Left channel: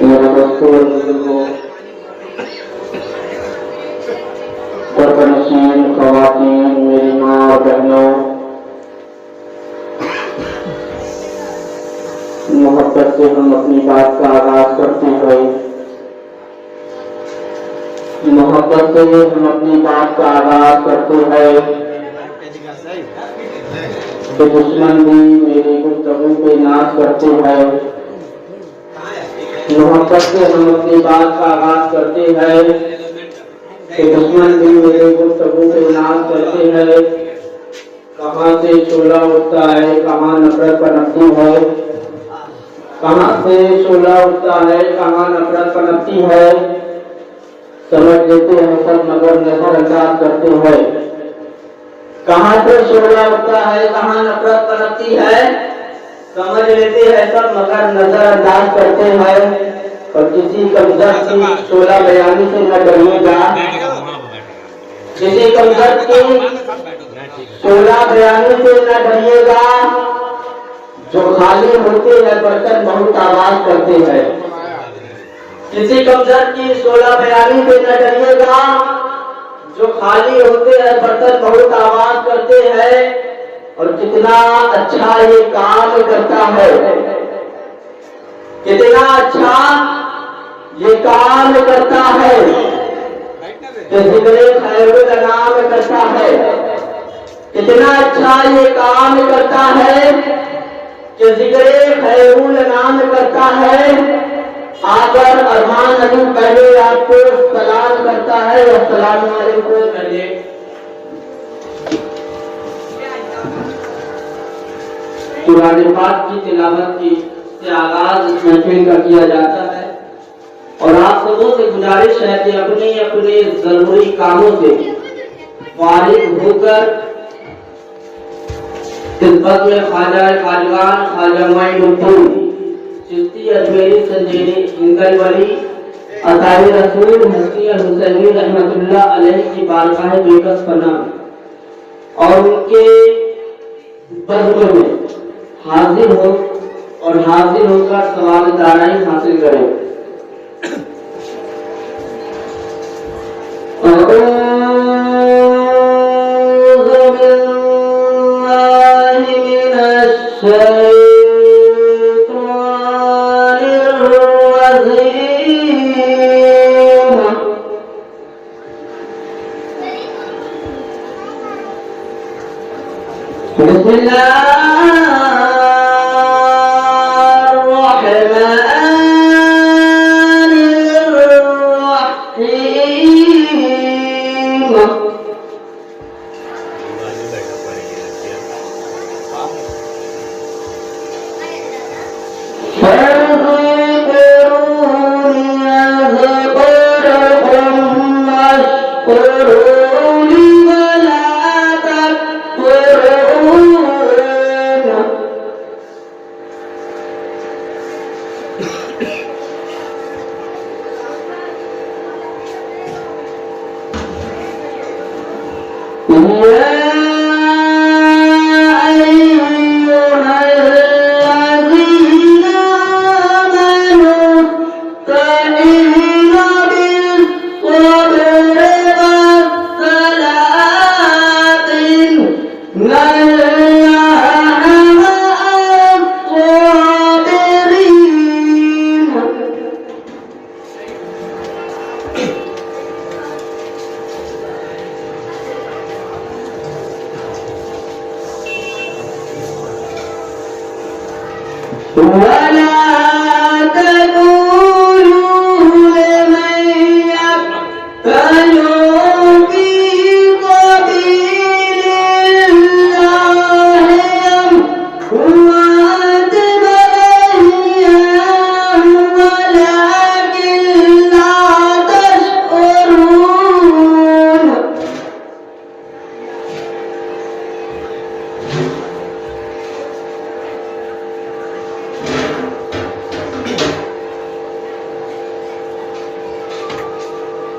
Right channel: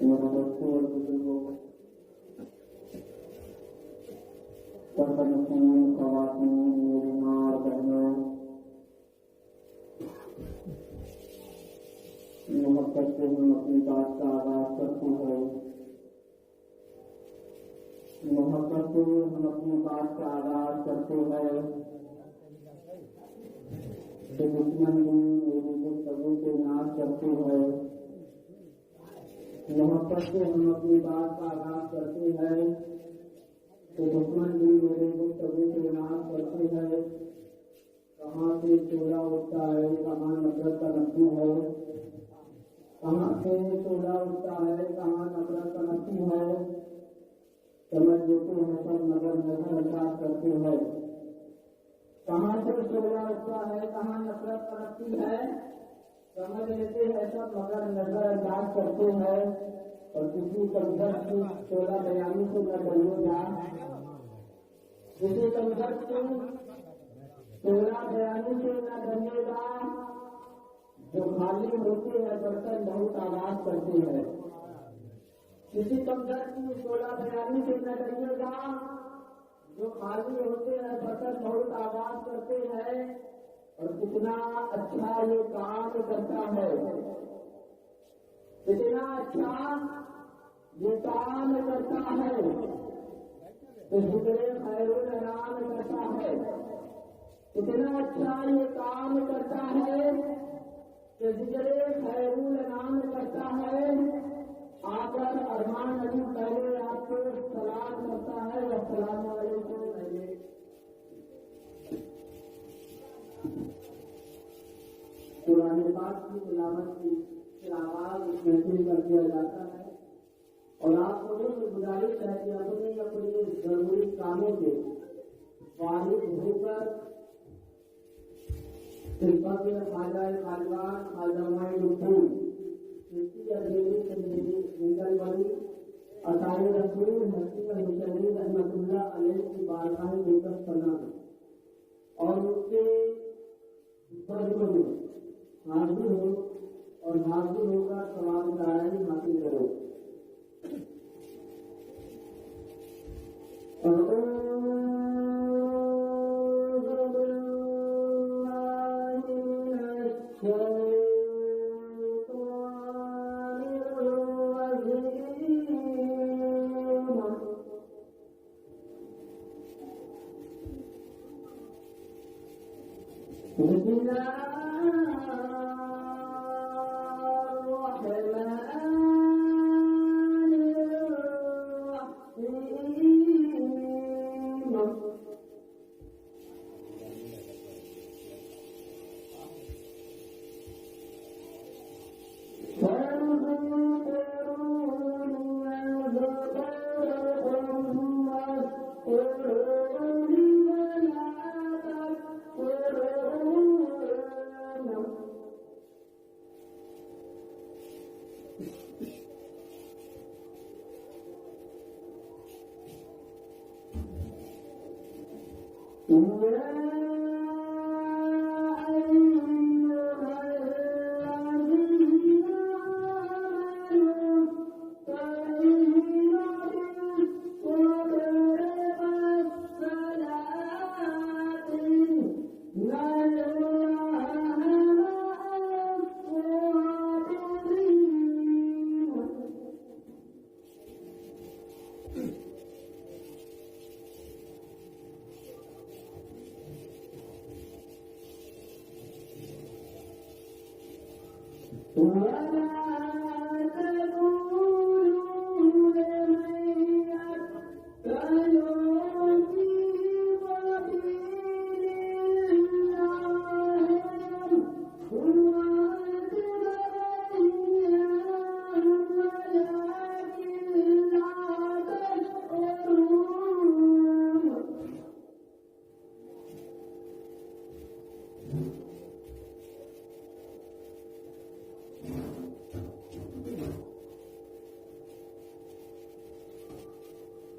मेरा दोस्तों और बुजुर्गों, परवनशीन ख़वातीन, मेरी माँ और बहनों, मोहब्बत से हम अपनी बात का आगाज करते हैं। मोहब्बत से हम अपनी बात का आगाज करते हैं कि दुश्मन भी मेरी गुफ्तगू पे नाज करते हैं। मोहब्बत से हम अपनी बात का आगाज करते हैं कि दुश्मन भी मेरे गुफ्तगू पे नाज करते हैं। कहाँ से शोला उठता है, कहाँ नफरत पनपती है, कहाँ से शोला उठता है, कहाँ नफरत पनपती है, समझ लेते हैं सब मगर नजरअंदाज करते हैं। कहाँ से शोला उठता है, कहाँ नफरत पनपती है, समझ लेते हैं सब मगर नजरअंदाज करते हैं। और किसी कमजोर की शोला बयानी से न डरिएगा, किसी कमजोर की शोला बयानी से न डरिएगा। जो खाली होते हैं बर्तन बहुत आवाज करते हैं। किसी कमजोर की शोला बयानी से न डरिएगा। जो खाली होते हैं बर्तन बहुत आवाज करते हैं। और कितना अच्छा ये काम करता है, कितना अच्छा ये काम करता है कि जिक्रे खैरुल अनाम करता है। कितना अच्छा ये काम करता है कि जिक्रे खैरुल अनाम करता है। आकर अरमान अली पहले आपको सलाम करता है। अस्सलाम वालेकुम। कुरान पाक की तिलावत की से आगाज इस महफिल का किया जाता है और आप सबों से गुजारिश है कि अपने अपने जरूरी कामों से फारिग होकर खिदमत में ख्वाजा खाजगान ख्वाजा मोइनुद्दीन चिश्ती अजमेरी संजीनी हिंदल वली अतारी रसूल मुफ्ती हुसैनी रहमतुल्लाह अलैहि की बारगाह बेकस पना और उनके बज़्म में हाजिर हो और हाजिर होकर सवाल दाराई हासिल करें।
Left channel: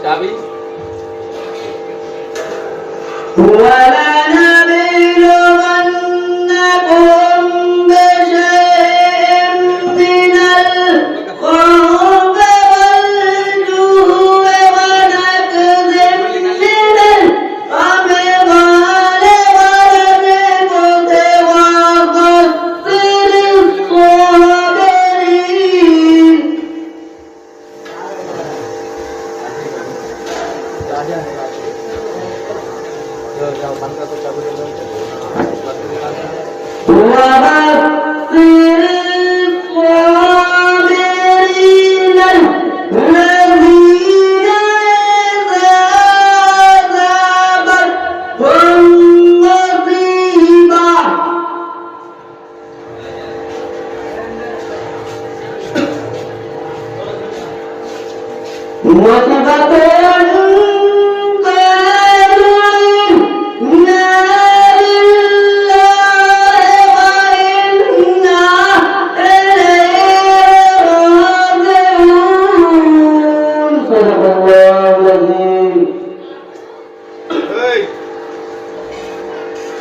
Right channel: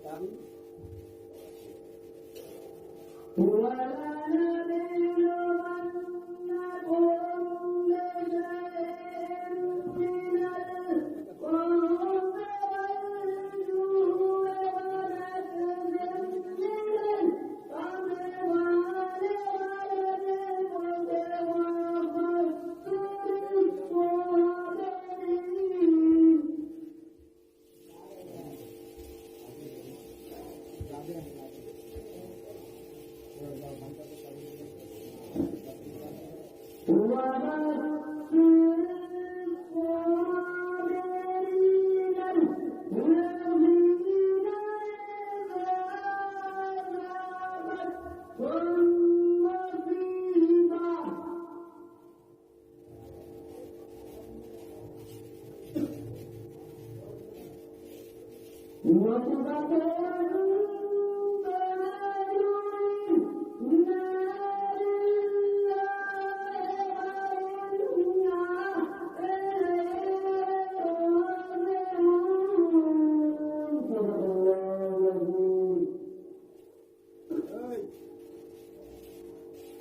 चाबी ولنبلونكم بشيء من الخوف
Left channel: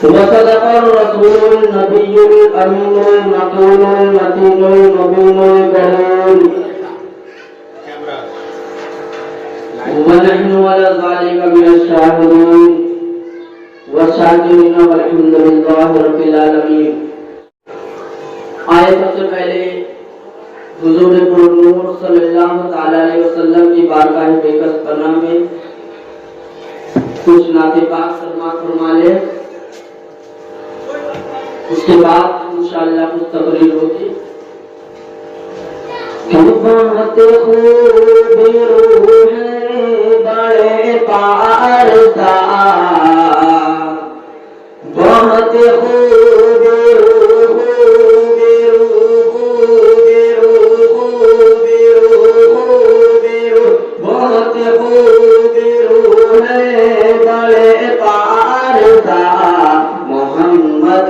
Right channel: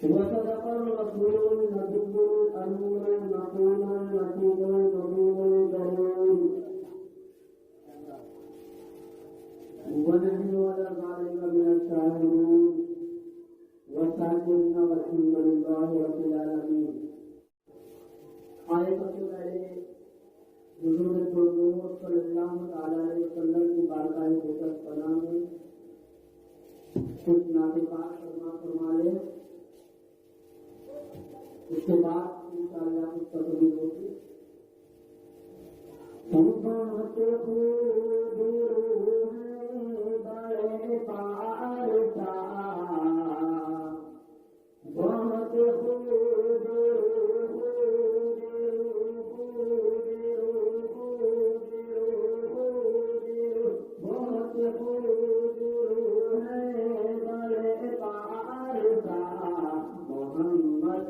وصدق الرسول النبي الأمين المكين المتين المبين الكريم ونحن على ذلك من الشاهدين والشاكرين والحمد لله رب العالمين. آئے سب سے پہلے حضور نور صلی اللہ تعالی علیہ وسلم کی بارگاہ بیکس کرنا میں کچھ نعت پاک سماعت فرما لے. اس کے بعد انشاءاللہ کچھ تقریر ہوگی. بہت خوب روح بڑے پارسا بہت خوب بہت خوب روح بڑے پارسا محمد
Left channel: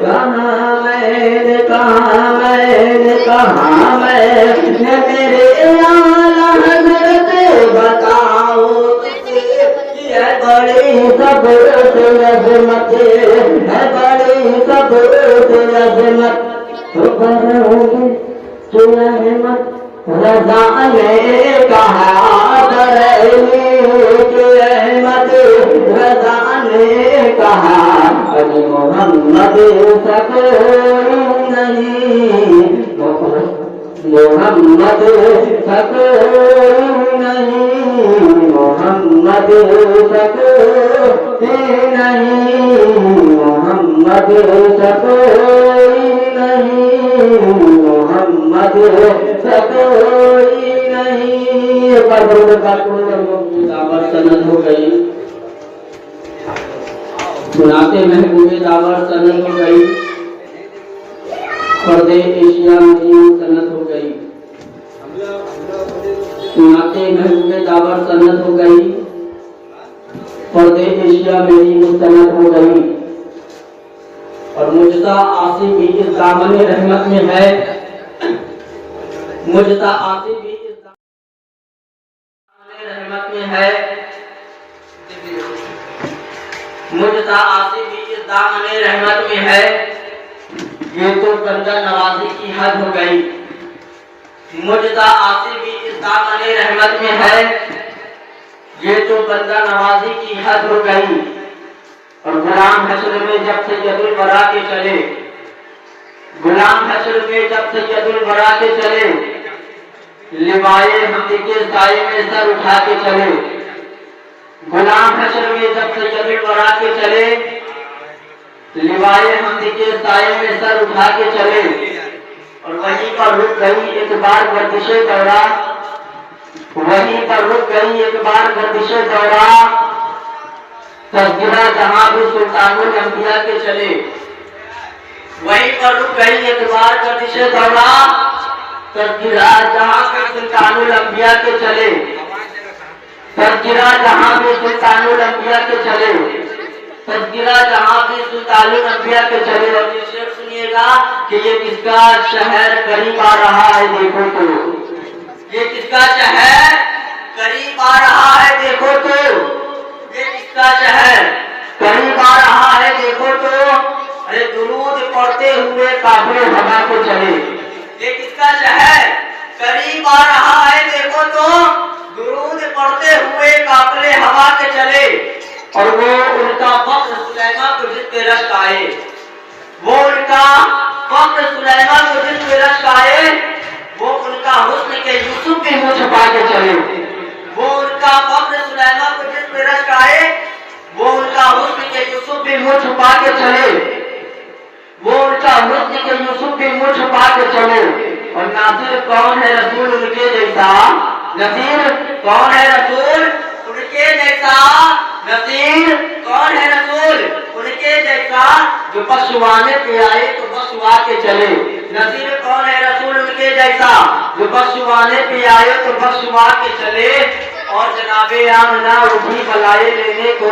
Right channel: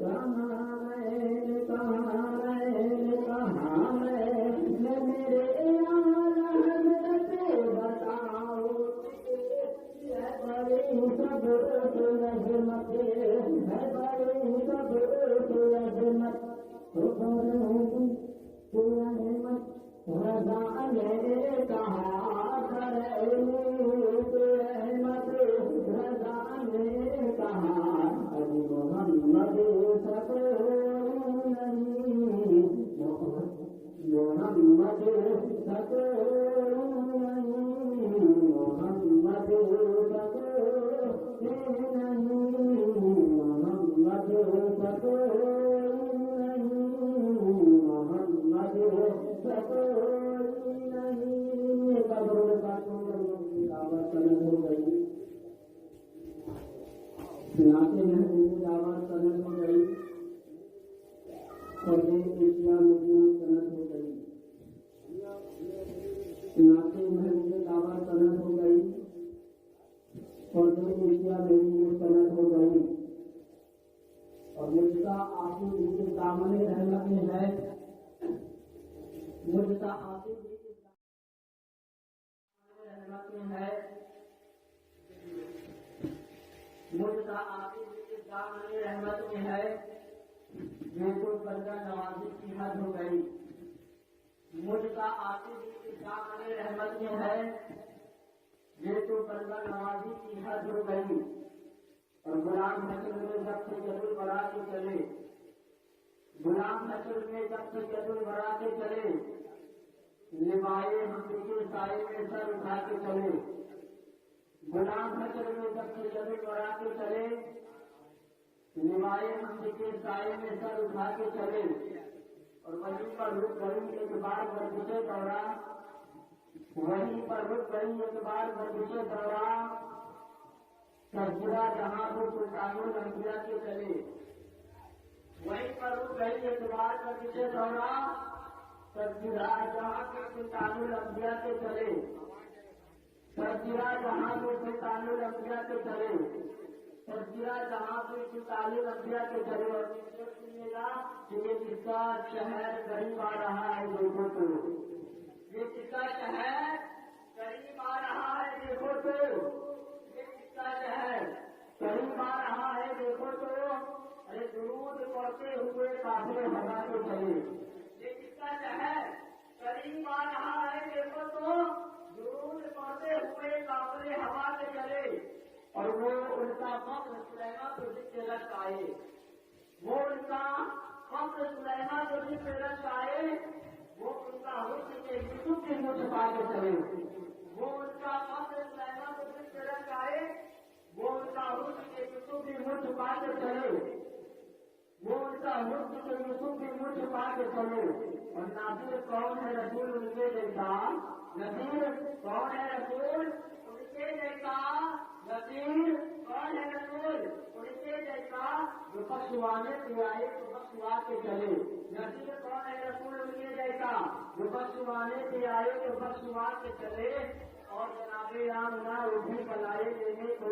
کہاں میں نے کہاں میں میرے اعلیٰ حضرت بتاؤ یہ بڑی صبر عظمت ہے بڑی صبر عظمت احمد رضا نے کہا بریلی کہ احمد رضا نے کہا علی محمد سا کوئی نہیں محمد سا کوئی نہیں محمد سا کوئی نہیں محمد سا کوئی نہیں محمد سا کوئی نہیں دعوت سند ہو گئی سناتے محبوب دعوت سند ہو گئی فرد ایشیا مدین سند ہو گئی سناتے محبوب دعوت سند ہو گئی فرد ایشیا مدین سند ہو گئی اور مجزا آصف بھی اس دامن رحمت میں ہے مجزا آصف بھی اس دامن رحمت میں ہے مجزا آصف بھی اس دامن رحمت میں ہے یہ تو بندہ نوازی کی حد ہو گئی مجزا آصف بھی اس دامن رحمت میں ہے یہ تو بندہ نوازی کی حد ہو گئی اور غلام حشر میں جب سید الورا کے چلے غلام حشر میں جب سید الورا کے چلے لوائے حمد کے سائے میں سر اٹھا کے چلے غلام حشر میں جب سید الورا کے چلے لوائے حمد کے سائے میں سر اٹھا کے چلے اور وہیں پر رک گئی ایک بار گردش دورہ وہیں پر رک گئی ایک بار گردش دورہ تذکرہ جہاں بھی سلطان الانبیاء کے چلے وہیں پر رک گئی ایک بار گردش دورہ تذکرہ جہاں بھی سلطان الانبیاء کے چلے تذکرہ جہاں بھی سلطان الانبیاء کے چلے تذکرہ جہاں بھی سلطان الانبیاء کے چلے اور یہ شعر سنیے گا کہ یہ کس کا شہر قریب آ رہا ہے دیکھو تو یہ کس کا شہر قریب آ رہا ہے دیکھو تو یہ کس کا شہر قریب آ رہا ہے دیکھو تو ارے درود پڑھتے ہوئے کافر ہوا کو چلے یہ کس کا شہر قریب آ رہا ہے دیکھو تو درود پڑھتے ہوئے کافر ہوا کے چلے اور وہ ان کا فخر سلیمان کو جس پہ رشک آئے وہ ان کا فخر سلیمان کو جس پہ رشک آئے وہ ان کا حسن کے یوسف بھی منہ چھپا کے چلے وہ ان کا فخر سلیمان کو جس پہ رشک آئے وہ ان کا حسن کے یوسف بھی منہ چھپا کے چلے وہ ان کا حسن کے یوسف بھی منہ چھپا کے چلے اور ناصر کون ہے رسول ان کے جیسا نصیر کون ہے رسول ان کے جیسا نصیر کون ہے رسول ان کے جیسا جو بخشوانے پہ آئے تو بخشوا کے چلے نصیر کون ہے رسول ان کے جیسا جو بخشوانے پہ آئے تو بخشوا کے چلے اور جناب آمنہ اٹھی بلائے لینے کو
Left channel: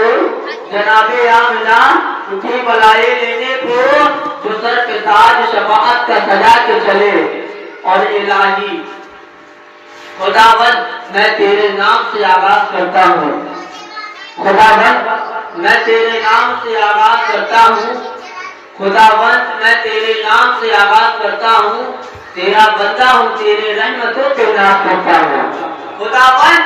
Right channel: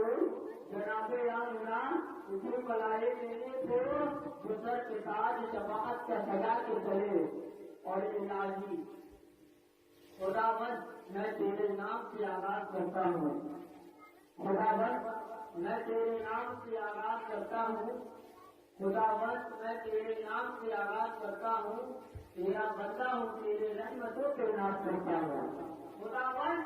جناب آمنہ اٹھی بلائے لینے کو جو سر پہ تاج شفاعت کا سجا کے چلے اور الہی خداوند میں تیرے نام سے آغاز کرتا ہوں خداوند میں تیرے نام سے آغاز کرتا ہوں خداوند میں تیرے نام سے آغاز کرتا ہوں تیرا بندہ ہوں تیرے رحمتوں پہ ناز کرتا ہوں خداوند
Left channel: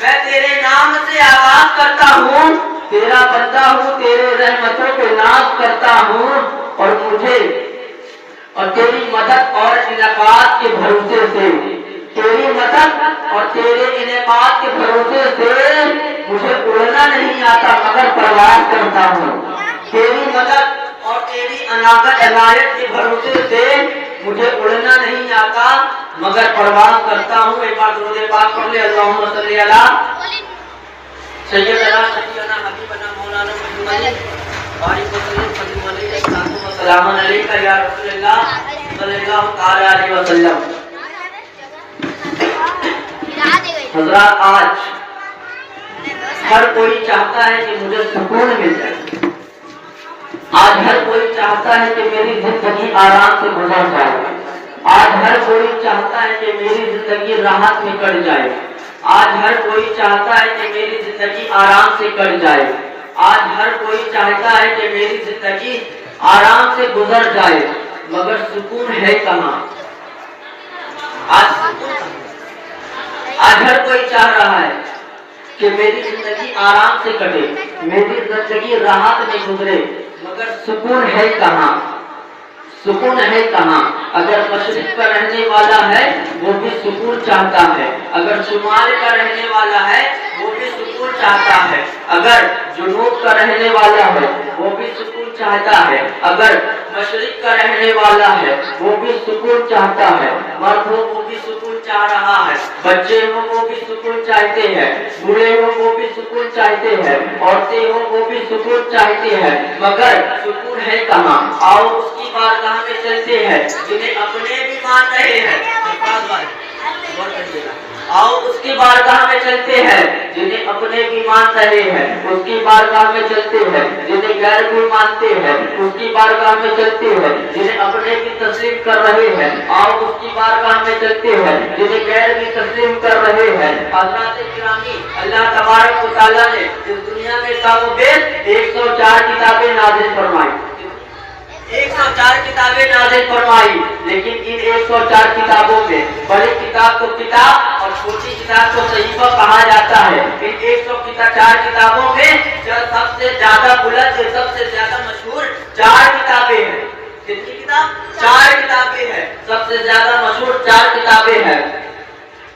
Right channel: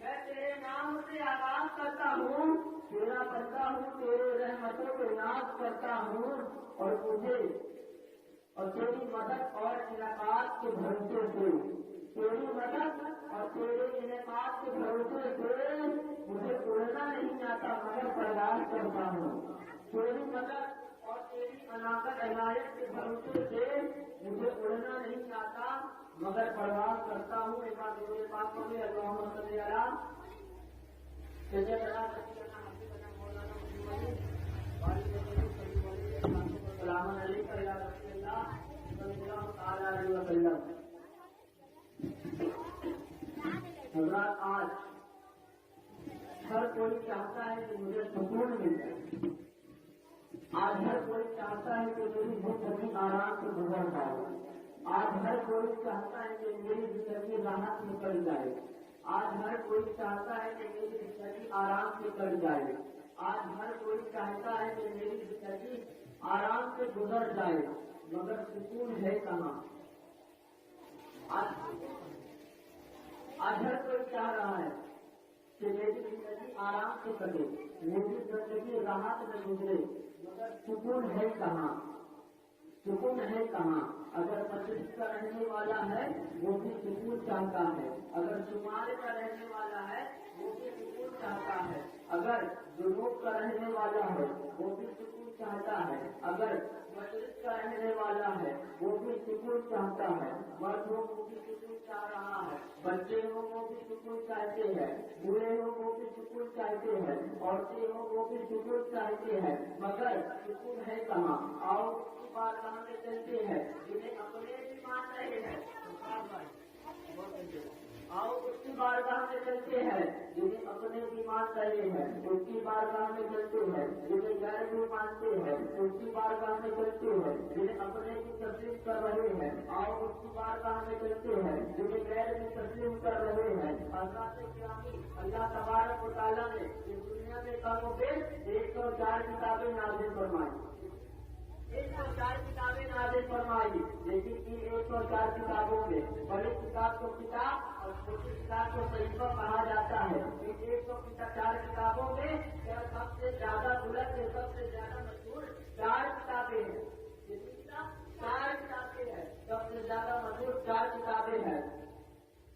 میں تیرے نام سے آغاز کرتا ہوں تیرا بندہ ہوں تیرے رحمتوں پہ ناز کرتا ہوں اور مجھے اور تیری مدد اور انعقاد کے بھروسے سے تیری مدد اور تیرے انعقاد کے بھروسے سے مجھے اڑنا نہیں آتا مگر پرواز کرتا ہوں تیری مدد اور تیری عنایت کے بھروسے سے مجھے اڑنا نہیں آتا مگر پرواز کرتا ہوں ایک بار درود پاک پڑھ لے اللہم صلی علی سیدنا شفیعنا حبیبنا مولانا محمد بارک وسلم السلام علیکم یا رسول اللہ صلی اللہ تعالی علیہ وسلم حضرات آج ہر کوئی چاہتا ہے کہ مجھے سکون مل جائے آج ہر کوئی چاہتا ہے کہ میری زندگی آرام سے گزر جائے. آج ہر کوئی چاہتا ہے کہ میری زندگی راحت میں کٹ جائے. آج ہر کوئی چاہتا ہے کہ میری زندگی آرام سے کٹ جائے. آج ہر کوئی چاہتا ہے کہ میری زندگی آرام سے گزر جائے. مگر سکون ہے کہاں؟ آج ہر کوئی چاہ رہا ہے کہ میری زندگی آرام سے کٹے, میری زندگی راحت میں گزرے, مگر سکون ہے کہاں؟ سکون ہے کہاں؟ اگر مشرق کا رہنے والا ہے وہ بھی سکون چاہتا ہے, اگر شمال کا رہنے والا ہے وہ بھی سکون چاہتا ہے, اگر جنوب کا رہنے والا ہے وہ بھی سکون چاہتا ہے, اگر مشرق کا رہنے والا ہے وہ بھی سکون چاہتا ہے. مرد ہو وہ بھی سکون چاہ رہا ہے, بچے ہو وہ بھی سکون چاہتے ہیں, بوڑھے ہو وہ بھی سکون چاہتے ہیں, عورتیں ہو وہ بھی سکون چاہتے ہیں, مگر سکون ہے کہاں؟ آؤ اس کی بارگاہ میں چلتے ہیں جنہیں اپنے بھی مان رہے ہیں. آؤ اس کی بارگاہ میں چلتے ہیں جنہیں اپنے بھی مان رہے ہیں, اس کی بارگاہ میں چلتے ہیں جنہیں غیر بھی مانتے ہیں, اس کی بارگاہ میں چلتے ہیں جنہیں اپنے بھی تسلیم کر رہے ہیں. آؤ اس کی بارگاہ میں چلتے ہیں جنہیں غیر بھی تسلیم کر رہے ہیں. حضرات گرامی, اللہ تبارک و تعالیٰ نے اس دنیا میں کم و بیش 104 کتابیں نازل فرمائی, 104 کتابیں نازل فرمائی, لیکن ان 104 کتابوں میں بڑی کتاب کو کتاب اور چھوٹی کتاب کو صحیفہ کہا جاتا ہے. ان 104 کتابوں میں جو سب سے زیادہ بلند, جو سب سے زیادہ مشہور 4 کتابیں ہیں. کتنی کتاب؟ 4 کتابیں ہیں. سب سے زیادہ مشہور 4 کتابیں ہیں.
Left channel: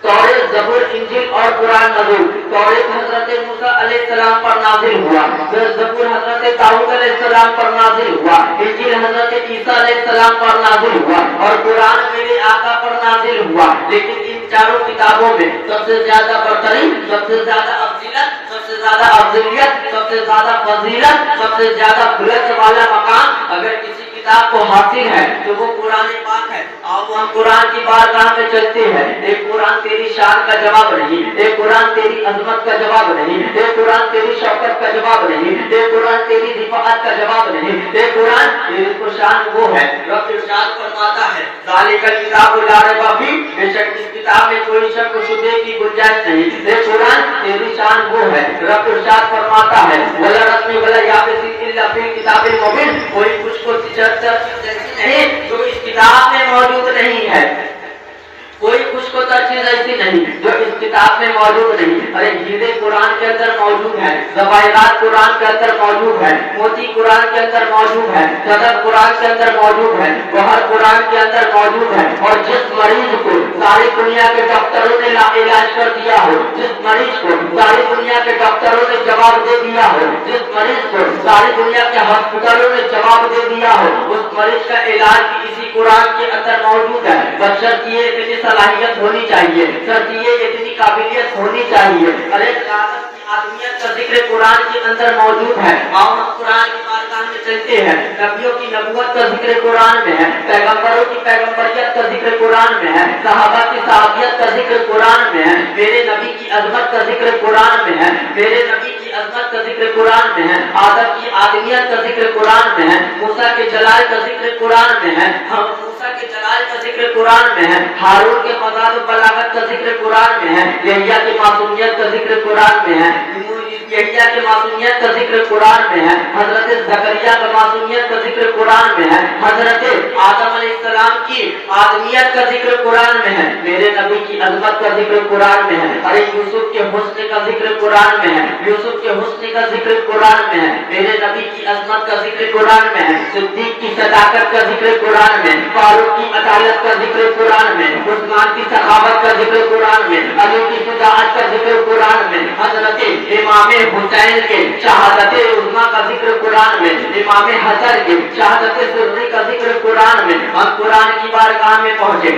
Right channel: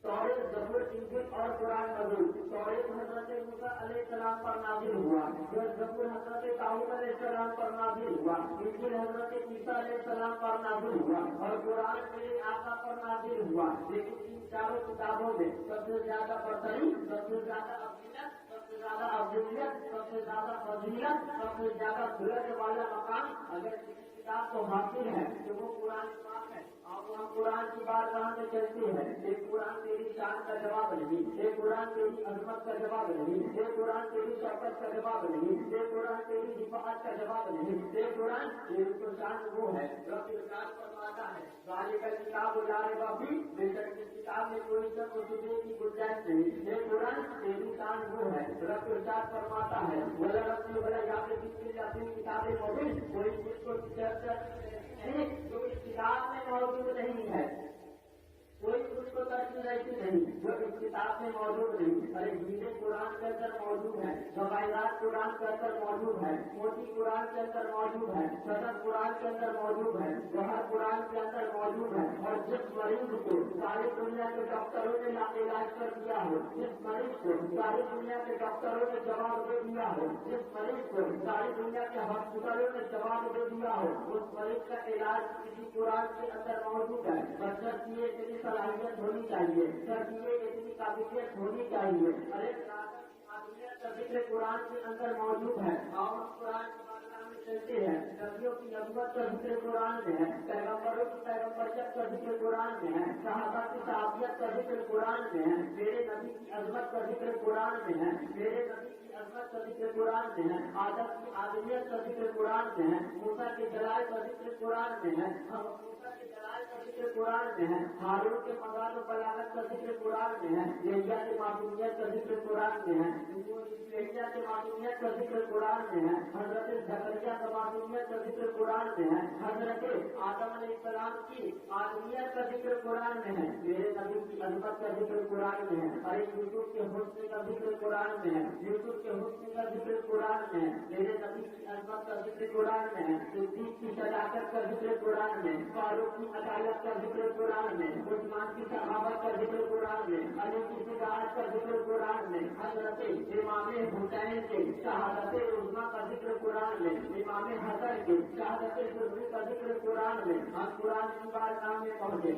توریت, زبور, انجیل اور قرآن نازل. توریت حضرت موسیٰ علیہ السلام پر نازل ہوا, زبور حضرت داؤد علیہ السلام پر نازل ہوا, انجیل حضرت عیسیٰ علیہ السلام پر نازل ہوا, اور قرآن میرے آقا پر نازل ہوا. لیکن ان چاروں کتابوں میں سب سے زیادہ برتری, سب سے زیادہ افضیلت, سب سے زیادہ افضلیت, سب سے زیادہ فضیلت, سب سے زیادہ بلند والا مقام اگر کسی کتاب کو حاصل ہے تو وہ قرآن پاک ہے. اب ہم قرآن کی بارگاہ میں چلتے ہیں. ایک قرآن تیری شان کا جواب نہیں, ایک قرآن تیری عظمت کا جواب نہیں, ایک قرآن تیری شوکت کا جواب نہیں, ایک قرآن تیری رفاعت کا جواب نہیں, ایک قرآن تیری کو شان وہ ہے. رب ارشاد فرماتا ہے ذالک الکتاب لا ریب فیہ, بے شک اس کتاب میں کوئی شک و شبہ کی گنجائش نہیں. ایک قرآن تیری شان وہ ہے. رب ارشاد فرماتا ہے ولا رسم ولا یابس الا فی کتاب مبین, کوئی کچھ کو تجربہ نہیں جو اس کتاب میں موجود نہیں ہے, کوئی کچھ کو چیز ایسی نہیں جو اس کتاب میں موجود نہیں. ارے ہیرے قرآن کے اندر موجود ہے, زواہرات قرآن کے اندر موجود ہے, موتی قرآن کے اندر موجود ہے, صدف قرآن کے اندر موجود ہے, گوہر قرآن کے اندر موجود ہے. اور جس مریض کو ساری دنیا کے ڈاکٹروں نے علاج کر دیا ہو, جس مریض کو ساری دنیا کے ڈاکٹروں نے جواب دے دیا ہو, جس مریض کو ساری دنیا کے ہاسپٹلوں نے جواب دے دیا ہو, اس مریض کا علاج بھی اسی قرآن کے اندر موجود ہے. بشرط یہ اتنی صلاحیت ہونی چاہیے, شرط یہ اتنی قابلیت ہونی چاہیے. ارے آدمیت کا ذکر قرآن کے اندر موجود ہے. اور ہم قرآن کی بارگاہ میں چلتے ہیں. نبیوں کی نبوت کا ذکر قرآن میں ہے, پیغمبروں کی پیغمبریت کا ذکر قرآن میں ہے, صحابہ کی صحابیت کا ذکر قرآن میں ہے, میرے نبی کی عظمت کا ذکر قرآن میں ہے, میرے نبی کی عظمت کا ذکر قرآن میں ہے, آدم کی آدمیت کا ذکر قرآن میں ہے, موسیٰ کے جلال کا ذکر قرآن میں ہے, موسیٰ کے جلال کا ذکر قرآن میں ہے, ہارون کے فضائل و بلاغت کا ذکر قرآن میں ہے, یحییٰ کی معصومیت کا ذکر قرآن میں ہے, یحییٰ کی معصومیت کا ذکر قرآن میں ہے, حضرت زکریا کا معصومیت کا ذکر قرآن میں ہے, حضرت آدم علیہ السلام کی آدمیت کا ذکر قرآن میں ہے, میرے نبی کی عظمت کا ذکر قرآن میں ہے. ارے یوسف کے حسن کا ذکر قرآن میں ہے, یوسف کے حسن کا ذکر قرآن میں ہے, میرے نبی کی عظمت کا ذکر قرآن میں ہے, صدیق کی صداقت کا ذکر قرآن میں, فاروق کی عدالت کا ذکر قرآن میں, عثمان کی سخاوت کا ذکر قرآن میں, علی کی شجاعت کا ذکر قرآن میں, حضرت امام حسین کے شہادت عظمیٰ کا ذکر قرآن میں, امام حسن کے شہادت سری کا ذکر قرآن میں. ہم قرآن کی بارگاہ میں پہنچے,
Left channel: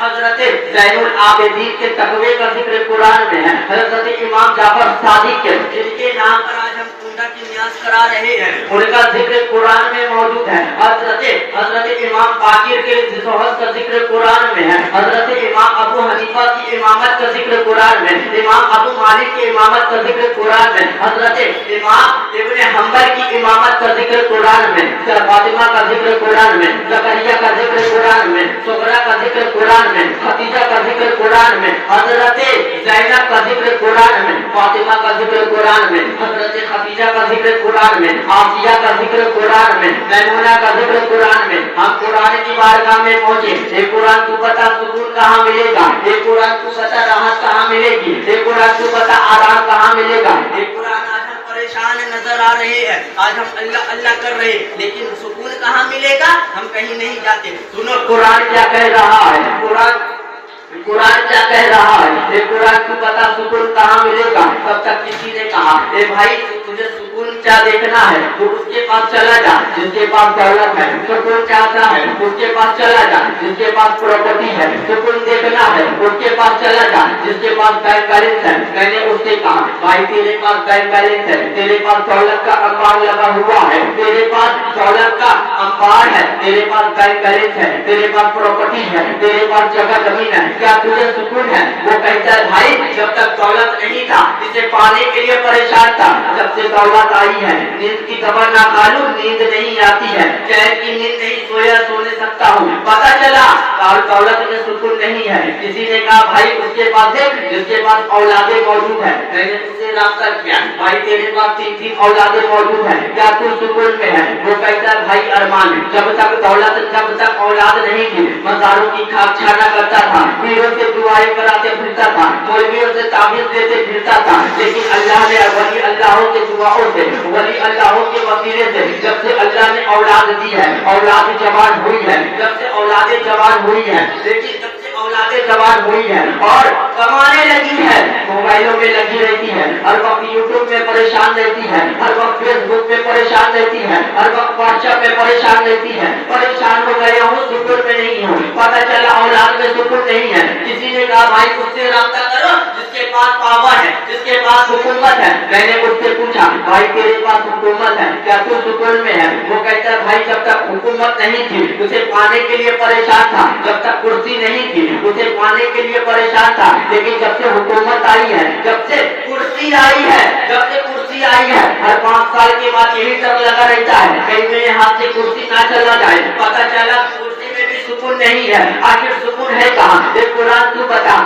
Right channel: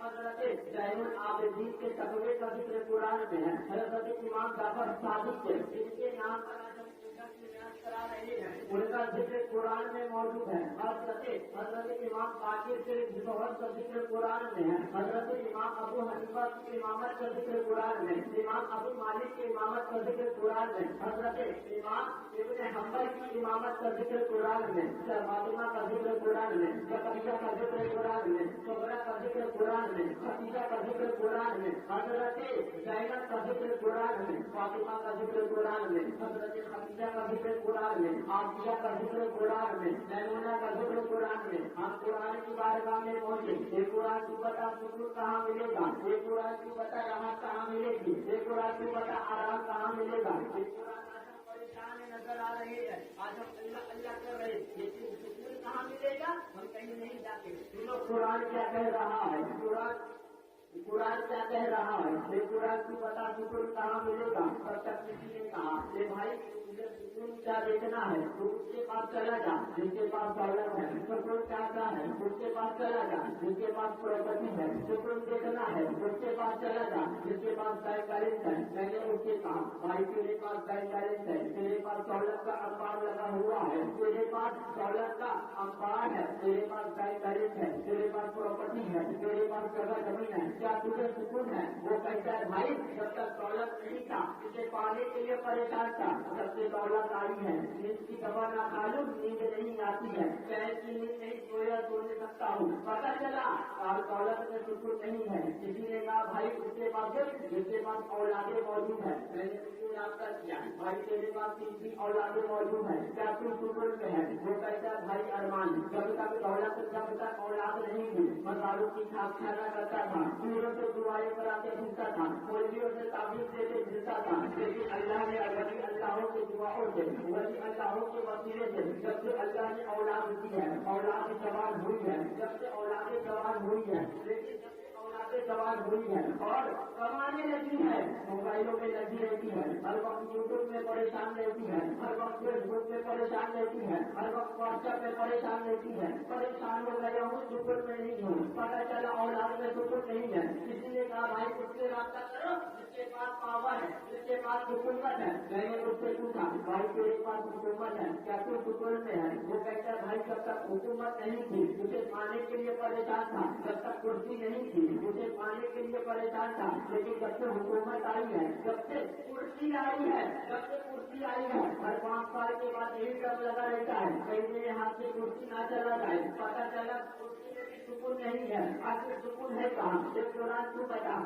حضرت زین العابدین کے تقوی کا ذکر قرآن میں ہے, حضرت امام جعفر صادق کے جن کے نام پر آج ہم کی نیاز کرا رہے ہیں, ان کا ذکر قرآن میں موجود ہے. اور حضرت امام باقر کے شہادت کا ذکر قرآن میں ہے، حضرت امام ابو حنیفہ کی امامت کا ذکر قرآن میں، امام ابو مالک کی امامت کا ذکر قرآن میں، حضرت امام ابن حنبل کی امامت کا ذکر قرآن میں، فاطمہ کا ذکر قرآن میں، زکریا کا ذکر قرآن میں، سغرا کا ذکر قرآن میں، خدیجہ کا ذکر قرآن میں، حضرت زینب کا ذکر قرآن میں، فاطمہ کا ذکر قرآن میں، حضرت خدیجہ کا ذکر قرآن میں، آسیہ کا ذکر قرآن میں، میمونہ کا ذکر قرآن میں۔ ہم قرآن کی بارگاہ میں پہنچے، اے قرآن تو بتا سکون کہاں ملے گا، اے قرآن تو بتا راحت کہاں ملے گی، اے قرآن تو بتا آرام کہاں ملے گا۔ اے قرآن آج ہم پریشان نظر آ رہے ہیں، آج ہم اللہ اللہ کر رہے ہیں، لیکن سکون کہاں ملے گا؟ ہم کہیں نہیں جاتے۔ سنو قرآن کیا کہہ رہا ہے، قرآن کیا کہہ رہا ہے، اے قرآن تو بتا سکون کہاں ملے گا۔ تب تک کسی نے کہا اے بھائی تجھے سکون کیا دیکھنا ہے تو اس کے پاس چلا جا جس کے پاس دولت ہے، سکون چاہتا ہے اس کے پاس چلا جا جس کے پاس پراپرٹی ہے، سکون دیکھنا ہے اس کے پاس چلا جا جس کے پاس بینک بیلنس ہے۔ میں نے اس سے کہا بھائی تیرے پاس بینک بیلنس ہے، تیرے پاس دولت کا انبار لگا ہوا ہے، تیرے پاس دولت کا انبار ہے، تیرے پاس بینک بیلنس ہے، تیرے پاس پراپرٹی ہے، تیرے پاس جگہ زمین ہے، کیا تجھے سکون ہے؟ وہ کہتا ہے بھائی جب تک دولت نہیں تھا اسے پانے کے لیے پریشان تھا، جب سے دولت آئی ہے نیند کی دوا نہ کھالوں نیند نہیں آتی ہے، چین کی نیند نہیں سویا سو نہیں سکتا ہوں۔ پتا چلا دولت میں سکون نہیں ہے۔ کسی نے کہا بھائی اس کے پاس دیکھ جس کے پاس اولادیں موجود ہے۔ میں نے اس سے رابطہ کیا بھائی تیرے پاس 3 اولادیں موجود ہیں، کیا تو سکون میں ہے؟ وہ کہتا ہے بھائی ارمان جب تک دولت جب تک اولاد نہیں تھی مزاروں کی کھاک چھانا کرتا تھا، پیروں سے دعائیں کراتے پھرتا تھا، مولویوں سے تعویذ دیتے پھرتا تھا، لیکن اللہ نے ولی اللہوں کے دعاؤں سے ولی اللہوں کے وسیلے سے جب سے اللہ نے اولاد دی ہے اولاد جوان ہوئی ہے، جب سے اولادیں جوان ہوئی ہے، لیکن جب سے اولادیں جوان ہوئی ہے اور کمانے لگی ہے، موبائلوں میں لگی رہتی ہے، ہر وقت یوٹیوب میں پریشان رہتی ہے، ہر وقت فیس بک میں پریشان رہتی ہے، ہر وقت واٹس ایپ میں پریشان رہتی ہے، پریشان ہو گیا ہوں سکون میں نہیں ہوں، پتہ چلا اولاد میں سکون نہیں ہے۔ کسی نے کہا بھائی اس سے رابطہ کرو جس کے پاس پاور ہے جس کے پاس حکومت ہے۔ میں نے اس سے پوچھا بھائی تیرے پاس حکومت ہے کیا تو سکون میں ہے؟ وہ کہتا ہے بھائی جب تک حکومت نہیں تھی اسے پانے کے لیے پریشان تھا، جب تک کرسی نہیں تھی اسے پانے کے لیے پریشان تھا، لیکن جب سے حکومت آئی ہے جب سے کرسی آئی ہے جب سے کرسی آئی ہے ہر 5 سال کے بعد یہی ڈر لگا رہتا ہے کہیں میرے ہاتھ سے کرسی نہ چلا جائے۔ پتہ چلا کرسی میں بھی سکون نہیں ہے، آخر سکون ہے کہاں؟ ایک قرآن تو بتا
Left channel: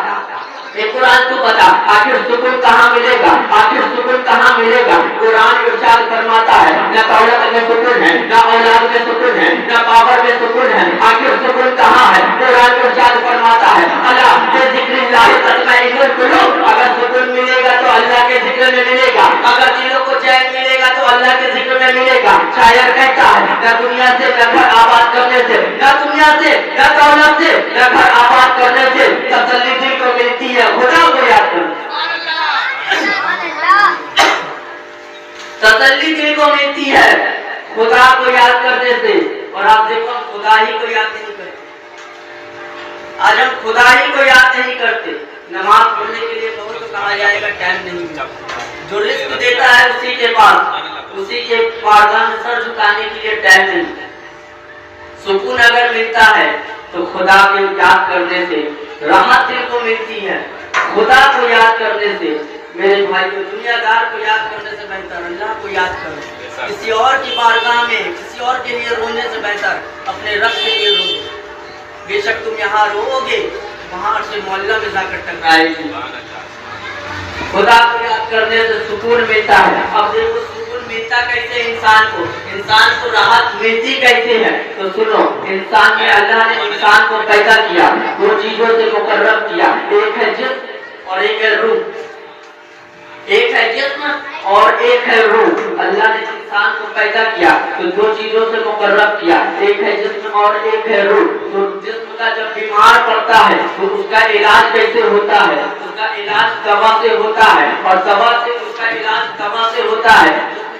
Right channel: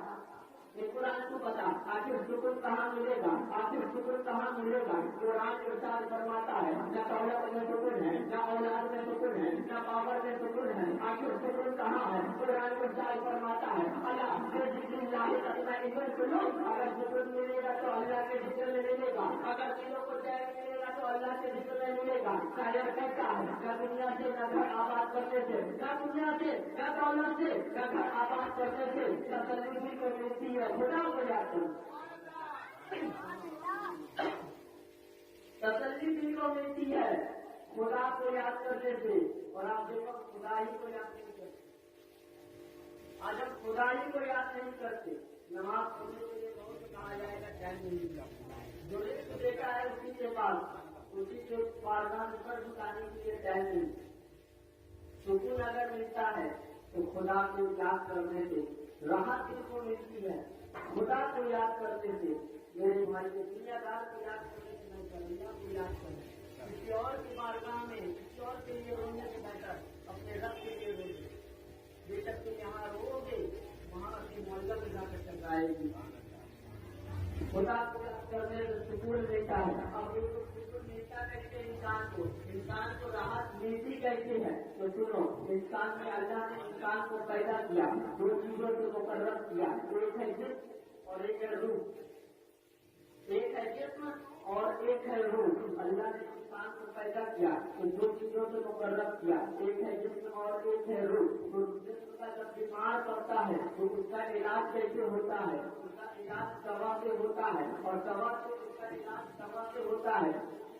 ایک قرآن تو بتا آخر سکون کہاں ملے گا؟ آخر سکون کہاں ملے گا؟ قرآن ارشاد فرماتا ہے نہ دولت میں سکون ہے، نہ اولاد میں سکون ہے، نہ پاور میں سکون ہے، آخر سکون کہاں ہے؟ قرآن ارشاد فرماتا ہے الا بذکر اللہ تطمئن القلوب، اگر سکون ملے گا تو اللہ کے ذکر میں ملے گا، اگر دلوں کو چین ملے گا تو اللہ کے ذکر میں ملے گا۔ شاعر کہتا ہے نہ دنیا سے نہ گھر آباد کرنے سے، نہ دنیا سے نہ دولت سے نہ گھر آباد کرنے سے تسلی دل کو ملتی ہے خدا کو یاد کرنے، تسلی دل کو ملتی ہے خدا کو یاد کرنے سے۔ اور آپ دیکھو خدا ہی کو یاد نہیں کرتے، آج ہم خدا ہی کو یاد نہیں کرتے۔ نماز پڑھنے کے لیے بہت تو کہا جائے گا ٹائم نہیں ملا، جو رزق دیتا ہے اسی کے پاس اسی کے بارگاہ میں سر جھکانے کے لیے ٹائم نہیں ملتا۔ سکون اگر ملتا ہے تو خدا کو یاد کرنے سے راحت دل کو ملتی ہے، خدا کو یاد کرنے سے۔ میرے بھائی کو دنیا دار کو یاد کرنے سے بہتر اللہ کو یاد کرو، کسی اور کی بارگاہ میں کسی اور کے لیے رونے سے بہتر اپنے رب کے لیے رو۔ بے شک تم یہاں رو گے وہاں سے معلّہ میں جا کر ٹکرائے گی۔ خدا کو یاد کرنے سے سکون ملتا ہے۔ اب دیکھو سکون ملتا کیسے انسان کو راحت ملتی کیسے ہے؟ تو سنو انسان میں اللہ نے انسان کو پیدا کیا 2 چیزوں سے مقرب کیا، ایک ہے جسم اور ایک ہے روح، ایک ہے جسم اور ایک ہے روح۔ اللہ نے انسان کو پیدا کیا تو 2 چیزوں سے مقرب کیا، ایک ہے جسم اور ایک ہے روح۔ تو جسم کا جب بیمار پڑتا ہے تو اس کا علاج کیسے ہوتا ہے؟ اس کا علاج دوا سے ہوتا ہے، اور دوا سے اس کا علاج دوا سے ہوتا ہے۔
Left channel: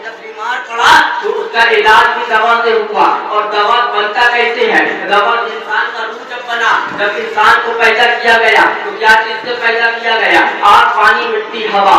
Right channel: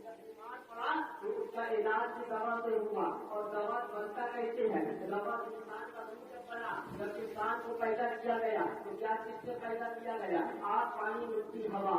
جب بیمار پڑا تو اس کا علاج بھی دوا سے ہوا، اور دوا بنتا کیسے ہے؟ دوا انسان کا روح جب بنا، جب انسان کو پیدا کیا گیا تو کیا چیز سے پیدا کیا گیا؟ آگ، پانی، مٹی، ہوا۔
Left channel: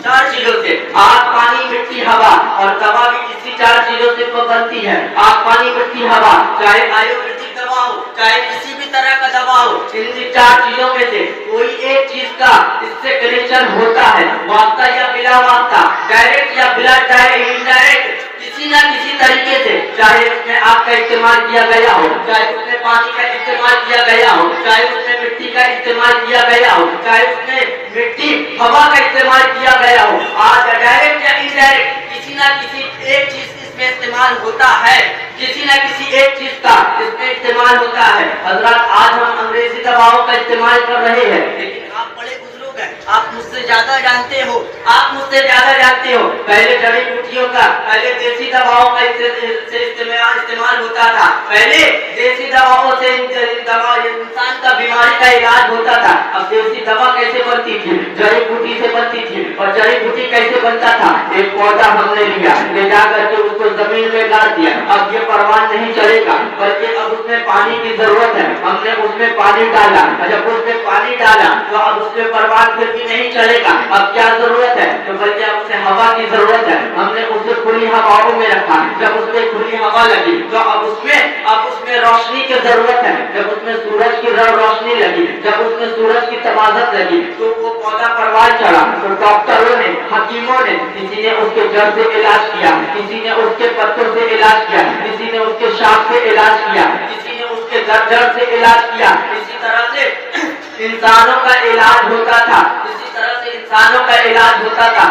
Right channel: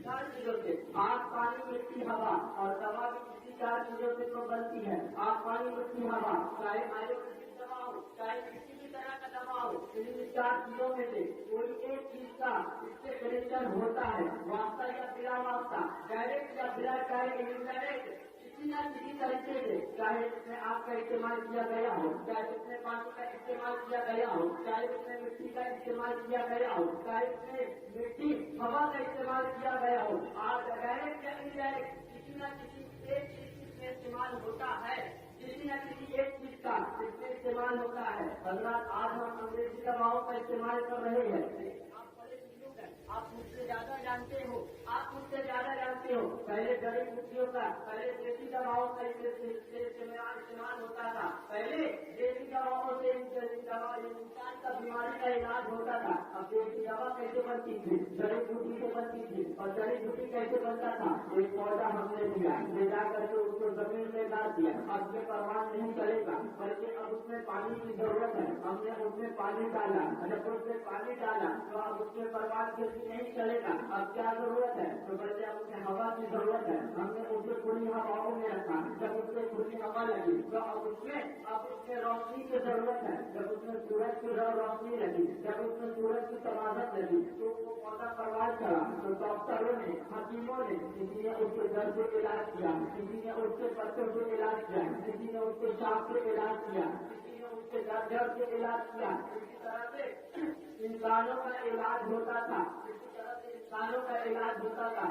चार चीजों से, आग, पानी, मिट्टी, हवा, और दवा भी इसी चार चीजों से बनती है। आग, पानी, मिट्टी, हवा, चाहे आयुर्वेदिक दवा हो, चाहे किसी भी तरह का दवा हो, इन चार चीजों में से कोई एक चीज का इससे कनेक्शन होता है, वास्ता या बिना वास्ता, डायरेक्ट या बिना इनडायरेक्ट, किसी न किसी तरीके से, चाहे उसमें आग का इस्तेमाल किया गया हो, चाहे उसमें पानी का इस्तेमाल किया गया हो, चाहे उसमें मिट्टी का इस्तेमाल किया गया हो, चाहे उसमें मिट्टी, हवा का इस्तेमाल किया गया हो, आज डायरेक्ट या इनडायरेक्ट किसी न किसी एक चीज इसमें इस्तेमाल होता है, किसी न किसी एक चीज का इसमें इस्तेमाल होता है। हजरत, आज हम अंग्रेजी दवाओं का इस्तेमाल कर रहे हैं, लेकिन आप बड़े बुजुर्ग हैं, आप मुझसे ज्यादा जानते हो, आप मुझसे ज्यादा जानते हो। पहले जड़ी बूटियों का, पहले देसी दवाओं का इस्तेमाल होता था, पहले देसी दवाओं से इंसान का बीमारी का इलाज होता था। अब देसी दवा कैसे बनती थी? जड़ी बूटी से बनती थी। और जड़ी बूटी कैसे बनता था? एक पौधा हमने लिया, ले जाकर के उसको जमीन में गाड़ दिया, अब ये परवान नहीं चलेगा, बल्कि अब उसमें पानी की जरूरत है, हमने उसमें पानी डाला, जब उसमें पानी डाला तो अब उसमें परवान फिर भी नहीं चलेगा, अब क्या जरूरत है? तो बल्कि अब उसे हवा की जरूरत है, हमने उसे खुली हवाओं में रखा, जब उसमें खुली हवा लगी तो अब उसमें रोशनी की जरूरत है, जब उसमें सूरज की रोशनी लगी, जब उसमें सूरज की तवाज़त लगी तो वो पौधा परवान चढ़ा। तो डॉक्टरों ने, हकीमों ने, किसी ने उसके जड़ से इलाज किया, किसी ने उसके पत्तों से इलाज किया, किसी ने उसके शाख से इलाज किया, किसी ने उसके जड़ से इलाज किया। इसी तरह से इंसानों का इलाज होता था, इसी तरह से इंसानों का इलाज होता था।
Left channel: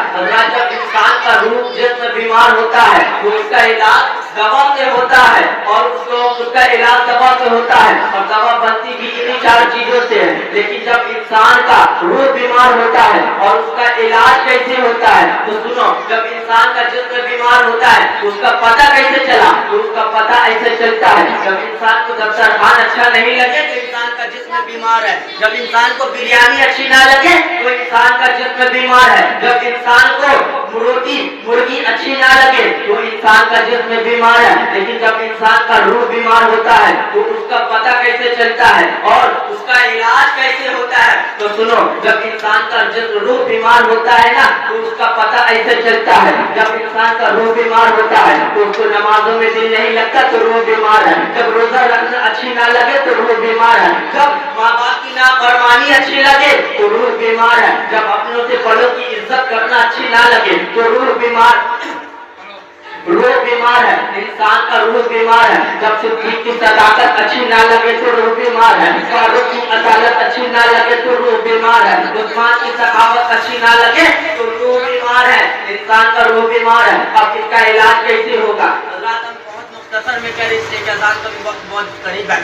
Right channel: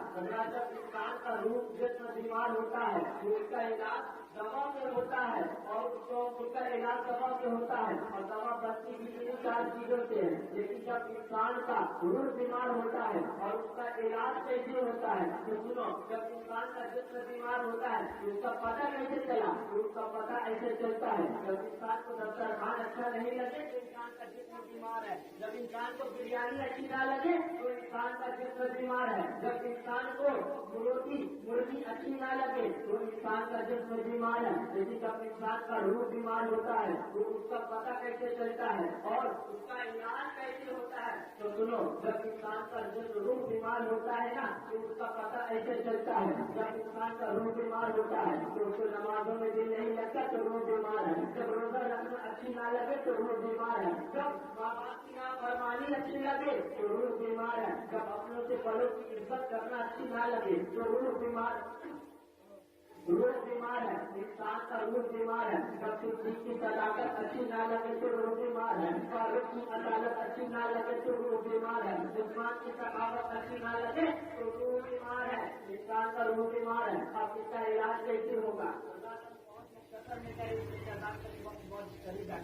जब इंसान का रूह जिस्म बीमार होता है तो उसका इलाज दवा से होता है, और उसका इलाज दवा से होता है, और दवा बनती भी इन्हीं चार चीजों से है। लेकिन जब इंसान का रूह बीमार होता है और उसका इलाज कैसे होता है? तो सुनो, जब इंसान का जिस्म बीमार होता है तो उसका पता कैसे चला? तो उसका पता ऐसे चलता है, जब इंसान को दस्तरखान अच्छा नहीं लगे तो इंसान का जिस्म बीमार है, जब इंसान को बिरयानी अच्छी ना लगे तो इंसान का जिस्म बीमार है, जब इंसान को मुर्गी अच्छी ना लगे तो इंसान का जिस्म बीमार है। लेकिन जब इंसान का रूह बीमार होता है तो उसका पता कैसे चलता है और उसका इलाज कैसे होता है? तो सुनो, जब इंसान का जिस्म रूह बीमार होता है ना तो उसका पता ऐसे चलता है, जब इंसान का रूह बीमार होता है तो उसको नमाजों में दिल नहीं लगता तो रूह बीमार है, जब रोजा रखना अच्छी ना लगे तो रूह बीमार है, जब माँ बाप की नाफरमानी अच्छी लगे तो रूह बीमार है, जब अपनों से बड़ों की इज्जत करना अच्छी ना लगे तो रूह बीमार है, इंसान का रूह बीमार है, जब सिद्दीक की सदाकत अच्छी ना लगे तो रूह बीमार है, फारूक की अदालत अच्छी ना लगे तो रूह बीमार है, उस्मान की सखावत अच्छी ना लगे तो रूह बीमार है, इंसान का रूह बीमार है। अब इसका इलाज कैसे होगा? हम बहुत मुख्तसर में करें, इसलिए कि अज़ान का भी वक्त बहुत करीब है।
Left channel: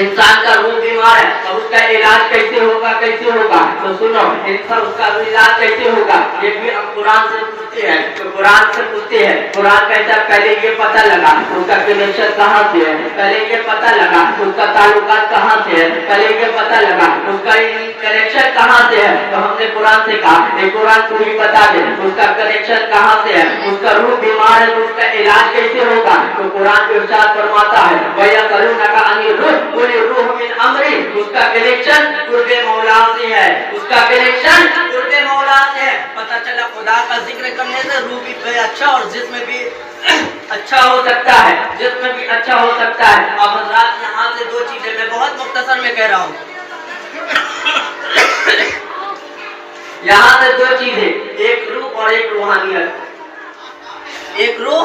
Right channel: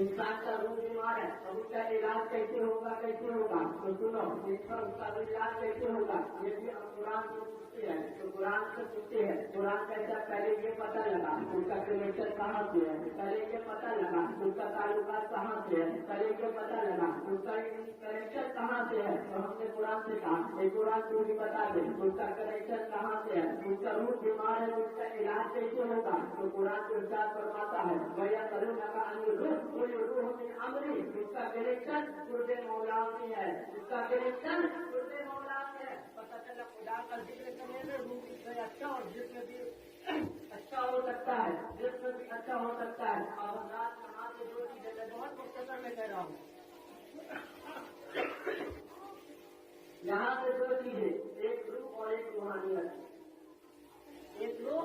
इंसान का रूह बीमार है, अब उसका इलाज कैसे होगा? तो सुनो, इंसान उसका इलाज कैसे होगा? ये भी हम कुरान से पूछते हैं, तो कुरान से पूछते हैं, कुरान कहता है पहले ये पता लगा उसका कनेक्शन कहाँ से है, पहले ये पता लगा उसका ताल्लुकात कहाँ से है, पहले ये पता लगा उसका कनेक्शन कहाँ से है। तो हमने कुरान से कहा कुरान को ही बता दे उसका कनेक्शन कहाँ से है, उसका रूह बीमार है तो उसका इलाज कैसे होगा? तो कुरान इरशाद फरमाता है भैया करूँ नका अनिल रूह रूह मिन अमरी, उसका कनेक्शन कुर्बे मौला से है, उसका कनेक्शन कुर्बे मौला से है। पता चला खुदा का जिक्र करने से रूह भी अच्छा और जिस्म भी अच्छा हो सकता है, जिस्म भी अच्छा हो सकता है। अब हज़रात यहाँ से दो चीजें मैं बहुत मुख्तसर में कह रहा हूँ, यहाँ से दो चीजें, एक रूह और एक रूहानियत, एक रूह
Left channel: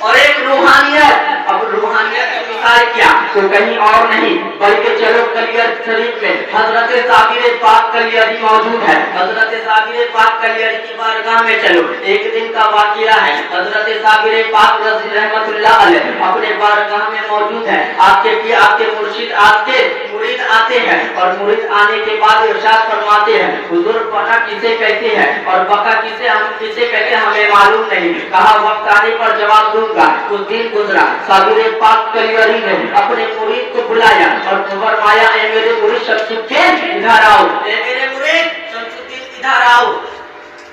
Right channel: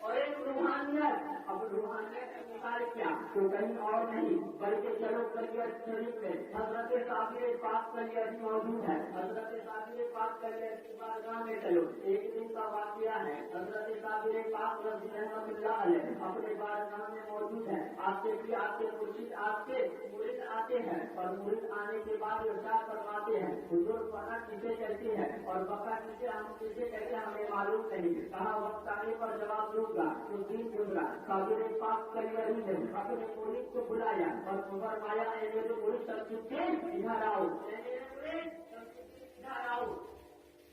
और एक रूहानियत। अब रूहानियत की मिसाल क्या? तो कहीं और नहीं बल्कि चलो कलियर शरीफ में हजरत साबिर पाक कलियरी मौजूद है, हजरत साबिर पाक कलियरी की बारगाह में चलो। एक दिन का वाकया है, हजरत साबिर पाक रहमतुल्लाह अलैह अपने बारगाह में मौजूद है। आपके मुर्शिद आपके मुरीद आते हैं और मुरीद आने के बाद इरशाद फरमाते हैं हुजूर पना किसे कहते हैं और बका किसे कहते हैं हमें मालूम नहीं। कहा वक्त आने पर जवाब दूंगा। उस दिन गुजरा, साबिर पाक कलियरी ने अपने मुरीद को बुलाया और फरमाया ए मेरे मुरीद शमसुद्दीन इधर आओ, ए मेरे मुरीद शमसुद्दीन इधर आओ,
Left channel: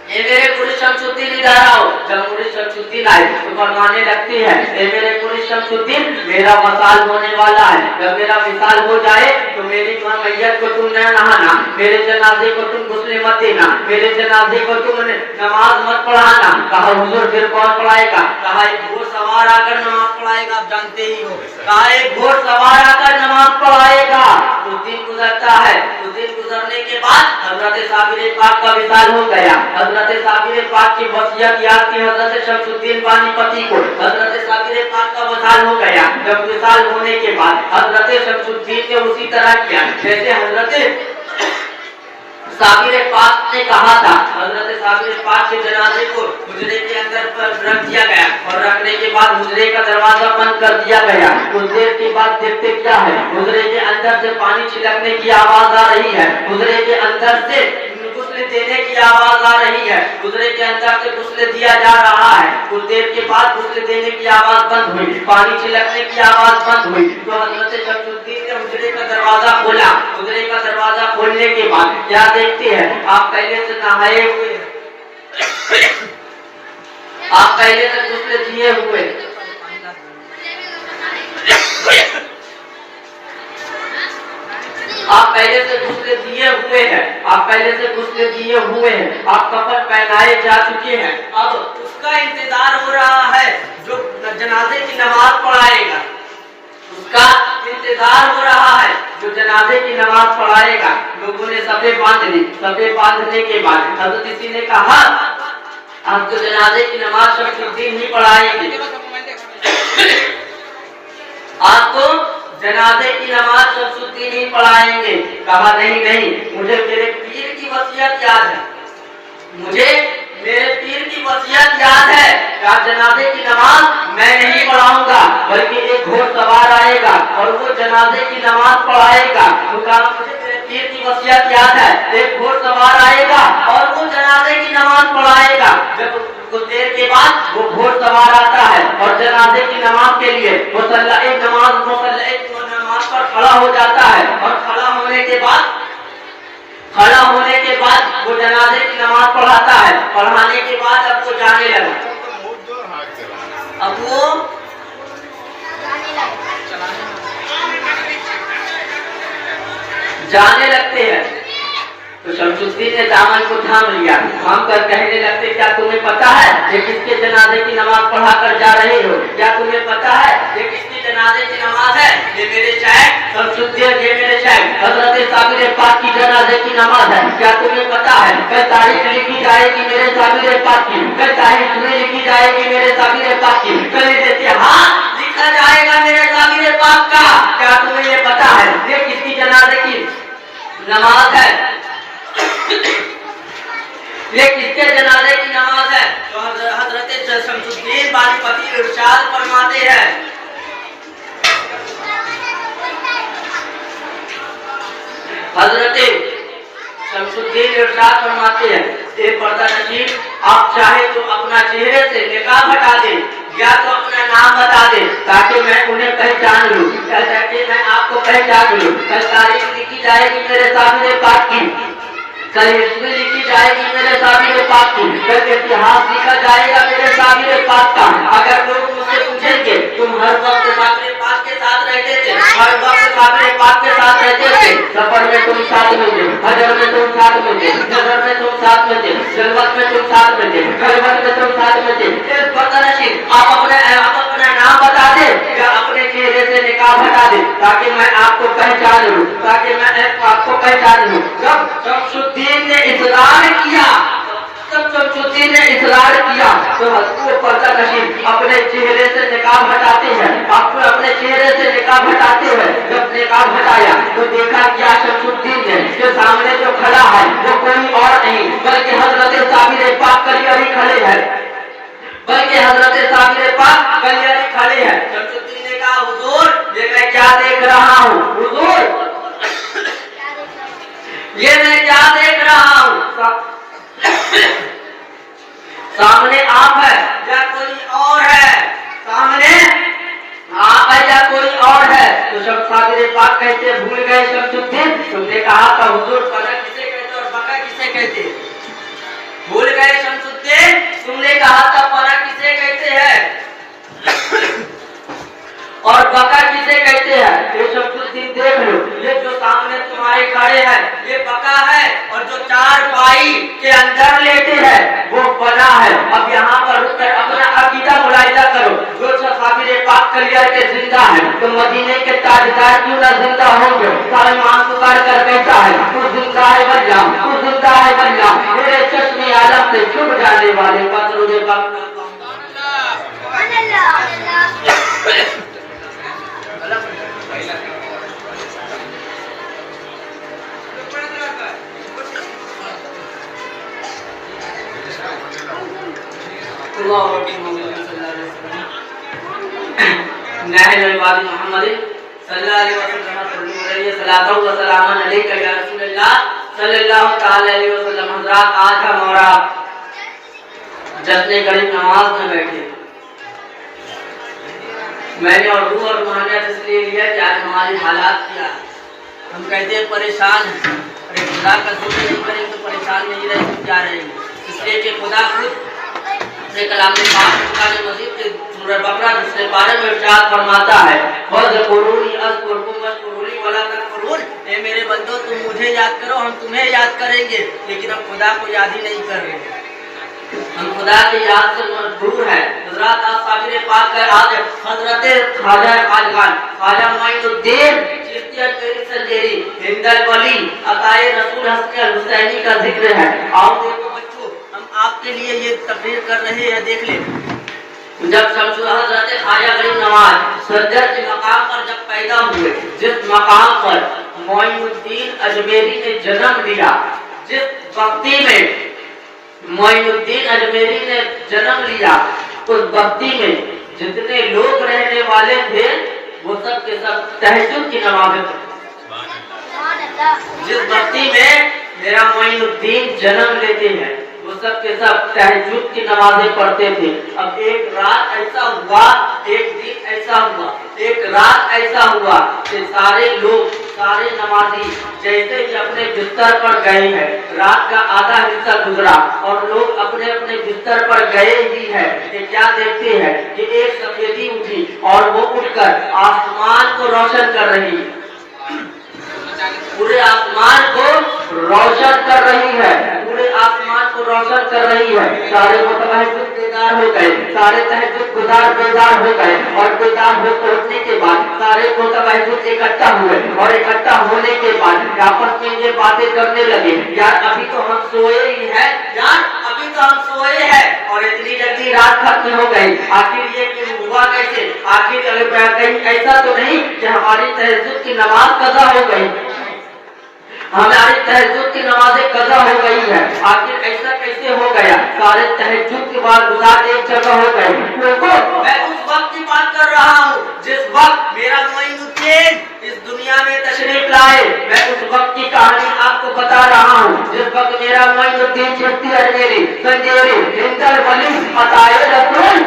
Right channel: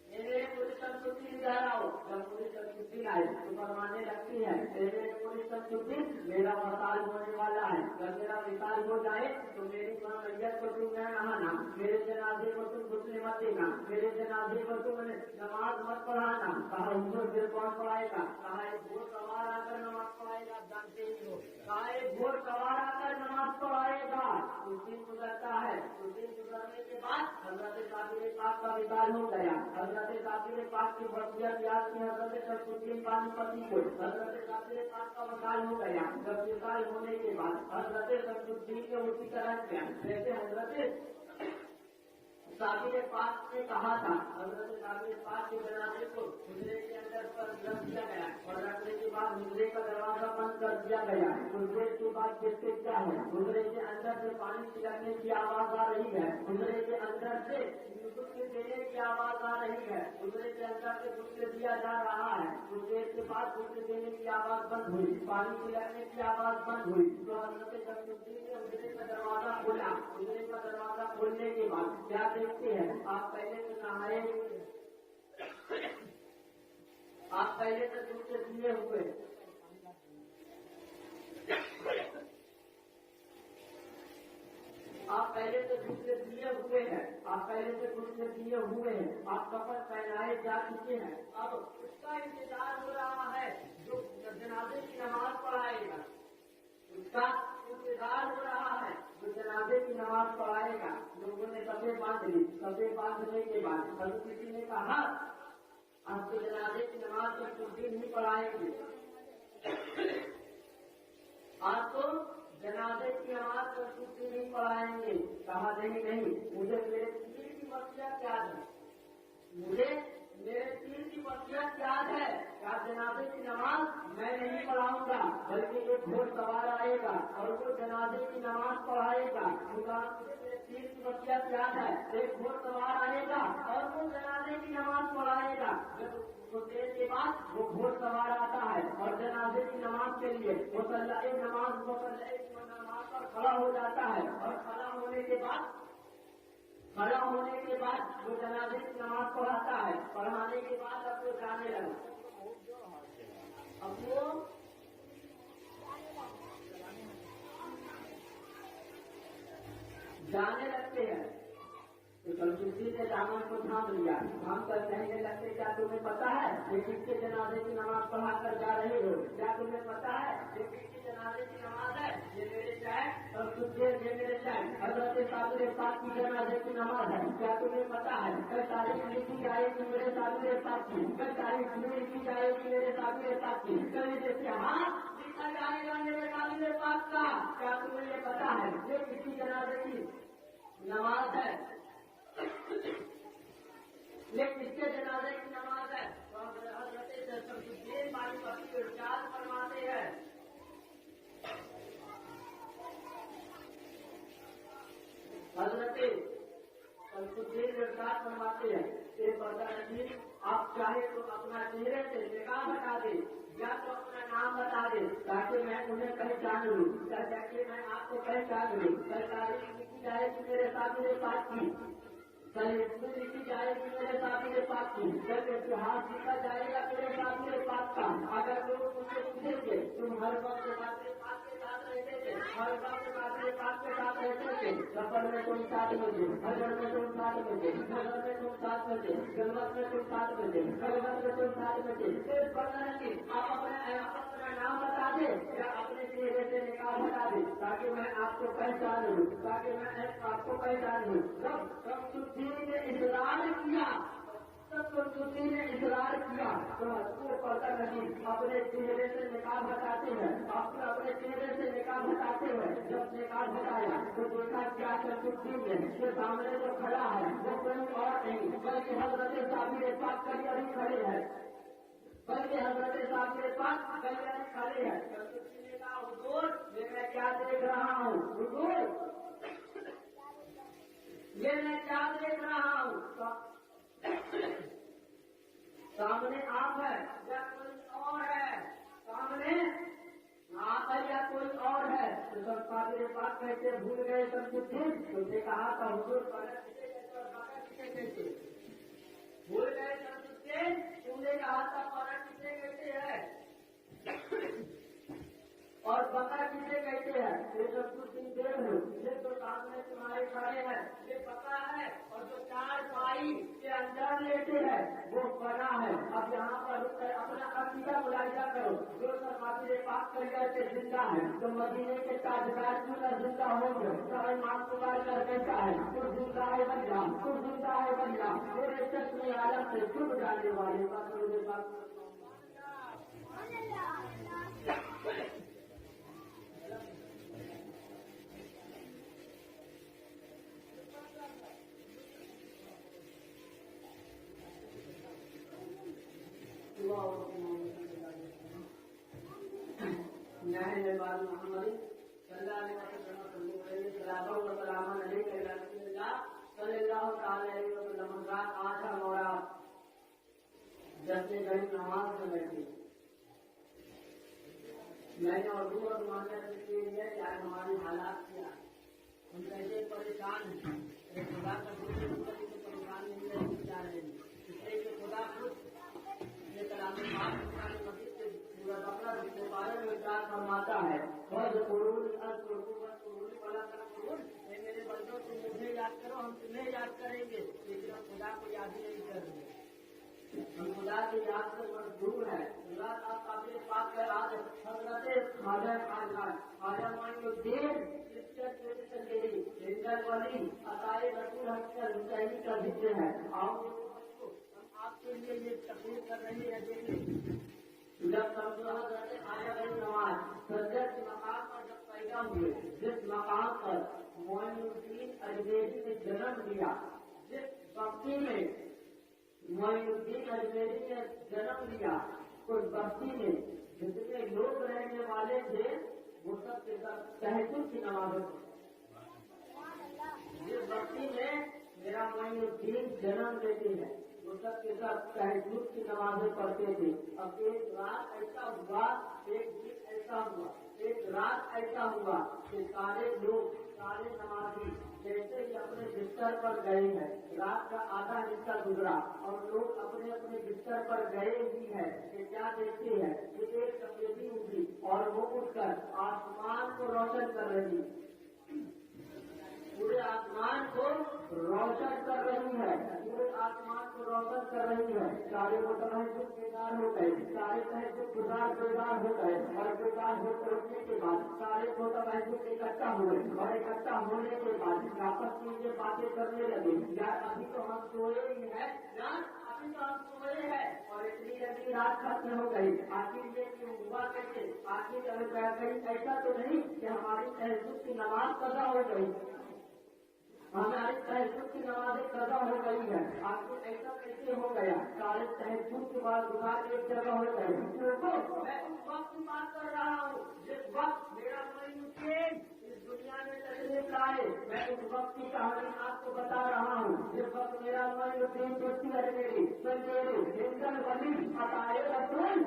ए मेरे मुरीद शमसुद्दीन इधर आओ। जब मुरीद शमसुद्दीन आए तो फरमाने लगते हैं ए मेरे मुरीद शमसुद्दीन मेरा वसाल होने वाला है, जब मेरा विसाल हो जाए तो मेरी मैयत को तुम न नहाना, मेरे जनाजे को तुम गुस्ले मत देना, मेरे जनाजे को तुम नमाज मत पढ़ाना। कहा हुजूर फिर कौन पढ़ाएगा? कहा एक घोड़सवार आकर नमाज पढ़ाएगा, आप जानते ही हो। कहा एक घोड़सवार आकर नमाज पढ़ाएगा। कुछ दिन गुजरता है, कुछ दिन गुजरने के बाद हजरत साबिर पाक का विशाल हो गया। हजरत साबिर पाक की वसीयत याद की हजरत शमसुद्दीन पानीपती को। हजरत साबिर पाक का विशाल हो गया। जब विशाल होने के बाद हजरत शमसुद्दीन ने उसी तरह किया जैसे हजरत साबिर पाक ने कहा था। हजरत साबिर पाक के जनाजे को हुजरे के अंदर पर रख दिया गया और रखने के बाद हुजरे का दरवाजा बंद कर दिया गया। कुछ देर के बाद देखते क्या है, हुजरे के अंदर से पानी छिड़कने की आवाज आ रही है, हुजरे के अंदर से गुस्ले देने की आवाज आ रही है, हुजरे के अंदर से गुस्ले दिया जा रहा है। कुछ देर के बाद गुस्ले देने की आवाज बंद हुई, पानी छिड़कने की आवाज बंद हुई। तो हजरत शमसुद्दीन ने हुजरे का दरवाजा खोला। हुजरे का दरवाजा खोलने के बाद क्या देखते हैं, आप पहले से नहाए हुए हैं, आप पहले से गुस्ले दिए हुए, आप पहले से गुस्ले दिए हुए हैं, आप पहले से गुस्ले दिए हुए हैं, आप कफन पहनाए जा चुके हैं। अब उसका इंतजार हो रहा है जो जनाजे की नमाज पढ़ाएगा, उसका इंतजार हो रहा है जो जनाजे की नमाज पढ़ाएगा। लोगों ने सफे बांध ली। सफे बांधने के बाद हजरत किसी ने कहा आप तो जनाजे की नमाज शमसुद्दीन ही पढ़ाएंगे, आप तो जनाजे की नमाज शमसुद्दीन ही पढ़ाएंगे। कहा नहीं नहीं, मुझे मेरे पीर की वसीयत याद है, मुझे मेरे पीर की वसीयत याद है। क्या जनाजे की नमाज मैं नहीं पढ़ाऊंगा, बल्कि एक घोड़सवार आएगा और वो जनाजे की नमाज पढ़ाएगा। तो कहा मुझे मेरे पीर की वसीयत याद है, एक घोड़सवार आएगा और वो जनाजे की नमाज पढ़ाएगा। जब कुछ देर के बाद वो घोड़सवार आता है और जनाजे की नमाज के लिए मुसल्ला नमाज पर खड़ा हो जाता है और खड़ा होने के बाद वो जनाजे की नमाज पढ़ाता है। पढ़ाने के बाद अब वो जाने लगा, अब वो जाने लगते हैं। तो शमसुद्दीन ने दामन को थाम लिया, थाम कर कहने लगते क्या तुम्हें पता है ये किसके जनाजे की नमाज पढ़ा कर जा रहे हो? क्या तुम्हें पता है ये किसकी जनाजे की नमाज है? ये मेरे शायख शमसुद्दीन, ये मेरे शायख हजरत साबिर पाक की जनाजे की नमाज है। क्या तुम्हें पता है कल तारीख लिखी जाएगी मेरे साबिर पाक की, कल तारीख लिखी जाएगी मेरे साबिर पाक की, कल इतिहास लिखा जाएगा मेरे साबिर पाक का। क्या तुम्हें ये पता है ये किसकी जनाजे की नमाज है? ये किसके जनाजे की नमाज है? तो हजरत शमसुद्दीन पानीपती इरशाद फरमाते हैं, हजरत शमसुद्दीन इरशाद फरमाते हैं ए पर्दा नशीब, आप चाहे तो अपना चेहरे से निकाब हटा दे या तो अपना नाम बता दे ताकि मैं उन्हें पहचान लूं, ताकि मैं आपको पहचान लूं। कल तारीख लिखी जाएगी मेरे साबिर पाक की, कल हिस्ट्री लिखी जाएगी मेरे साबिर पाक की, कल इतिहास लिखा जाएगा मेरे साबिर पाक का। अगर लोग मुझसे पूछेंगे तुम हर वक्त साबिर पाक के साथ रहते थे, हर वक्त साबिर पाक के साथ रहते थे, सफर में तुम साथ में थे, हजर में तुम साथ में थे, नजर में तुम साथ में थे, जलवत में तुम साथ में थे, खलवत में तुम साथ में थे, आप अपना नाम बता दे या अपने चेहरे से निकाब हटा दे ताकि मैं आपको पहचान लूं, ताकि मैं आपको पहचान लूं। जब शमसुद्दीन ने इसरार किया, शमसुद्दीन ने इसरार किया तो वो पर्दा नशीब अपने चेहरे से निकाब हटाते हैं, आपको अपने चेहरे से निकाब हटाते हैं। जब निकाब हटाया तो देखा क्या शमसुद्दीन ने जो सामने जो खड़ा है वो कोई और नहीं बल्कि हजरत साबिर पाक कलियारी खड़े हैं, बल्कि हजरत साबिर पाक कलियारी खड़े हैं। शमसुद्दीन ने कहा हुजूर ये मैं क्या देख रहा हूँ, हुजूर ये मैं क्या देख रहा हूँ? सामने आप है या कोई और है? सामने आप है या कोई और है? तो सब साबिर पाक कहते भूल गए शमसुद्दीन, तुमने कहा था हुजूर पना किसे कहते और बका किसे कहते? भूल गए शमसुद्दीन, तुमने कहा था पना किसे कहते हैं और बका किसे कहते हैं? ये शमसुद्दीन देख लो, ये जो सामने तुम्हारे खड़े हैं ये पका है, और जो चारपाई के अंदर लेटे हैं वो बना है। अब यहाँ पर रुककर अपना अकीदा मुलाहिजा करो। जो सहाबीरे पाक क्लियर के जिंदा है तो मदीने के ताजदार क्यों ना जिंदा होंगे? सारे मान पुकार कर कहता है तू जिंदा है वल्ला, तू जिंदा है वल्ला, मेरे चश्मे आलम से छुप जाने वाले का दरूद पाक। आज हम और आप जश्न गरीब नमाज में बैठे। मैंने और रूह और रूहानियत इसलिए लिया कि आज हमारी हालात क्या, हम कहते हैं परेशान हैं। अरे खुदा का शुक्र नहीं करेंगे तो परेशान नहीं रहे तो क्या रहेंगे? इसलिए कि खुदा खुद अपने कलाम में कुरान मजीद के सूरह बकरा दूसरे पारे में इरशाद फरमाता है वज़कुरूनी अज़कुरकुम वशकुरूली वला तकफुरून, ए मेरे बंदो तुम मुझे याद करो हम तुम्हें याद करेंगे। लेकिन हम खुदा को याद ही नहीं कर रहे, हम खुदा की याद से दूर है। हजरत साबिर पाक का आज हजरत ख्वाजा खाजगान ख्वाजा मोइनुद्दीन चिश्ती अजमेरी संजेरी हिंदल वली अताए रसूल हसन अल हुसैनी का जिक्र है। आओ देखो बच्चों, हम आपके लिए ये तकरीर कर रहे हैं। देख ले, जब शमसुल हजरत ख्वाजा गरीब नवाज सज्जद के मकाम पर जब पैदा हुए, जिस मकाम पर मोइनुद्दीन अजमेरी ने जन्म लिया, जिस बस्ती में मोइनुद्दीन अजमेरी ने जन्म लिया, उस बस्ती में जितने लोग रहने वाले थे वो सब के सब तहज्जुद की नमाज़ें पढ़ते। जिस बस्ती में मेरा मोइनुद्दीन जन्म लेते हैं वो सब के सब तहज्जुद की नमाज़ें पढ़ते थे। अब एक रात ऐसा हुआ, एक दिन ऐसा हुआ, एक रात ऐसा हुआ कि सारे लोग, सारे नमाजी जैसे ही अपने बिस्तर पर गए हैं, रात का आधा हिस्सा गुजरा और लोग अपने अपने बिस्तर पर गए ही है कि क्या देखते हैं कि एक सफेदी उठी और वो उठकर आसमान को रोशन कर रही है, पूरे आसमान को रोशन कर रही है, पूरे आसमान को रोशन कर रही है। सारे मुतवज्जिह बेदार हो गए, सारे तहज्जुद गुजार बेदार हो गए और बेदार होने के बाद सारे मुतवज्जिह इकट्ठा हुए और इकट्ठा होने के बाद आपस में ये बातें करने लगे, यार अभी तो हम सोए ही हैं, यार अभी तो हम सोए हैं और इतनी जल्दी रात खत्म हो गई, आखिर ये क्यों हुआ कैसे? आखिर कहीं ऐसा तो नहीं कि हमारी तहज्जुद की नमाज कज़ा हो गई, हमारी तहज्जुद की नमाज़ें कज़ा हो गई है, आखिर ऐसा कैसे हो गया? सारे तहज्जुद के बाद गुजार एक जगह हो गए। मैं उस वक्त की बात कर रहा हूँ जिस वक्त मेरा मोइनुद्दीन इस दुनिया में तशरीफ लाए। मैं उस वक्त की कहानी आपको बता रहा हूँ जिस वक्त मेरा मोइनुद्दीन चिश्ती अजमेरी संजेरी हिंदल वली अताए रसूल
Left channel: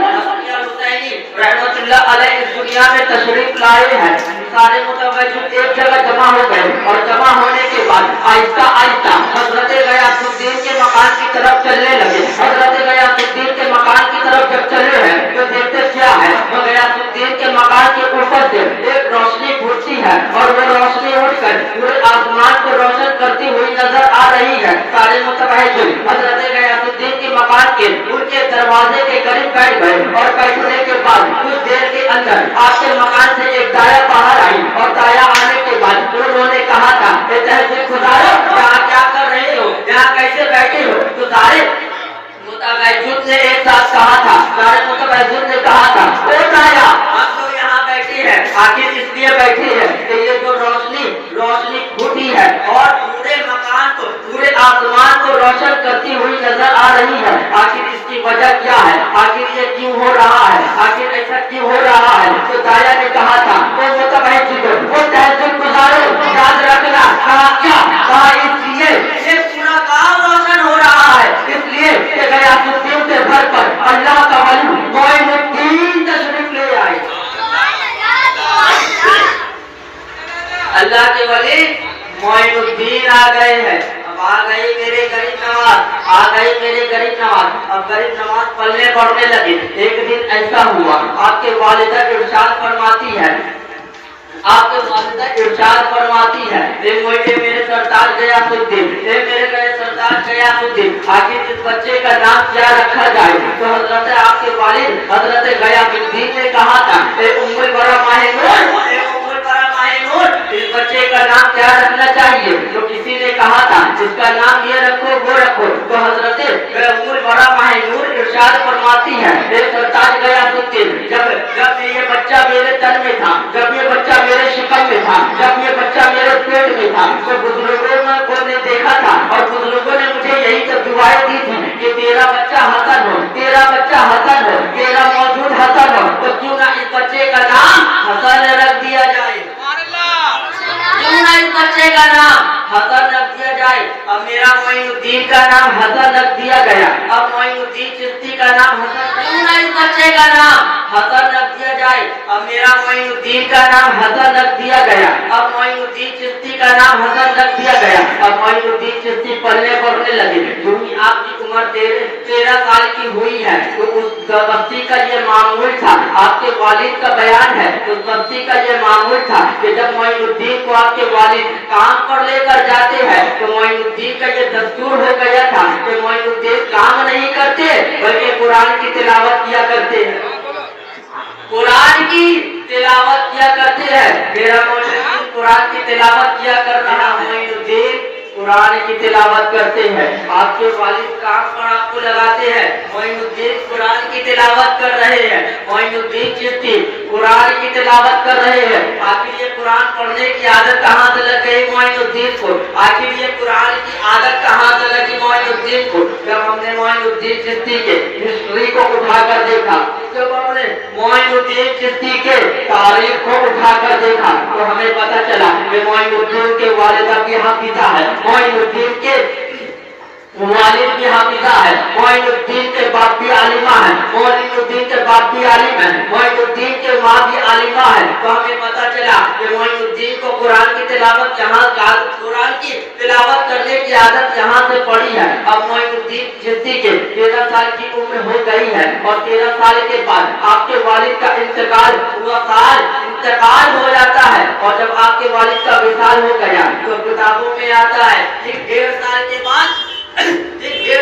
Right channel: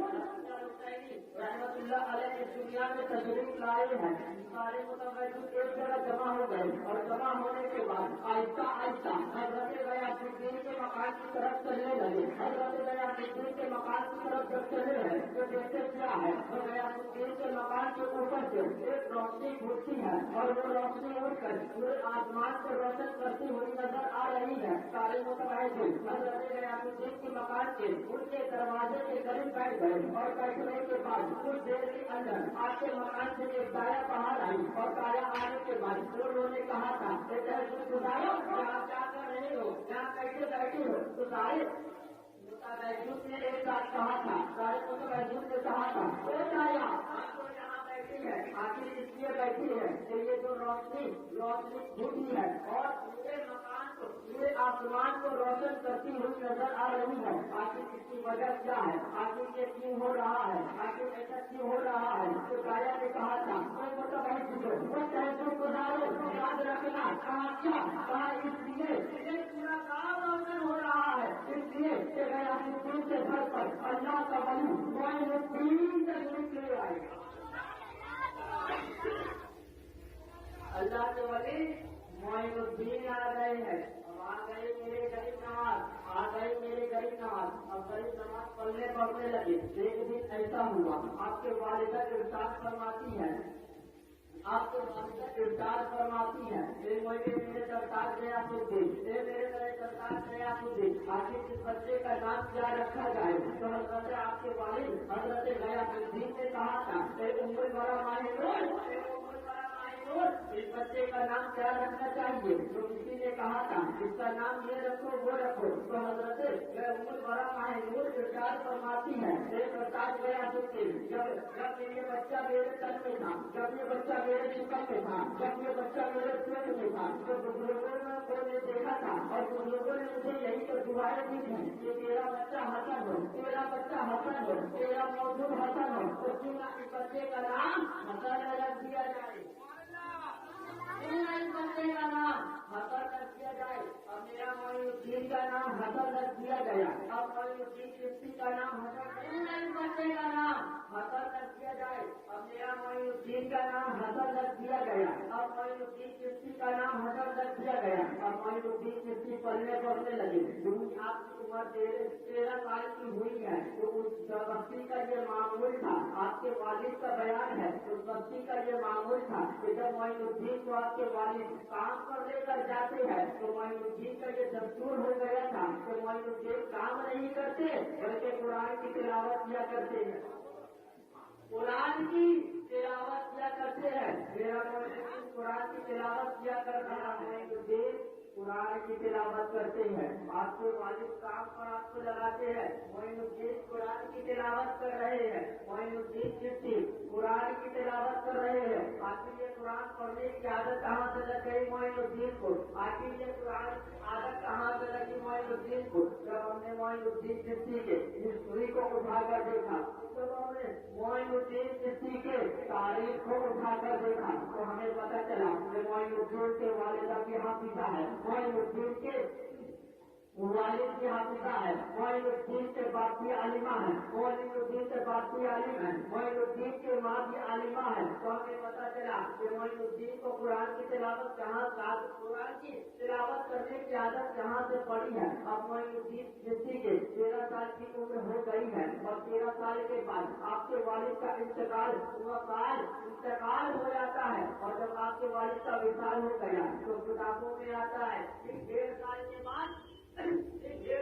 हुसैनी रहमतुल्लाह अलैह इस दुनिया में तशरीफ लाए हैं। सारे मुतवज्जिह एक जगह जमा हो गए और जमा होने के बाद आहिस्ता आहिस्ता हजरत गयासुद्दीन के मकान की तरफ चलने लगे। हजरत गयासुद्दीन के मकान की तरफ जब चले हैं तो देखते क्या है, तो गयासुद्दीन के मकान के ऊपर से एक रोशनी फूटती है और वो रोशनी उठकर पूरे आसमान को रोशन करती हुई नजर आ रही है। सारे मुतवज्जिह हजरत गयासुद्दीन के मकान के उनके दरवाजे के करीब बैठ गए और बैठने के बाद कुछ देर के अंदर आपके मकान से एक दाया बाहर आई और दाया आने के बाद उन्होंने कहा था यहाँ क्या कर रहे हो, यहाँ कैसे बैठे हो? तो सारे मुतवज्जिह ने एक साथ कहा था, सारे मुतवज्जिह ने कहा था ओ दाया हम तो यहाँ बैठे हैं, आखिर इसलिए बैठे हैं कि ये जो रोशनी फूटी है और पूरे मकान को, पूरे आसमान को रोशन करती हुई नजर आ रही है, आखिर इसकी वजह क्या है? आखिर ये क्यों हो रहा है? आखिर ऐसा क्यों हो रहा है? तो दाया ने कहा था वो मुतवज्जिह वो तहज्जुद गुजारो, याद रखना। कहा क्या? कहा इसलिए ये पूरा गांव रोशन हो रहा है, इसलिए कि गयासुद्दीन से भर पर अल्लाह का वली मोइनुद्दीन तशरीफ ले आए। अल्लाह के वली मोइनुद्दीन आ गए हैं। अब आ गई मेरे गरीब नवाज, आ गई मेरे गरीब नवाज। अब गरीब नवाज पलने पड़ने लगे। एक दिन ऐसा हुआ, आपके वालिदा इरशाद फरमाती है आपके वालिदा इरशाद फरमाती है, मेरे सरताज गयासुद्दीन, मेरे गए सरताज गयासुद्दीन, आखिर इस बच्चे का नाम क्या रखा जाए? तो हजरत आपके वालिद हजरत गयासुद्दीन ने कहा था, उम्मुल बरा माहिनूर, इस बच्चे का नाम क्या रखना चाहिए? तो किसी ने कहा था इसका नाम ये रखो वो रखो। तो हजरत उम्मुल बरा माहिनूर इरशाद फरमाती है, सरताज गयासुद्दीन, जब ये बच्चा मेरे तन में था, जब ये बच्चा मेरे शिकम में था, जब ये बच्चा मेरे पेट में था, तो बुजुर्गों ने देखा था और बुजुर्गों ने मुझे यही तो दुआएं दी थी कि तेरा बच्चा हसन हो, तेरा बच्चा हसन हो, तेरा मौजूद हसन हो, तो क्यों ना इस बच्चे का नाम हसन रख दिया जाए, क्यों ना इस बच्चे का नाम हसन रख दिया जाए। अब मेरा मोइनुद्दीन का नाम हसन रख दिया गया, अब मोइनुद्दीन चिश्ती का नाम हसन, क्यों ना इस बच्चे का नाम हसन रख दिया जाए। अब मेरा मोइनुद्दीन का नाम हसन रख दिया गया, अब मोइनुद्दीन चिश्ती का नाम हसन रख दिया गया। अब मोइनुद्दीन चिश्ती पढ़ने लगे, क्योंकि आपकी उम्र 13 साल की हुई है, तो उस बस्ती का ये मामूल था, आपके वालिद का बयान है, उस बस्ती का ये मामूल था कि जब मोइनुद्दीन को आपके वालिद काम पर लेकर जाते हैं तो मोइनुद्दीन का ये दस्तूर हो गया था कि मोइनुद्दीन काम नहीं करते बल्कि कुरान की तिलावत किया करते हैं, कुरान की तिलावत किया करते हैं। मेरा मोइनुद्दीन कुरान की तिलावत किया कर रहा, मोइनुद्दीन कुरान की तिलावत करते हैं, आपके वालिद काम पर आपको लगाते हैं, मोइनुद्दीन कुरान की तिलावत कर रहे हैं, मोइनुद्दीन चिश्ती कुरान की तिलावत कर रहे हैं। आखिर ये कुरान पढ़ने की आदत कहाँ से लग गई मोइनुद्दीन को? आखिर ये कुरान की आदत कहाँ से लगी मोइनुद्दीन को? जब हमने मोइनुद्दीन चिश्ती के हिस्ट्री को उठाकर देखा, जब हमने मोइनुद्दीन चिश्ती के तारीख को उठाकर देखा, तो हमें पता चला कि मोइनुद्दीन के वालिदा की हाफिजा है, मोइनुद्दीन के वालिद की हाफिजा है, मोइनुद्दीन के बाप भी आलिमा है, मोइनुद्दीन के बाप भी आलिम है, मोइनुद्दीन के माँ भी आलिमा है। तो हमें पता चला कि मोइनुद्दीन को कुरान की तिलावत कुरान की तिलावत करने की आदत जहाँ से पड़ी है। अब मोइनुद्दीन चिश्ती के 13 साल की उम्र हो गई है और 13 साल के बाद आपके वालिद का इंतकाल हो जाता है, और जब आपके वालिद का विशाल हो गया तो किताबों में आता है कि 1.5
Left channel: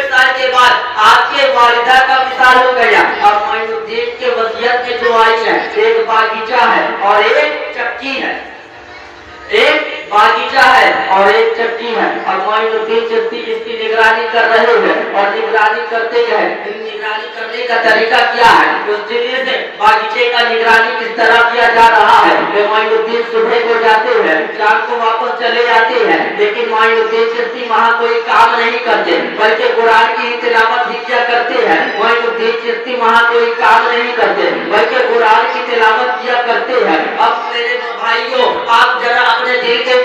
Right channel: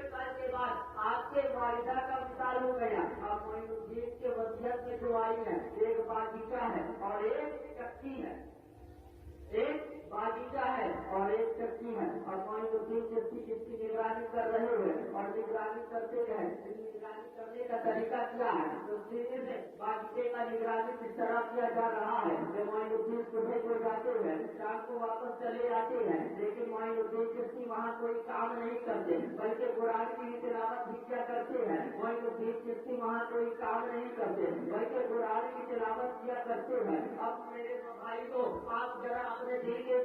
साल के बाद आपके वालिदा का विशाल हो गया। अब मोइनुद्दीन के वसीयत में जो आई है, एक बागीचा है और एक चक्की है, एक बागीचा है और एक चक्की है, और मोइनुद्दीन चिश्ती इसकी निगरानी कर रहे हैं और निगरानी करते हैं। निगरानी करने का तरीका क्या है, उस चीज से बागीचे का निगरानी किस तरह किया जा रहा है। मोइनुद्दीन सुबह को जाते हैं, शाम को वापस चले जाते हैं, लेकिन मोइनुद्दीन चिश्ती वहाँ कोई काम नहीं करते बल्कि कुरान की तिलावत ही किया करते हैं। मोइनुद्दीन चिश्ती वहाँ कोई काम नहीं करते बल्कि कुरान की तिलावत किया करते हैं। अब मेरे भाइयों, आप जरा अपने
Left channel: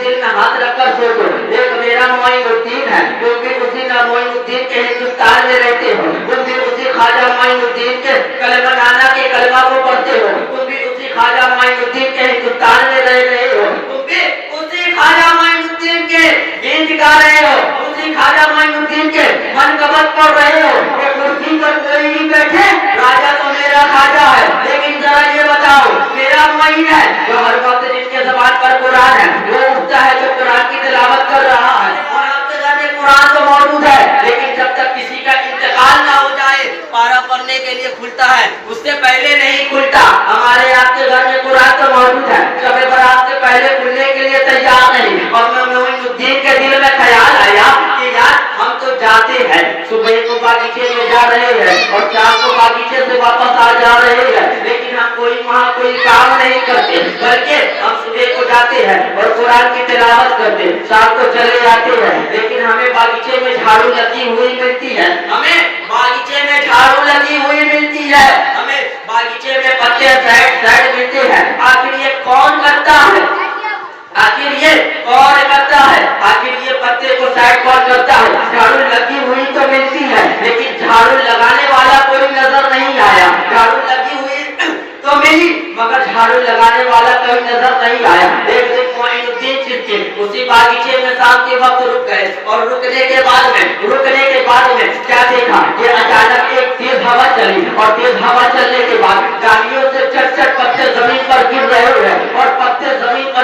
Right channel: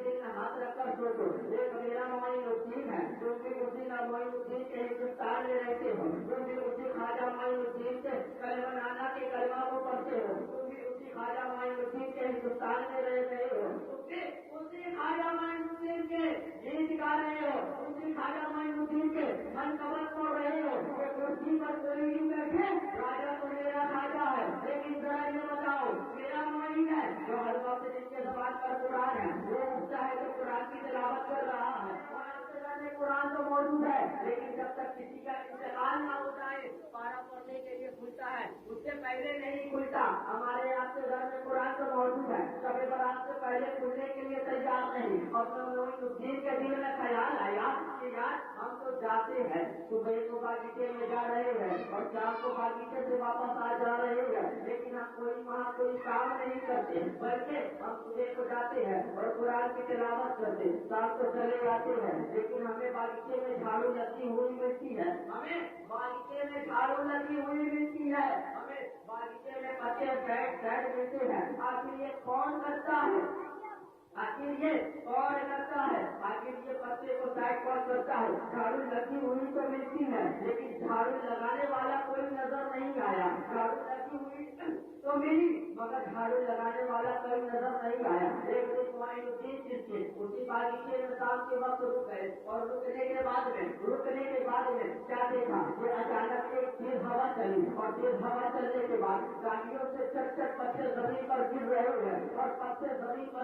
दिल में हाथ रखकर सोचो, एक मेरा मोइनुद्दीन है, क्योंकि उसी ना मोइनुद्दीन के हिंदुस्तान में रहते हो, तुम भी उसी ख्वाजा मोइनुद्दीन के कलमा नाना के कलमा को पढ़ते हो, तुम भी उसी ख्वाजा मोइनुद्दीन के हिंदुस्तान में रह रहे हो, तुम भी उसी ख्वाजा मोइनुद्दीन के गीत गा रहे हो, उसी ख्वाजा मोइनुद्दीन के मनकबत पढ़ रहे हो। कुर्सी पर कोई नहीं बैठे, राजा तो मेरा ख्वाजा है, लेकिन जरा ये बताओ, मेरा मोइन है जो हर वक्त जिसके ज़बान पर कुरान है, वो उठता है जो कुरान की तिलावत कर रहा है, और आपके घर में कुरान तो मौजूद है, लेकिन जब तक किसी का इंतकाल ना हो जाए पारा पढ़ने के लिए खुलता है, उससे पहले नहीं खुलता। हमारे आपके घर में कुरान तो मौजूद है, शब बारात से पहले खुलने के लिए तैयार नहीं। और मोइनुद्दीन के दिल में ख्याल आया कि यार हम तो जाते हैं, सुबह को बागीचे में जा रहे हैं और शाम को बागीचे से वापस आ जा रहे हैं, लेकिन हम वहाँ कोई काम नहीं करते बल्कि हम सुबह को जाते हैं और कुरान की तिलावत करते, शाम को चले जाते हैं, लेकिन हमें बागीचे में झाड़ू लगी हुई मिलती है, हमें बागीचे में झाड़ू लगी हुई मिलती है, हमें बागीचे में पत्ते साइड मिलते हैं। आखिर ये कौन करता है, आखिर ये कौन करता है, आखिर ये पत्ते को साइड कौन करता है? झाड़ू लगी हुई तो मिलती है, लेकिन झाड़ू लगाने वाला कोई नजर नहीं आया। झाड़ू लगी हुई तो मिली मगर झाड़ू लगाने वाला कोई नजर नहीं आया। एक दिन मोइनुद्दीन चिश्ती उसी बागीचे में शाम के वक्त रुक गए, और रुकने के बाद में क्या देखा कि अचानक एक तेज हवा चली, और तेज हवा चलने के बाद डालियों से चट पत्ते जमीन पर गिर रहे हैं, और पत्ते जमीन पर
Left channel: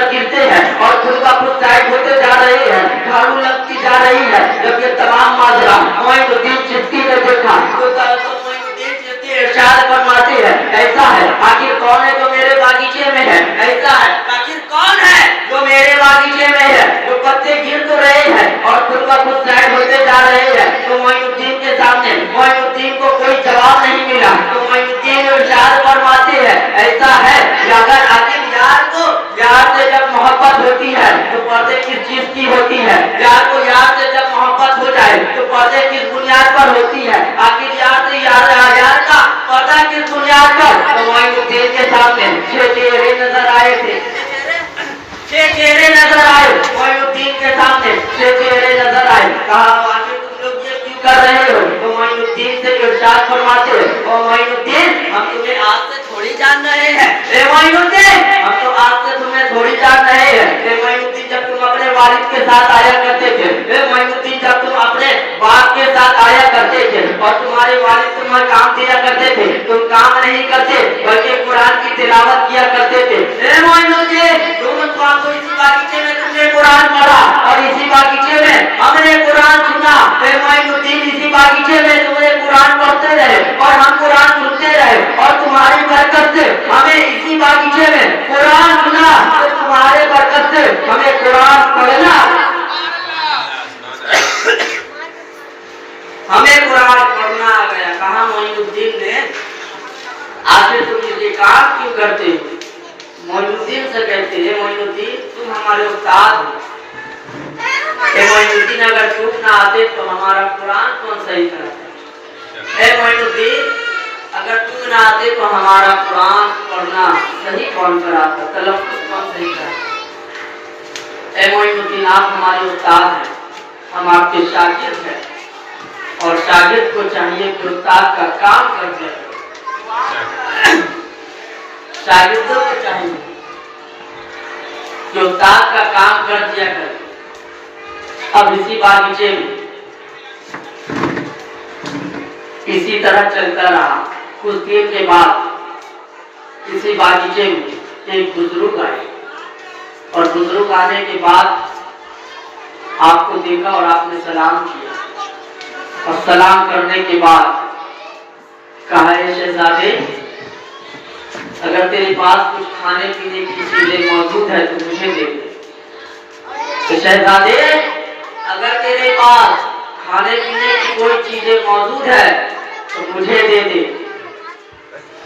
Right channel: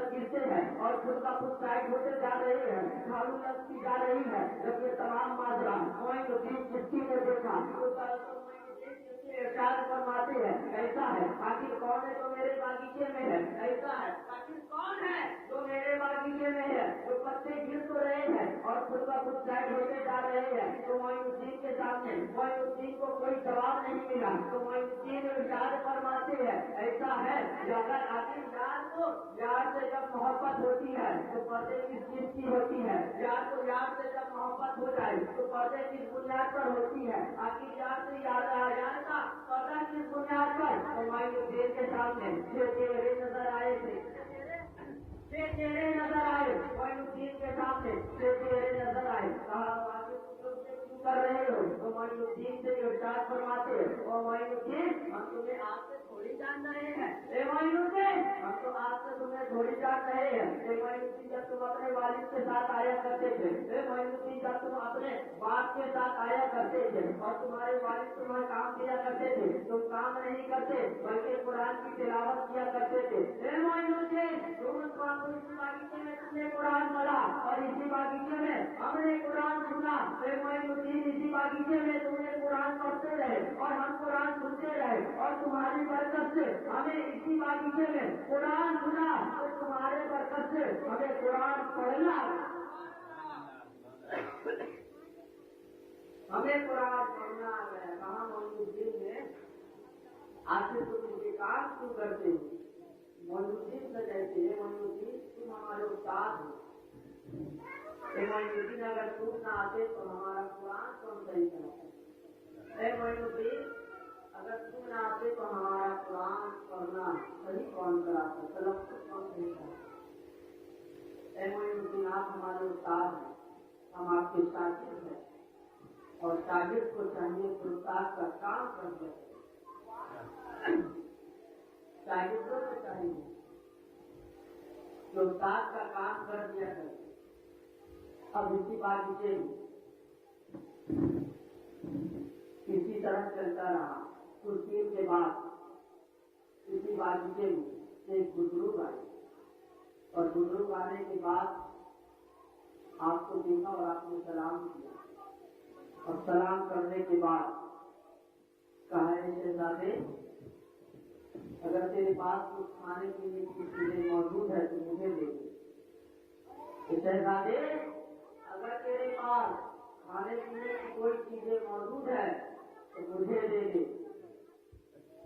यार से जब मोहब्बत होती है तो पर्दे किस चीज की होती है? यार को यार से जब मोहब्बत हो जाए तो पर्दे किस बुनियाद पर होती है? आखिर यार से यार का पर्दा किस बुनियाद पर? तो मोइनुद्दीन के सामने 6 चेहरे नजर आए थे, 6 चेहरे नजर आए। मोइनुद्दीन के सामने 6 चेहरे नजर आए। कहा आखिर तुम लोग ये क्यों कर रहे हो? तो मोइनुद्दीन से इरशाद फरमाते हैं, ओ मोइनुद्दीन हम तुम्हें आज से थोड़ी जान रहे हैं। ए मोइनुद्दीन हम तो आज से तुम्हें थोड़ी जान रहे हैं। ए मोइनुद्दीन जब तुम अपने वालिद के साथ आया करते थे, ए मोइनुद्दीन जब तुम अपने बाप के साथ आया करते थे और तुम्हारे वालिद तुम्हें काम दिया करते थे, तुम काम नहीं करते बल्कि कुरान की तिलावत किया करते थे। ए मोइनुद्दीन आपको इसी बागीचे में तुमने कुरान पढ़ा और इसी बागीचे में हमने कुरान सुना। ए मोइनुद्दीन इसी बागीचे में तुमने कुरान पढ़ते रहे और हम कुरान सुनते रहे और तुम्हारी बरकत से हमें इसी बागीचे में कुरान सुना। तो तुम्हारे बरकत से हमें कुरान पढ़ना, हमें कुरान पढ़ना आ गया। कहा मोइनुद्दीन ने आखिर तुम ये काम क्यों करते हो? मोइनुद्दीन से कहते हैं, मोइनुद्दीन तुम हमारे उस्ताद हो। मोइनुद्दीन अगर तुम ना आते तो हमारा कुरान कौन सही कराता? मोइनुद्दीन अगर तुम ना आते तो हमारा कुरान पढ़ना सही कौन कराता? तलफ्फुज़ कौन सही कराता? मोइनुद्दीन आप हमारे उस्ताद हैं, हम आपके शागिर्द हैं और शागिर्द को चाहिए कि उस्ताद का काम कर जाए। शागिर्दों को चाहिए कि उस्ताद का काम कर दिया करे। अब इसी बागीचे में इसी तरह चलता रहा। कुछ देर के बाद इसी बागीचे में एक बुजुर्ग आए और बुजुर्ग आने के बाद आपको देखा और आपने सलाम किया और सलाम करने के बाद कहा, शहजादे अगर तेरे पास कुछ खाने पीने की चीजें मौजूद है तो मुझे दे दे। तो शहजादे अगर तेरे पास खाने पीने की कोई चीजें मौजूद है तो मुझे दे दे।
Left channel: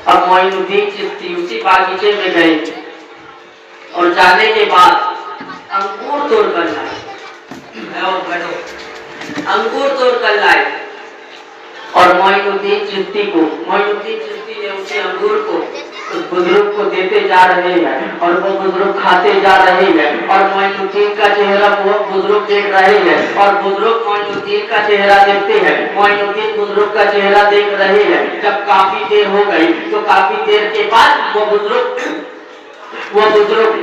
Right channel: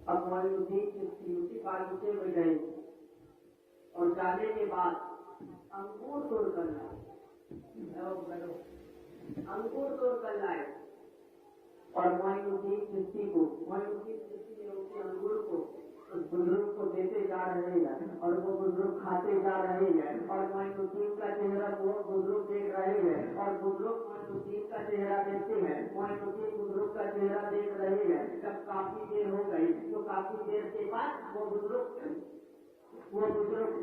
अब मोइनुद्दीन चिश्ती उसी बागीचे में गए और जाने के बाद अंगूर तोड़ कर लाए, अंगूर तोड़ कर लाए और मोइनुद्दीन चिश्ती ने उसे अंगूर को उस बुजुर्ग को देते जा रहे हैं और वो बुजुर्ग खाते जा रहे हैं और मोइनुद्दीन का चेहरा वो बुजुर्ग देख रहे हैं और बुजुर्ग मोइनुद्दीन का चेहरा देखते हैं। मोइनुद्दीन बुजुर्ग का चेहरा देख रहे हैं। जब काफी देर हो गई तो काफी देर के बाद वो बुजुर्ग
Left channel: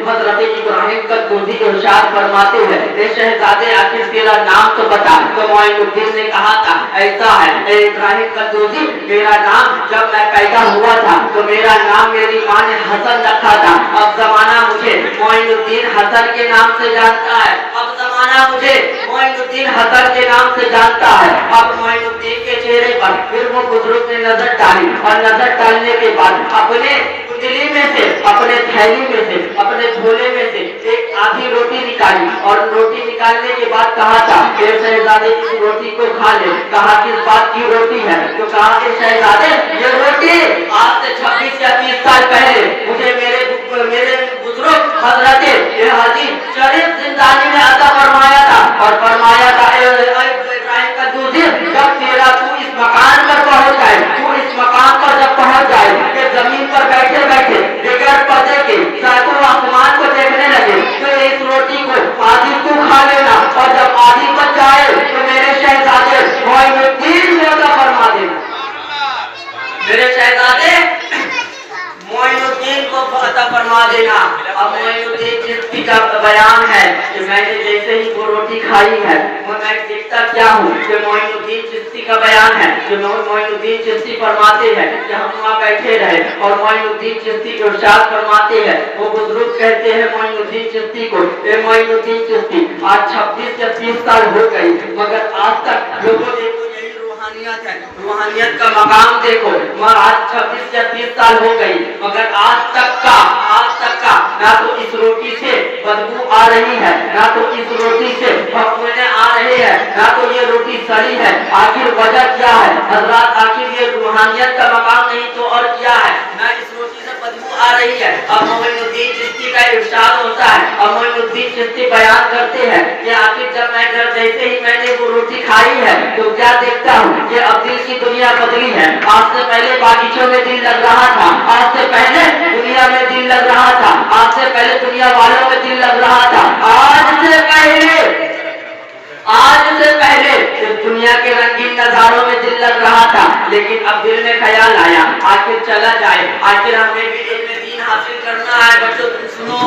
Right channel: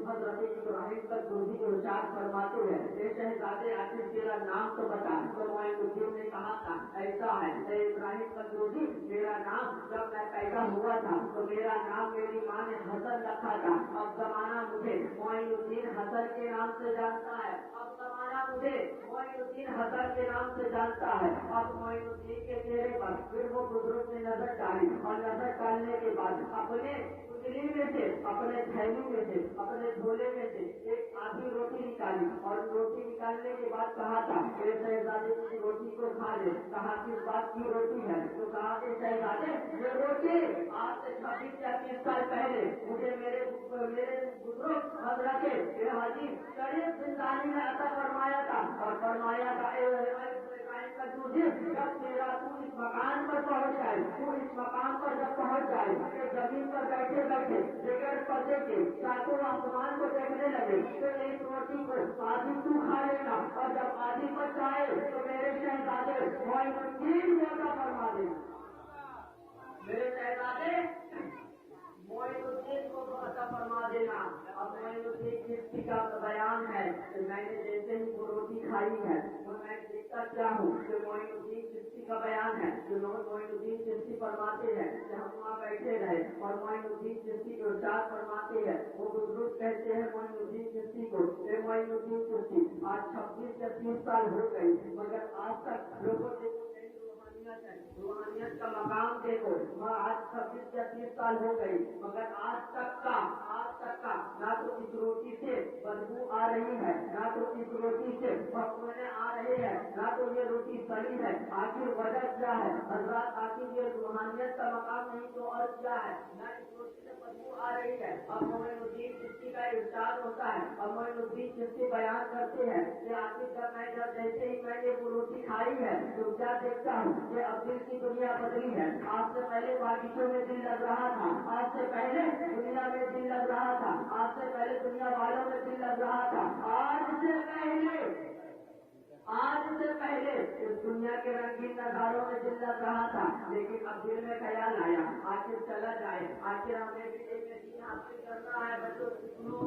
हज़रत इब्राहिम का दूधी इरशाद फरमाते हैं, ए शहजादे आखिर तेरा नाम तो बता। तो मोइनुद्दीन ने कहा था, ऐसा है ए इब्राहिम का दूधी, मेरा नाम जब मैं पैदा हुआ था तो मेरा नाम मेरी माँ ने हसन रखा था। अब जमाना मुझे मोइनुद्दीन हसन के नाम से जानता है। अब जमाना मुझे मोइनुद्दीन हसन के नाम से जानता है। अब मोइनुद्दीन के चेहरे पर फिर वो बुजुर्ग ने नजर डाली और नजर डालने के बाद अपने कुंडली में से, अपने थैली में से, अपने झोले में से एक आधी रोटी निकाली और रोटी निकालने के बाद कहा था, शहजादे इस रोटी को खा ले। कहा किस बात की रोटी है? तो कहा कि शहजादे ये रोटी आज से 26 या 30 साल पहले मुझे मेरे बुजुर्ग हजरत हाजी शरीफ जिंदानी ने अता फरमाया था और फरमाया था, इब्राहिम का दूधी जब तेरा तू इस मकान पर पहुंच जाए, तू इस मकान पर जब पहुंच जाए कि जमीन पर बैठे बैठे बगैर पर्दे के सातों आसमान को देखने लगे तो इस रोटी को आधी तू खा लेना और जब आधी बच जाए तो मेरे शहजादे मोइनुद्दीन को अता फरमा देना। मेरे शहजादे मोइनुद्दीन को अता फरमा देना। अब मोइनुद्दीन चिश्ती का बयान है कि मैंने जैसे ही वो रोटी खाई है मैं देखता क्या हूँ कि मोइनुद्दीन चिश्ती का बयान है कि मोइनुद्दीन चिश्ती फरमाते हैं कि हम वहाँ बैठे रहे और मोइनुद्दीन चिश्ती इरशाद फरमाते हैं। वो बुजुर्ग कहते हैं मोइनुद्दीन चिश्ती को, ए मोइनुद्दीन चिश्ती आज 26 या 30 साल हो गई मगर आज तक लोगों ने रूहानियत का मकाम देखो, आज 26 या 30 साल हो गई मगर आज तक का ना तो इस रोटी से बदबू आ रही है, ना तो इस रोटी से भखुने आ रहे हैं, ना तो ये रोटी सड़ी है। आखिर वजह क्या है हजरत? आखिर ये रूहानियत का मकाम नहीं तो और क्या है? ना इस रोटी से बदबू आ रही है। अब मोइनुद्दीन चिश्ती इरशाद होता है। और मोइनुद्दीन चिश्ती बयान करते हैं कि आखिर जब मैं घर जैसे ही मैंने वो रोटी खाई है तो क्या देखता हूँ कि अब दिल की दुनिया बदली है। आज से पहले बागीचों में दिल लग रहा था, आज से पहले दुनिया में दिल लग रहा था, आज से पहले दुनिया वालों में दिल लग रहा था, आज से पहले दुनिया के रंगीन नजारों में दिल लग रहा था। लेकिन अब दिल में ख्याल आया आखिर चला जाए, आखिर हमें भी इल्म दीन हासिल करना है। बच्चों तुम सुनो,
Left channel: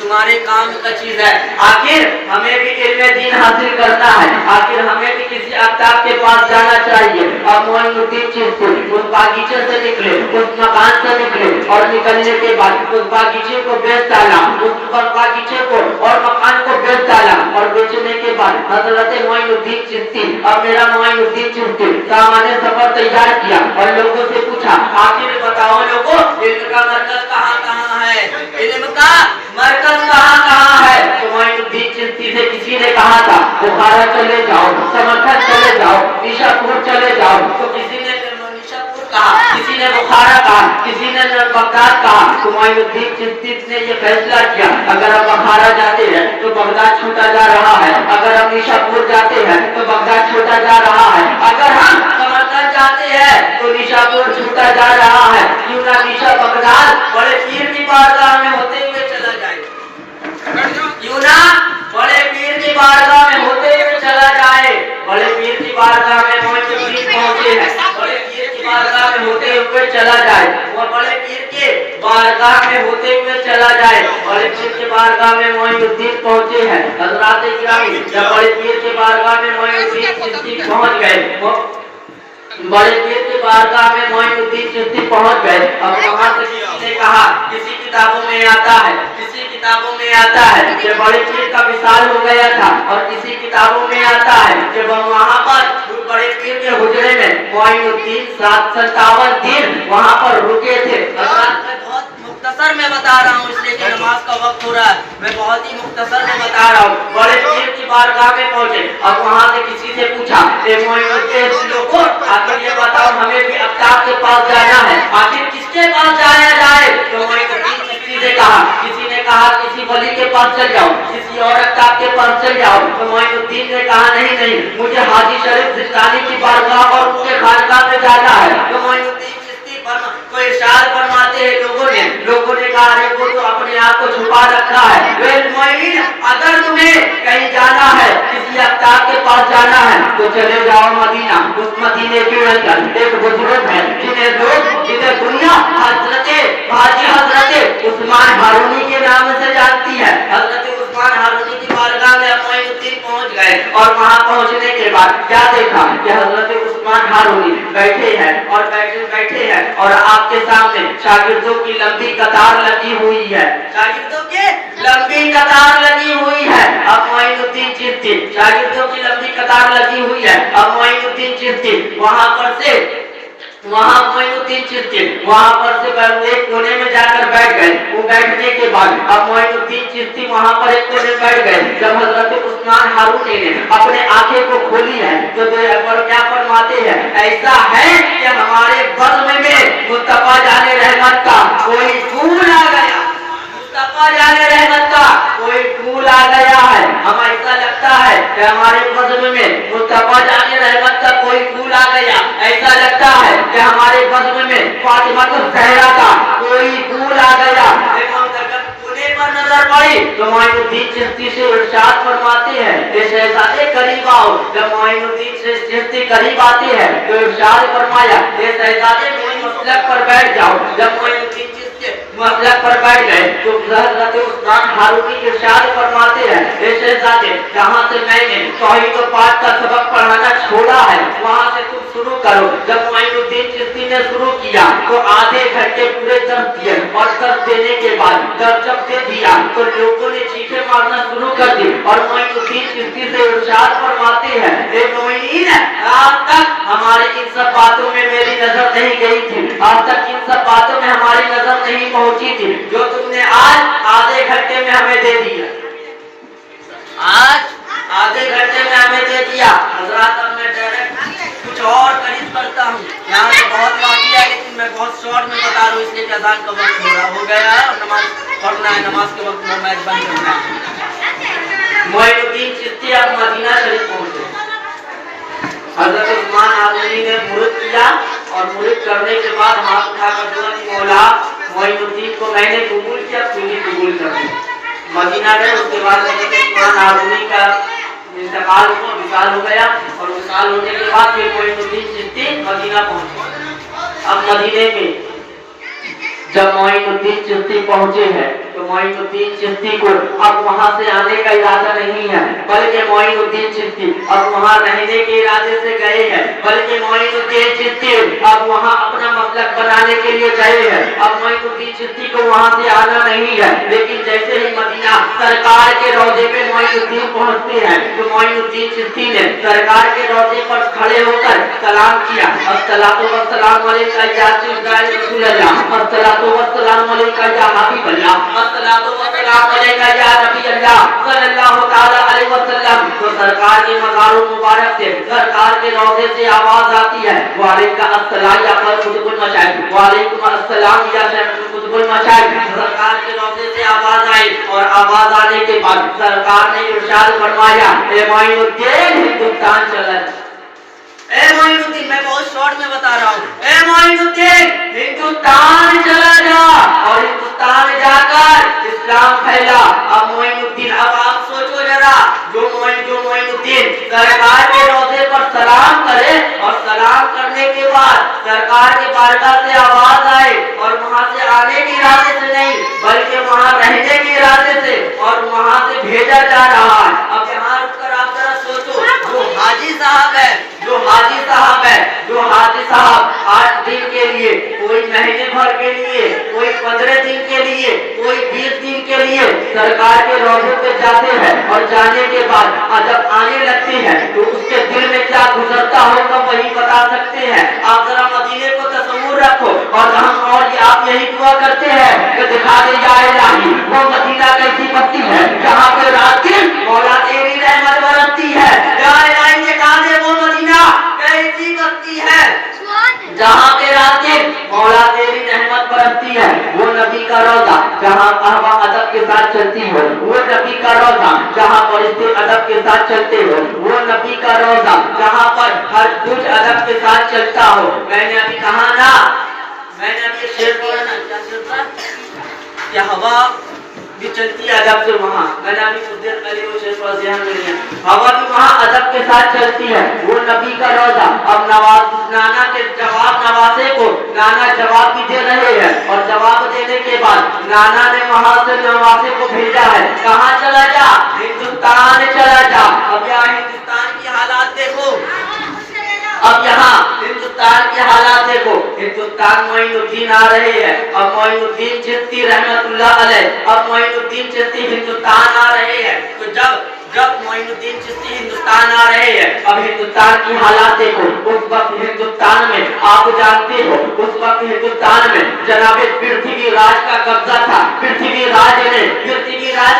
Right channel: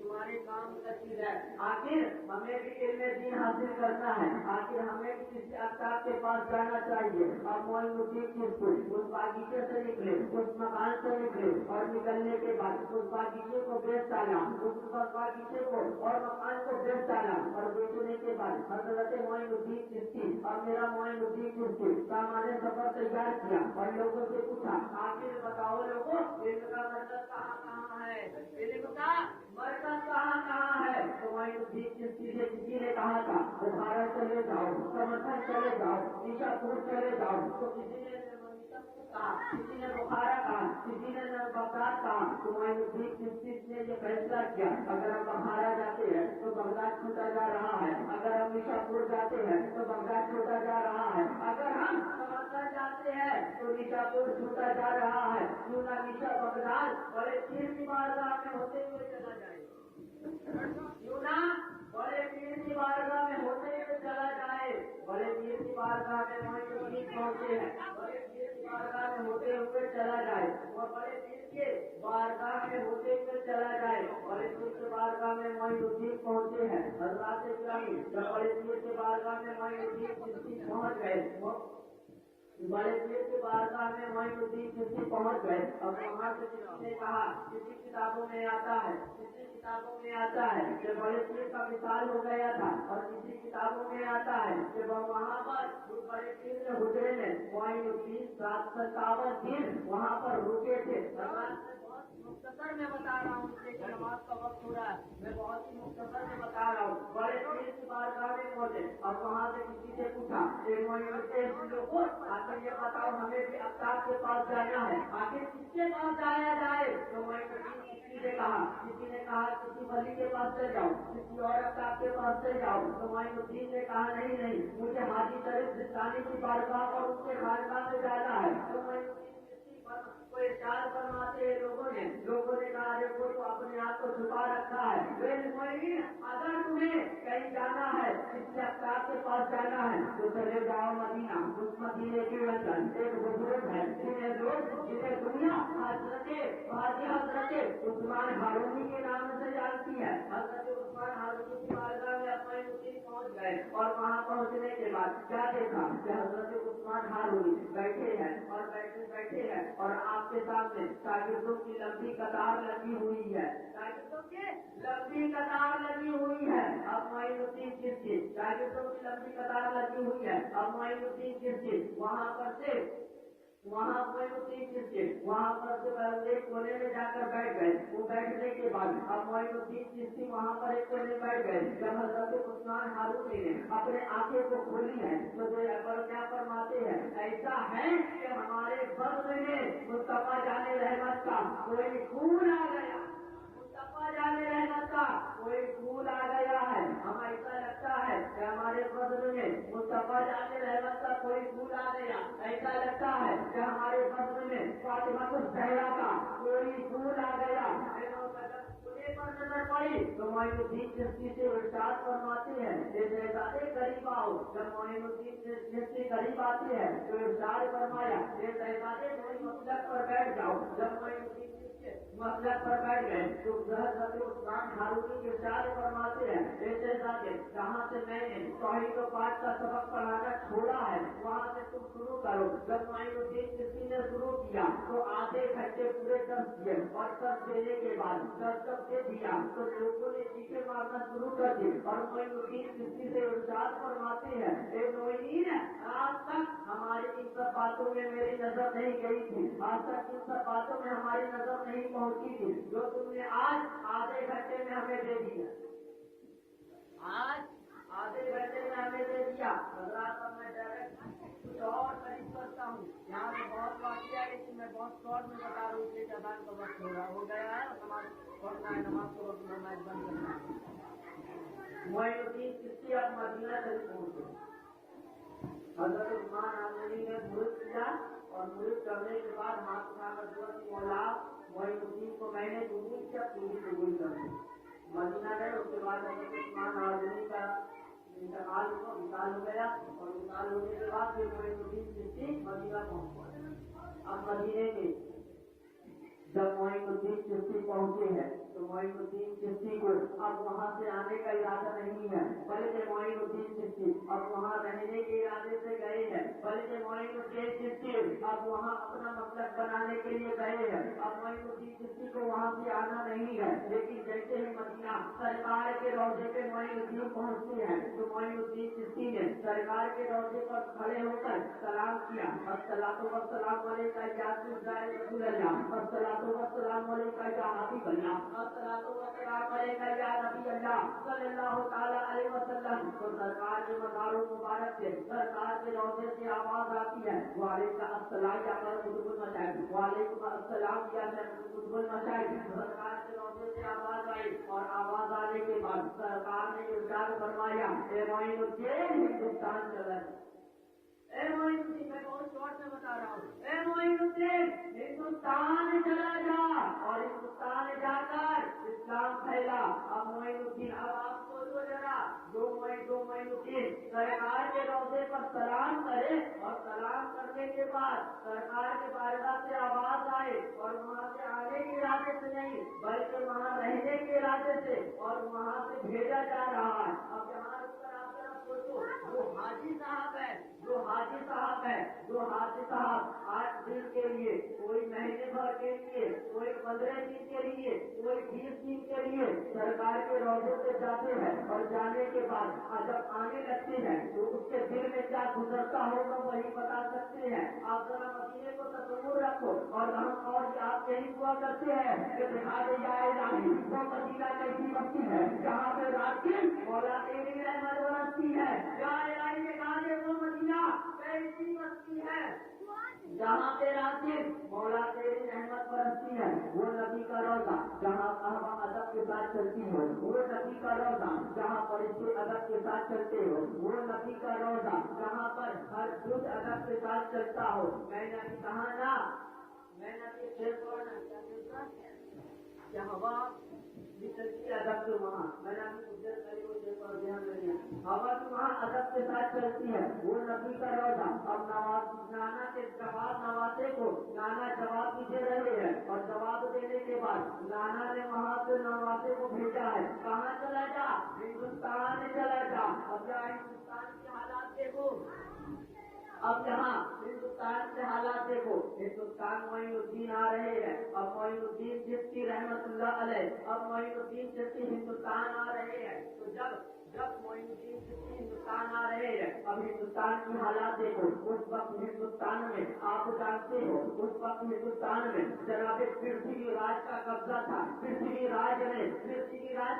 तुम्हारे काम का चीज है। आखिर हमें भी इल्म दीन हासिल करना है, आखिर हमें भी किसी आफ्ताब के पास जाना चाहिए। और मोइनुद्दीन चिश्ती उस बागीचे से निकले, उस मकान से निकले और निकलने के बाद उस बागीचे को बेच डाला, उस बागीचे को और मकान को बेच डाला। और बेचने के बाद हजरत मोइनुद्दीन चिश्ती और मेरा मोइनुद्दीन चिश्ती सामान्य सफर तैयार किया और लोगों से पूछा, आखिर बताओ लोगों, इल्म का मरकज कहाँ है, इल्म का मरकज कहाँ है। तो मोइनुद्दीन चिश्ती से किसी ने कहा था बुखारा चले जाओ, समरकंद चले जाओ, निशापुर चले जाओ। तो किसी ने निशापुर कहा, किसी ने बुखारा कहा, किसी ने बगदाद कहा। तो मोइनुद्दीन चिश्ती ने ये फैसला किया, अगर हम बुखारा जाते हैं तो बगदाद छूटा जा रहा है, अगर हम निशापुर जाते हैं तो बगदाद छूटा जा रहा है, अगर हम समरकंद जाते हैं तो निशापुर छूटा जा रहा है। क्यों ना निशा बगदाद बड़े पीर की बारगाह में होते हुए चला जाए, क्यों ना बड़े पीर की बारगाह में होते हुए चला जाए। बड़े पीर की बारगाह में मोइनुद्दीन पहुंचे हैं, बड़े पीर की बारगाह में होते हुए चला जाए, और बड़े पीर के बारगाह में होते हुए चला जाए। बड़े पीर के बारगाह में मोइनुद्दीन पहुंचे हैं। हज़रात इकराम, जब बड़े पीर के बारगाह में मोइनुद्दीन चिश्ती पहुंच गए, बड़े पीर के बारगाह में मोइनुद्दीन चिश्ती पहुंच गए। अब वहां से किसी ने कहा, किसी किताबों में आता है, किसी किताबों में आता है कि बड़े पीर का विशाल हो गया था, और किसी किताबों में आता है कि वहां पर बड़े पीर के हुजरे में मोइनुद्दीन 57 दिन वहां पर रुके थे। मुख्तसर में बता रहा हूँ इसलिए कि नमाज का वक्त हो रहा है, मैं बहुत ही मुख्तसर में बता रहा हूँ। बड़े पीर की बारगाह में पहुंचे और वहां से किसी से पूछा, मोइनुद्दीन लोगों, आखिर ये बताओ हमें भी आफ्ताब के पास जाना है, आखिर किसके पास जाया जाए। तो मोइनुद्दीन चिश्ती से कहा, किसी ने कहा किसी वली के पास चल जाओ, किसी और आफ्ताब के पास चल जाओ। तो मोइनुद्दीन ने कहा नहीं, मुझे हाजी शरीफ जिंदानी की बारगाह और उनके खानकाह में जाना है। तो मोइनुद्दीन चिश्ती को इरशाद फरमाते हैं, लोगों ने कहा अरे वो तो अपने आप को छुपा रखा है। अगर तुम्हें कहीं जाना है, किसी आफ्ताब के पास जाना है तो चले जाओ मदीना। उस मदीने के अंदर एक बुजुर्ग है जिन्हें दुनिया हजरत उस्मान हारूनी के नाम से जानती है। हजरत उस्मान हारूनी की बारगाह में मोइनुद्दीन पहुंच गए और वहां पहुंचने के बाद क्या देखा कि हजरत उस्मान हारूनी बैठे हैं और आपके सामने शागिर्दों की लंबी कतार लगी हुई है, शागिर्दों की लंबी कतार लगी हुई है। अब मोइनुद्दीन चिश्ती शागिर्दों की लंबी कतार लगी हुई है। अब मोइनुद्दीन चिश्ती वहां पर से एक कोने में जाकर बैठ गए। वो बैठने के बाद अब मोइनुद्दीन चिश्ती वहां पर एक कोने में बैठ गए। जब हजरत उस्मान हारूनी ने अपने आंखें को खोली है तो क्या फरमाते हैं, ऐसा है कि हमारे बज़्म में मुस्तफा जाने रहमत का कोई फूल आ गया, मुस्तफा जाने रहमत का कोई फूल आ गया है। हमें ऐसा लगता है कि हमारे बज़्म में मुस्तफा जाने रहमत का कोई फूल आ गया, ऐसा लगता है कि हमारे बज़्म में फातिमा ज़हरा का कोई फूल आ गया। पर नजर पड़ी तो मोइनुद्दीन चिश्ती से इरशाद फरमाते हैं, शहजादे करीब आओ। जब मोइनुद्दीन चिश्ती करीब आते हैं तो इरशाद फरमाया, शहजादे कोई मसलक पर बैठ जाओ। जब मोइनुद्दीन चिश्ती मसलक पर बैठ गए तो हज़रत उस्मान हारूनी इरशाद फरमाते हैं, शहजादे जहाँ से मैंने तौहीद व पाक का सबक पढ़ाना छोड़ा है वहाँ से तुम शुरू करो। जब मोइनुद्दीन चिश्ती ने शुरू किया तो आधे घंटे पूरे दर्द दिए, और दर्द देने के बाद दर्द जब दे दिया तो लोगों ने चीखें मारना शुरू कर दी। और मोइनुद्दीन चिश्ती से इरशाद फरमाते हैं, मोइनुद्दीन आज तक हमारे इन सब बातों में मेरी नजर नहीं गई थी, आज तक इन सब बातों में हमारी नजर नहीं पहुंची थी, जो तुमने आज आधे घंटे में हमें दे दिया, आज आधे घंटे में हमें दे दिया। हज़रात अब मैं डायरेक्ट कुछ और करीब करता हूँ, यहाँ से बहुत बाकी है लेकिन मैं बहुत शॉर्ट में बता रहा हूँ इसलिए अज़ान का वक्त हो गया है और नमाज पढ़ना है, नमाज के वक्त मोबाइल बंद करना है। मोइनुद्दीन चिश्ती अब मदीना शरीफ पहुंचे। हजरत उस्मान आजमी ने मुर्द किया और मुर्द करने के बाद हाथ उठाकर दुआ की, मौला मोइनुद्दीन को मैंने कबूल किया, तू भी कबूल कर ले। मदीना गए। उसके बाद उस्मान आजमी का इंतकाल हुआ, विशाल हो गया और विशाल होने के बाद फिर मोइनुद्दीन चिश्ती मदीना पहुंचे। अब मदीने में जब मोइनुद्दीन चिश्ती पहुंचे हैं तो मोइनुद्दीन चिश्ती को अब वहां से आने का इरादा नहीं है, बल्कि मोइनुद्दीन चिश्ती अब वहां रहने के इरादे से गए हैं, बल्कि मोइनुद्दीन चिश्ती अब वहां अपना मसलक बनाने के लिए गए हैं। अब मोइनुद्दीन चिश्ती को वहां से आना नहीं है, लेकिन जैसे ही मदीना सरकार के रौजे पे मोइनुद्दीन पहुंचते हैं तो मोइनुद्दीन चिश्ती ने सरकार के रौजे पर खड़े होकर सलाम किया, अस्सलातु वस्सलामु अलैका या रसूल अल्लाह, अस्सलातु वस्सलामु अलैका या हबीब अल्लाह, अस्सलातु वस्सलामु अलैका या नबी अल्लाह सल्लल्लाहु तआला अलैहि वसल्लम। तो सरकार के मज़ार मुबारक से, सरकार के रौज़े से आवाज आती है, वालेकुम अस्सलाम या कुतुबुल मशाइख, वालेकुम अस्सलाम या कुतुबुल मशाइख। सरकार के रौज़े से आवाज आई और आवाज आने के बाद सरकार ने इरशाद फरमाया, ए मोइनुद्दीन हिंदुस्तान चला। ए मोइनुद्दीन, मैं बहुत शॉर्ट में बता रहा हूँ। ए मोइनुद्दीन हिंदुस्तान चला जा और हिंदुस्तान जाकर इस्लाम फैला। अब मोइनुद्दीन, अब आप सोचो जरा, जो मोइनुद्दीन सरकार के रौजे पर सलाम करे और सलाम करने के बाद सरकार के बारगाह से आवाज आए और वहां से आने के इरादे से नहीं बल्कि वहां रहने के इरादे से और वहां से भेजा जा रहा है। अब यहाँ रुककर आप जरा सोचो, जो हाजी साहब है, जो हाजी साहब 8 दिन के लिए, कोई महीने भर के लिए, कोई 15 दिन के लिए, कोई 20 दिन के लिए सरकार के रौजे पे जाते हैं और जाने के बाद जब आने लगते हैं तो उसके दिल में क्या गुजरता होगा वही बता सकते हैं। आप जरा मदीने को तस्वुर रखो और हम और आप यही दुआ करते हैं कि दिखा दे या इलाही वो मदीना कैसी बस्ती है जहाँ पे रात दिन मौला तेरी रहमत बरसती है। या इलाही दिखा दे वो मदीना कैसी बस्ती है जहाँ पे रात दिन मौला तेरी रहमत बरसती है। वो नबी का रोजा जहाँ कहवा अदब के साथ चलती हो, वो नबी का रोजा जहाँ फरिश्ते अदब के साथ चलते हो, वो नबी का रोजा जहाँ पर हर कुछ अदब के साथ चलता हो। मैंने अभी कहा ना, मैंने अभी शेर बोला ना, क्या चलता क्या हवा भी चलती है अदब से वहाँ। मैंने अभी कुछ देर पहले वो शेर पर ध्यान में लिया, हवा भी वहाँ अदब के साथ चलती है। वो नबी का रोजा। अब नाना के जवाब नवासे को नाना जवाब भी दे रहे हैं और जवाब देने के बाद नाना ने वहाँ से नवासे को भेजा है, कहाँ चला जा, हिंदुस्तान चला जा। अब यहाँ हिंदुस्तान की हालात देखो, अब यहाँ हिंदुस्तान के हालात देखो। हिंदुस्तान मोइनुद्दीन आ रहे हैं, अब मोइनुद्दीन चिश्ती रहमतुल्लाह अलैह, अब मोइनुद्दीन चिश्ती हिंदुस्तान आ रहे हैं। तो जब मोइनुद्दीन चिश्ती हिंदुस्तान आ रहे हैं, अब हिंदुस्तान की हालात देखो। उस वक्त हिंदुस्तान में आप जानते हो, उस वक्त हिंदुस्तान में जनाबे पृथ्वीराज का कब्जा था। पृथ्वीराज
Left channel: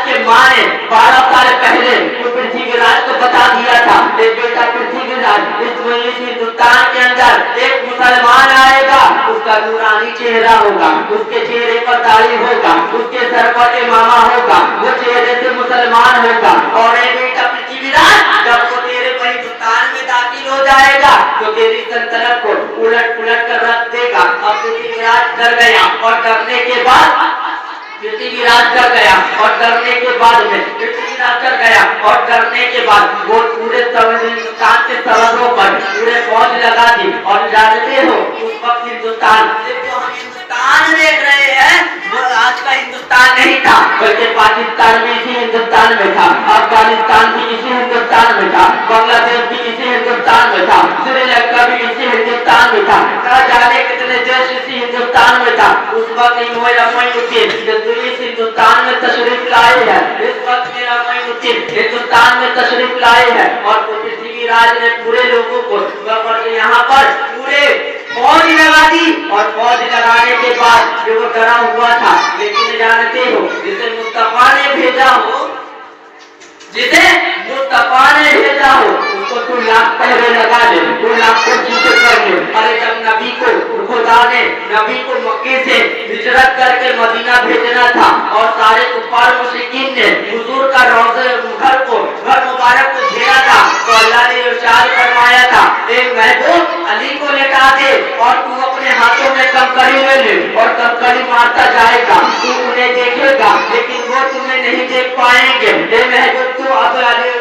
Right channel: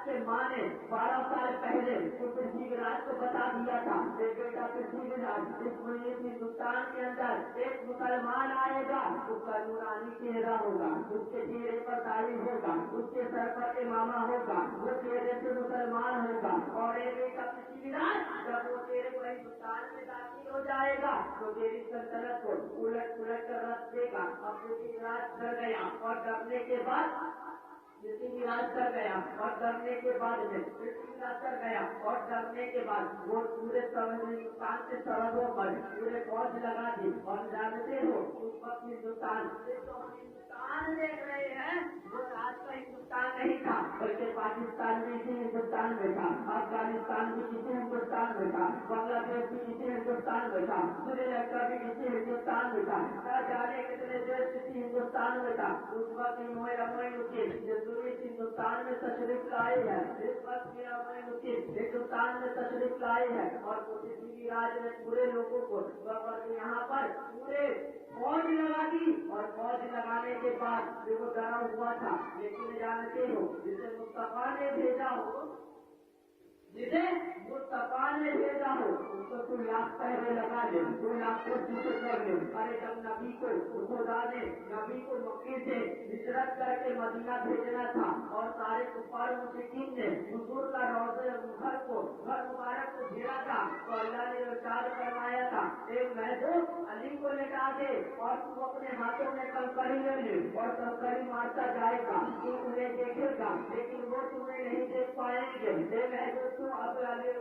के माँ ने 12 साल पहले तो पृथ्वीराज को बता दिया था, बेटा पृथ्वीराज इस हिंदुस्तान के अंदर एक मुसलमान आएगा, उसका नूरानी चेहरा होगा, उसके चेहरे पर दाढ़ी होगा, उसके सर पर इमामा होगा, वो चेहरे से मुसलमान होगा। और बेटा पृथ्वीराज जब वो तेरे हिंदुस्तान में दाखिल हो जाएगा तो तेरी सल्तनत को उलट पुलट कर रख देगा। अब पृथ्वीराज डर गया और डरने के बाद वो पूरे हिंदुस्तान के सरहदों पर पूरे फौज लगा दी। और जानते हो उस वक्त हिंदुस्तान, जो हम हिंदुस्तान देख रहे हैं वो आज का हिंदुस्तान नहीं था, बल्कि पाकिस्तान भी इसी हिंदुस्तान में था, अफगानिस्तान भी इसी हिंदुस्तान में था, बांग्लादेश भी इसी हिंदुस्तान में था, श्रीलंका भी इसी हिंदुस्तान में था, न जाने कितने देश इसी हिंदुस्तान में था। उस वक्त मोइनुद्दीन इस हिंदुस्तान में तशरीफ लाए हैं, इस वक्त मेरा मोइनुद्दीन हिंदुस्तान में तशरीफ लाए हैं। और पृथ्वीराज ने पूरे लोगों को यहाँ पर पूरे फौज लगा दी और फौज लगाने के बाद जो वो डरा हुआ था, लेकिन जानते हो जिसे मुस्तफा ने भेजा हो, उसको तू लाख पहरे लगा ले, तू लाख कोशिशें कर ले। अरे जब नबी को खुदा ने नबी को मक्के से हिजरत करके मदीना भेजना था और सारे कुफार मुशरिकीन ने हुजूर का रोज़े घर मुबारक को घेरा था, तो अल्लाह ने इरशाद फरमाया था, ए महबूब अली को लेटा दे और तू अपने हाथों में कंकड़ी ले ले और कंकड़ी मारता जाएगा, तू उन्हें देखेगा लेकिन वो तुम्हें नहीं देख पाएंगे। ए महबूब तू अब अली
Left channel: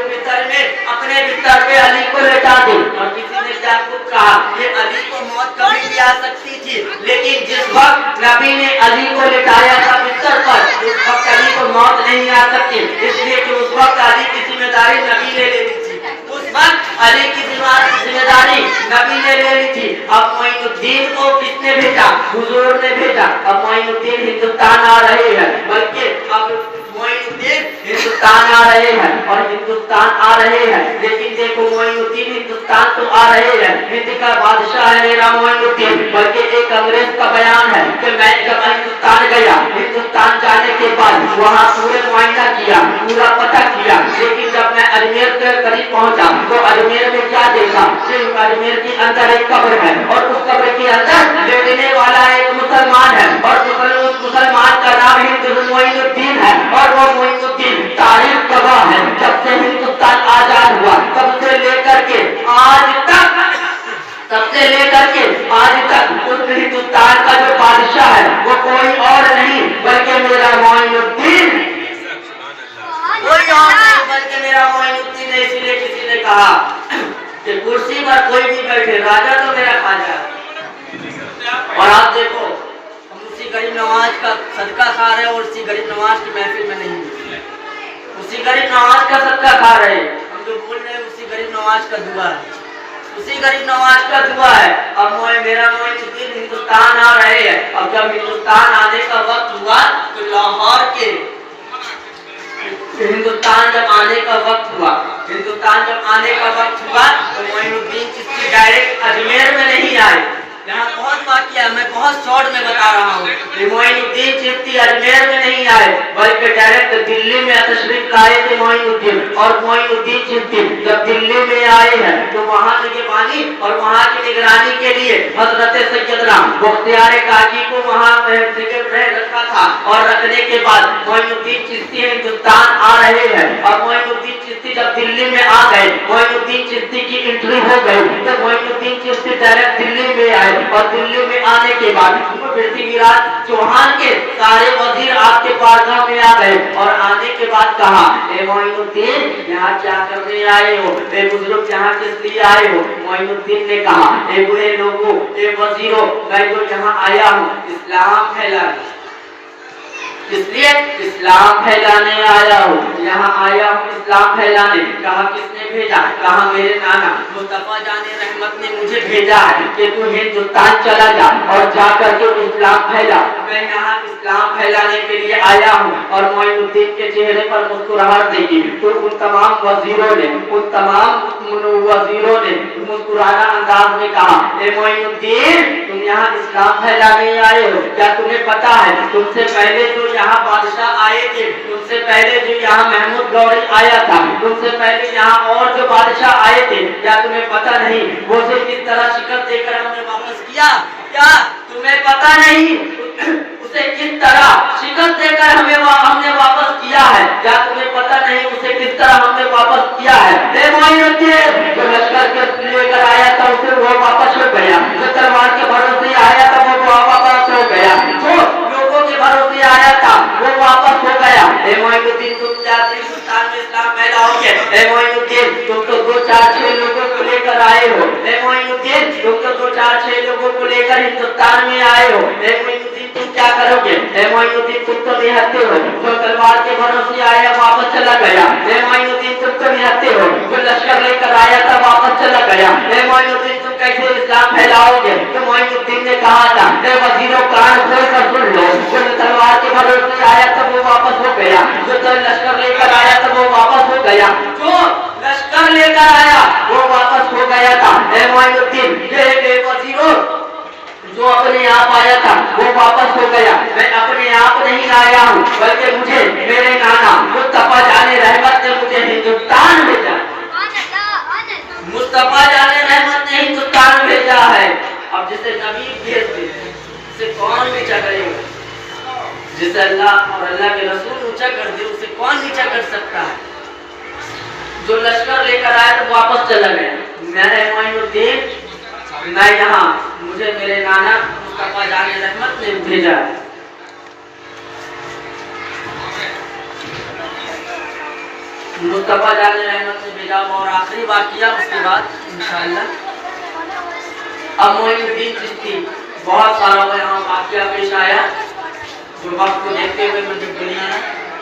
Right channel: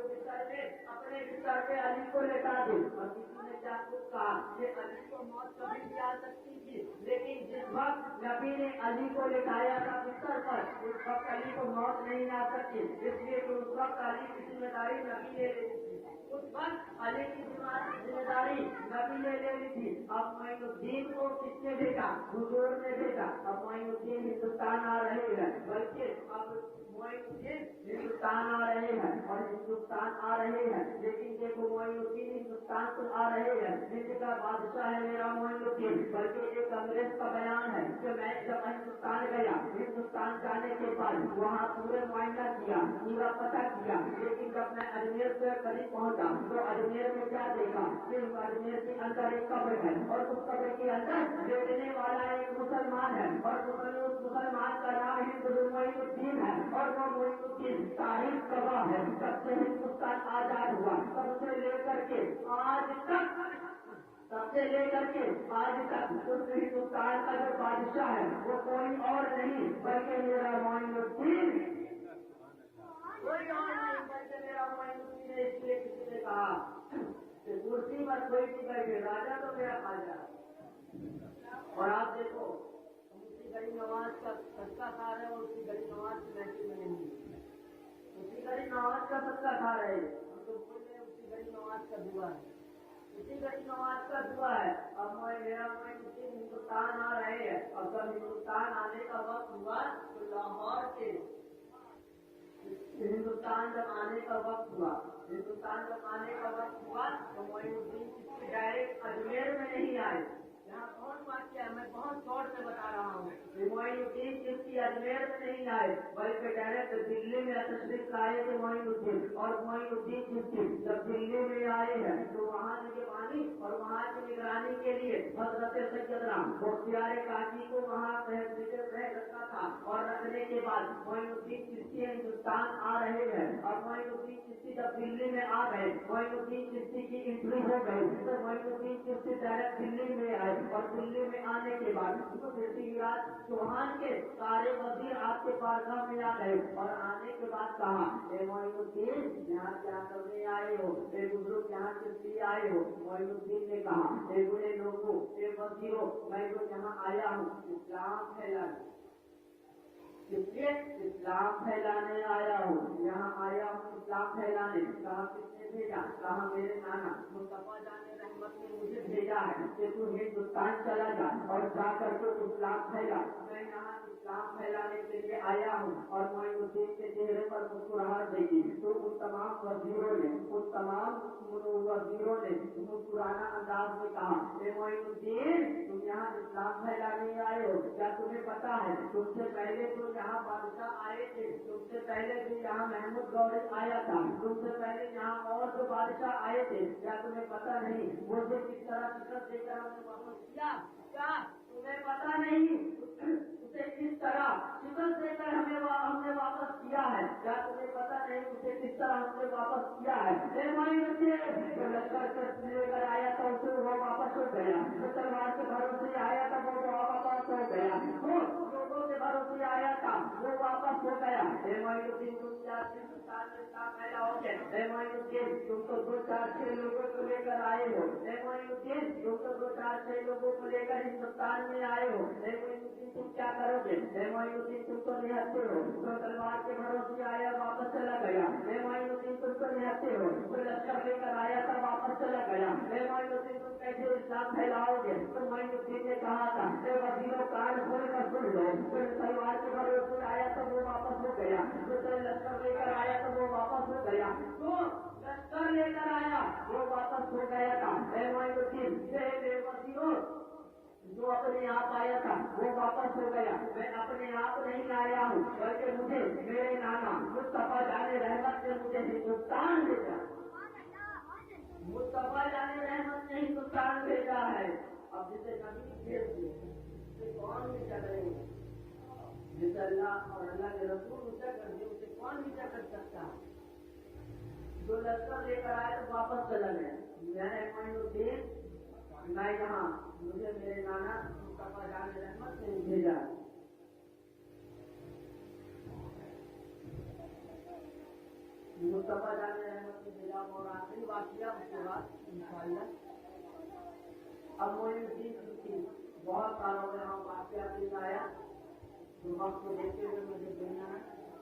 अपने बिस्तर पे अली को लेटा दे। और किसी ने याकूब कहा ये अली को मौत कभी भी आ सकती थी, लेकिन जिस वक्त नबी ने अली को लेटाया था बिस्तर पर, उस वक्त अली को मौत नहीं आ सकती, इसलिए कि उस वक्त अली की जिम्मेदारी नबी ने ले ली थी। उस वक्त अली की जिम्मेदारी नबी ने ले ली थी। अब मोइनुद्दीन को किसने भेजा? हुजूर ने भेजा। अब मोइनुद्दीन हिंदुस्तान आ रहे हैं, बल्कि अब मोइनुद्दीन हिंदुस्तान आ रहे हैं और हिंदुस्तान आ रहे हैं, लेकिन देखो मोइनुद्दीन हिंदुस्तान तो आ रहे हैं, हिंद का बादशाह है मेरा मोइनुद्दीन, बल्कि एक अंग्रेज का बयान है कि मैं जब हिंदुस्तान गया, हिंदुस्तान जाने के बाद वहाँ पूरे मुआयना किया, पूरा पता किया, लेकिन जब मैं अजमेर के करीब पहुँचा तो अजमेर में क्या देखा? अजमेर के अंदर एक कब्र है और उस कब्र के अंदर लेटने वाला एक मुसलमान है और उस मुसलमान का नाम मोइनुद्दीन है और वो मोइनुद्दीन तारीख गवाह है। जब से हिंदुस्तान आजाद हुआ तब से लेकर के आज तक उस हिंदुस्तान का जो बादशाह है वो कोई और नहीं बल्कि मेरा मोइनुद्दीन, कोई और नहीं बल्कि मेरा मोइनुद्दीन है। इसलिए किसी ने कहा कि कुर्सी पर कोई भी बैठे, राजा तो मेरा खाजा। और आप देखो उसी गरीब नवाज का सदका खा रहे और उसी गरीब नवाज की महफिल में नहीं, उसी गरीब नवाज का सदका खा रहे, हम जो बोल रहे हैं उसी गरीब नवाज का दुआ है, उसी गरीब नवाज का दुआ है। अब मेरा मोइनुद्दीन हिंदुस्तान आ रहे हैं। अब जब हिंदुस्तान आने का वक्त हुआ तो लाहौर के हिंदुस्तान जब आने का वक्त हुआ तो मोइनुद्दीन चिश्ती डायरेक्ट अजमेर में नहीं आए। यहाँ बहुत वाक़या है, मैं बहुत शॉर्ट में बता रहा हूँ। मोइनुद्दीन चिश्ती अजमेर में नहीं आए बल्कि डायरेक्ट दिल्ली में तशरीफ लाए थे मोइनुद्दीन। और मोइनुद्दीन चिश्ती जब दिल्ली में आए हैं तो वहाँ निगरानी और वहाँ की निगरानी के लिए हजरत सैयदना बख्तियार काकी को वहाँ रखा था और रखने के बाद मोइनुद्दीन चिश्ती हिंदुस्तान आ रहे हैं। और मोइनुद्दीन चिश्ती जब दिल्ली में आ गए, मोइनुद्दीन चिश्ती की एंट्री हो गई तो मोइनुद्दीन चिश्ती डायरेक्ट दिल्ली में आए और दिल्ली में आने के बाद पृथ्वीराज चौहान के सारे वजीर आपके बारगाह में आ गए और आने के बाद कहा, ए मोइनुद्दीन यहाँ क्या करने आए हो? ए बुजुर्ग यहाँ किस लिए आए हो? मोइनुद्दीन ने कहा, ए बुरे लोगों, ए वजीरों, मैं जो यहाँ आया हूँ इस्लाम फैलाने, इसलिए इस्लाम फैलाने आया हूँ, यहाँ आया हूँ इस्लाम फैलाने। कहा किसने भेजा? कहा मेरे नाना मुस्तफा जाने रहमत ने मुझे भेजा है कि तू हिंदुस्तान चला जा और जा करके इस्लाम फैला। मैं यहाँ इस्लाम फैलाने के लिए आया हूँ। और मोइनुद्दीन के चेहरे पर मुस्कुराहट देखी तो उन तमाम वजीरों ने मुस्कुराना अंदाज में कहा, ए मोइनुद्दीन तुम यहाँ इस्लाम फैलाने आए हो, क्या तुम्हें पता है तुमसे पहले जो यहाँ बादशाह आए थे, तुमसे पहले जो यहाँ महमूद गौरी आया था, तुमसे पहले यहाँ और जो बादशाह आए थे, क्या तुम्हें पता नहीं वो से किस तरह शिकस्त देकर हमने वापस किया? क्या तुम्हें पता नहीं उसे किस तरह शिकस्त देकर हमने वापस किया है? क्या तुम्हें पता नहीं उसे किस तरह हमने वापस किया है? जो लश्कर के लेकर आया था उसे वो वापस हो गया, जो तलवार के भरोसे आया था वो वापस हो गया, जो लोगों के भरोसे आया था वो वापस हो गया। मोइनुद्दीन तुम जाते हिंदुस्तान में इस्लाम फैलाओगे? मोइनुद्दीन तुम तो 2-4-6 लोगों को लेकर आए हो। मोइनुद्दीन तुम तो 2-4-6 लोगों को लेकर हिंदुस्तान में आए हो। मोइनुद्दीन तुम क्या करोगे? मोइनुद्दीन तुम तो निहत्ते हो, जो तलवार के भरोसे आया वापस चला गया। मोइनुद्दीन तुम तो निहत्ते हो, जो लश्कर लेकर आया था वापस चला गया। मोइनुद्दीन तुम कैसे इस्लाम फैलाओगे? तो मोइनुद्दीन ने कहा था, वजीरों कान खोल कर सुन लो, जो तलवार के भरोसे आया था वो वापस हो गया, जो लश्कर लेकर आया था वो वापस हो गया, जो लश्कर लेकर आया वो वापस हो गया था। मोइनुद्दीन ये वजीरों जो अपने आप आया था वो वापस हो गया। मैं अपने आप नहीं आया हूँ बल्कि मुझे मेरे नाना मुस्तफा जाने रहमत ने मुझे हिंदुस्तान भेजा। जिसे अल्लाह और अल्लाह के रसूल ऊंचा कर दे उसे कौन नीचा कर सकता है। जो लश्कर लेकर आया तो वापस चला गया। मैं मोइनुद्दीन मैं यहाँ मुझे मेरे नाना मुस्तफा जान रहमत ने भेजा है। मुस्तफा जान रहमत ने भेजा और आखिरी बात किया उसके बाद इंशाअल्लाह। अब मोइनुद्दीन चिश्ती बहुत सारा यहाँ वाक़या पेश आया जो वक्त को देखते हुए मुझे दुनिया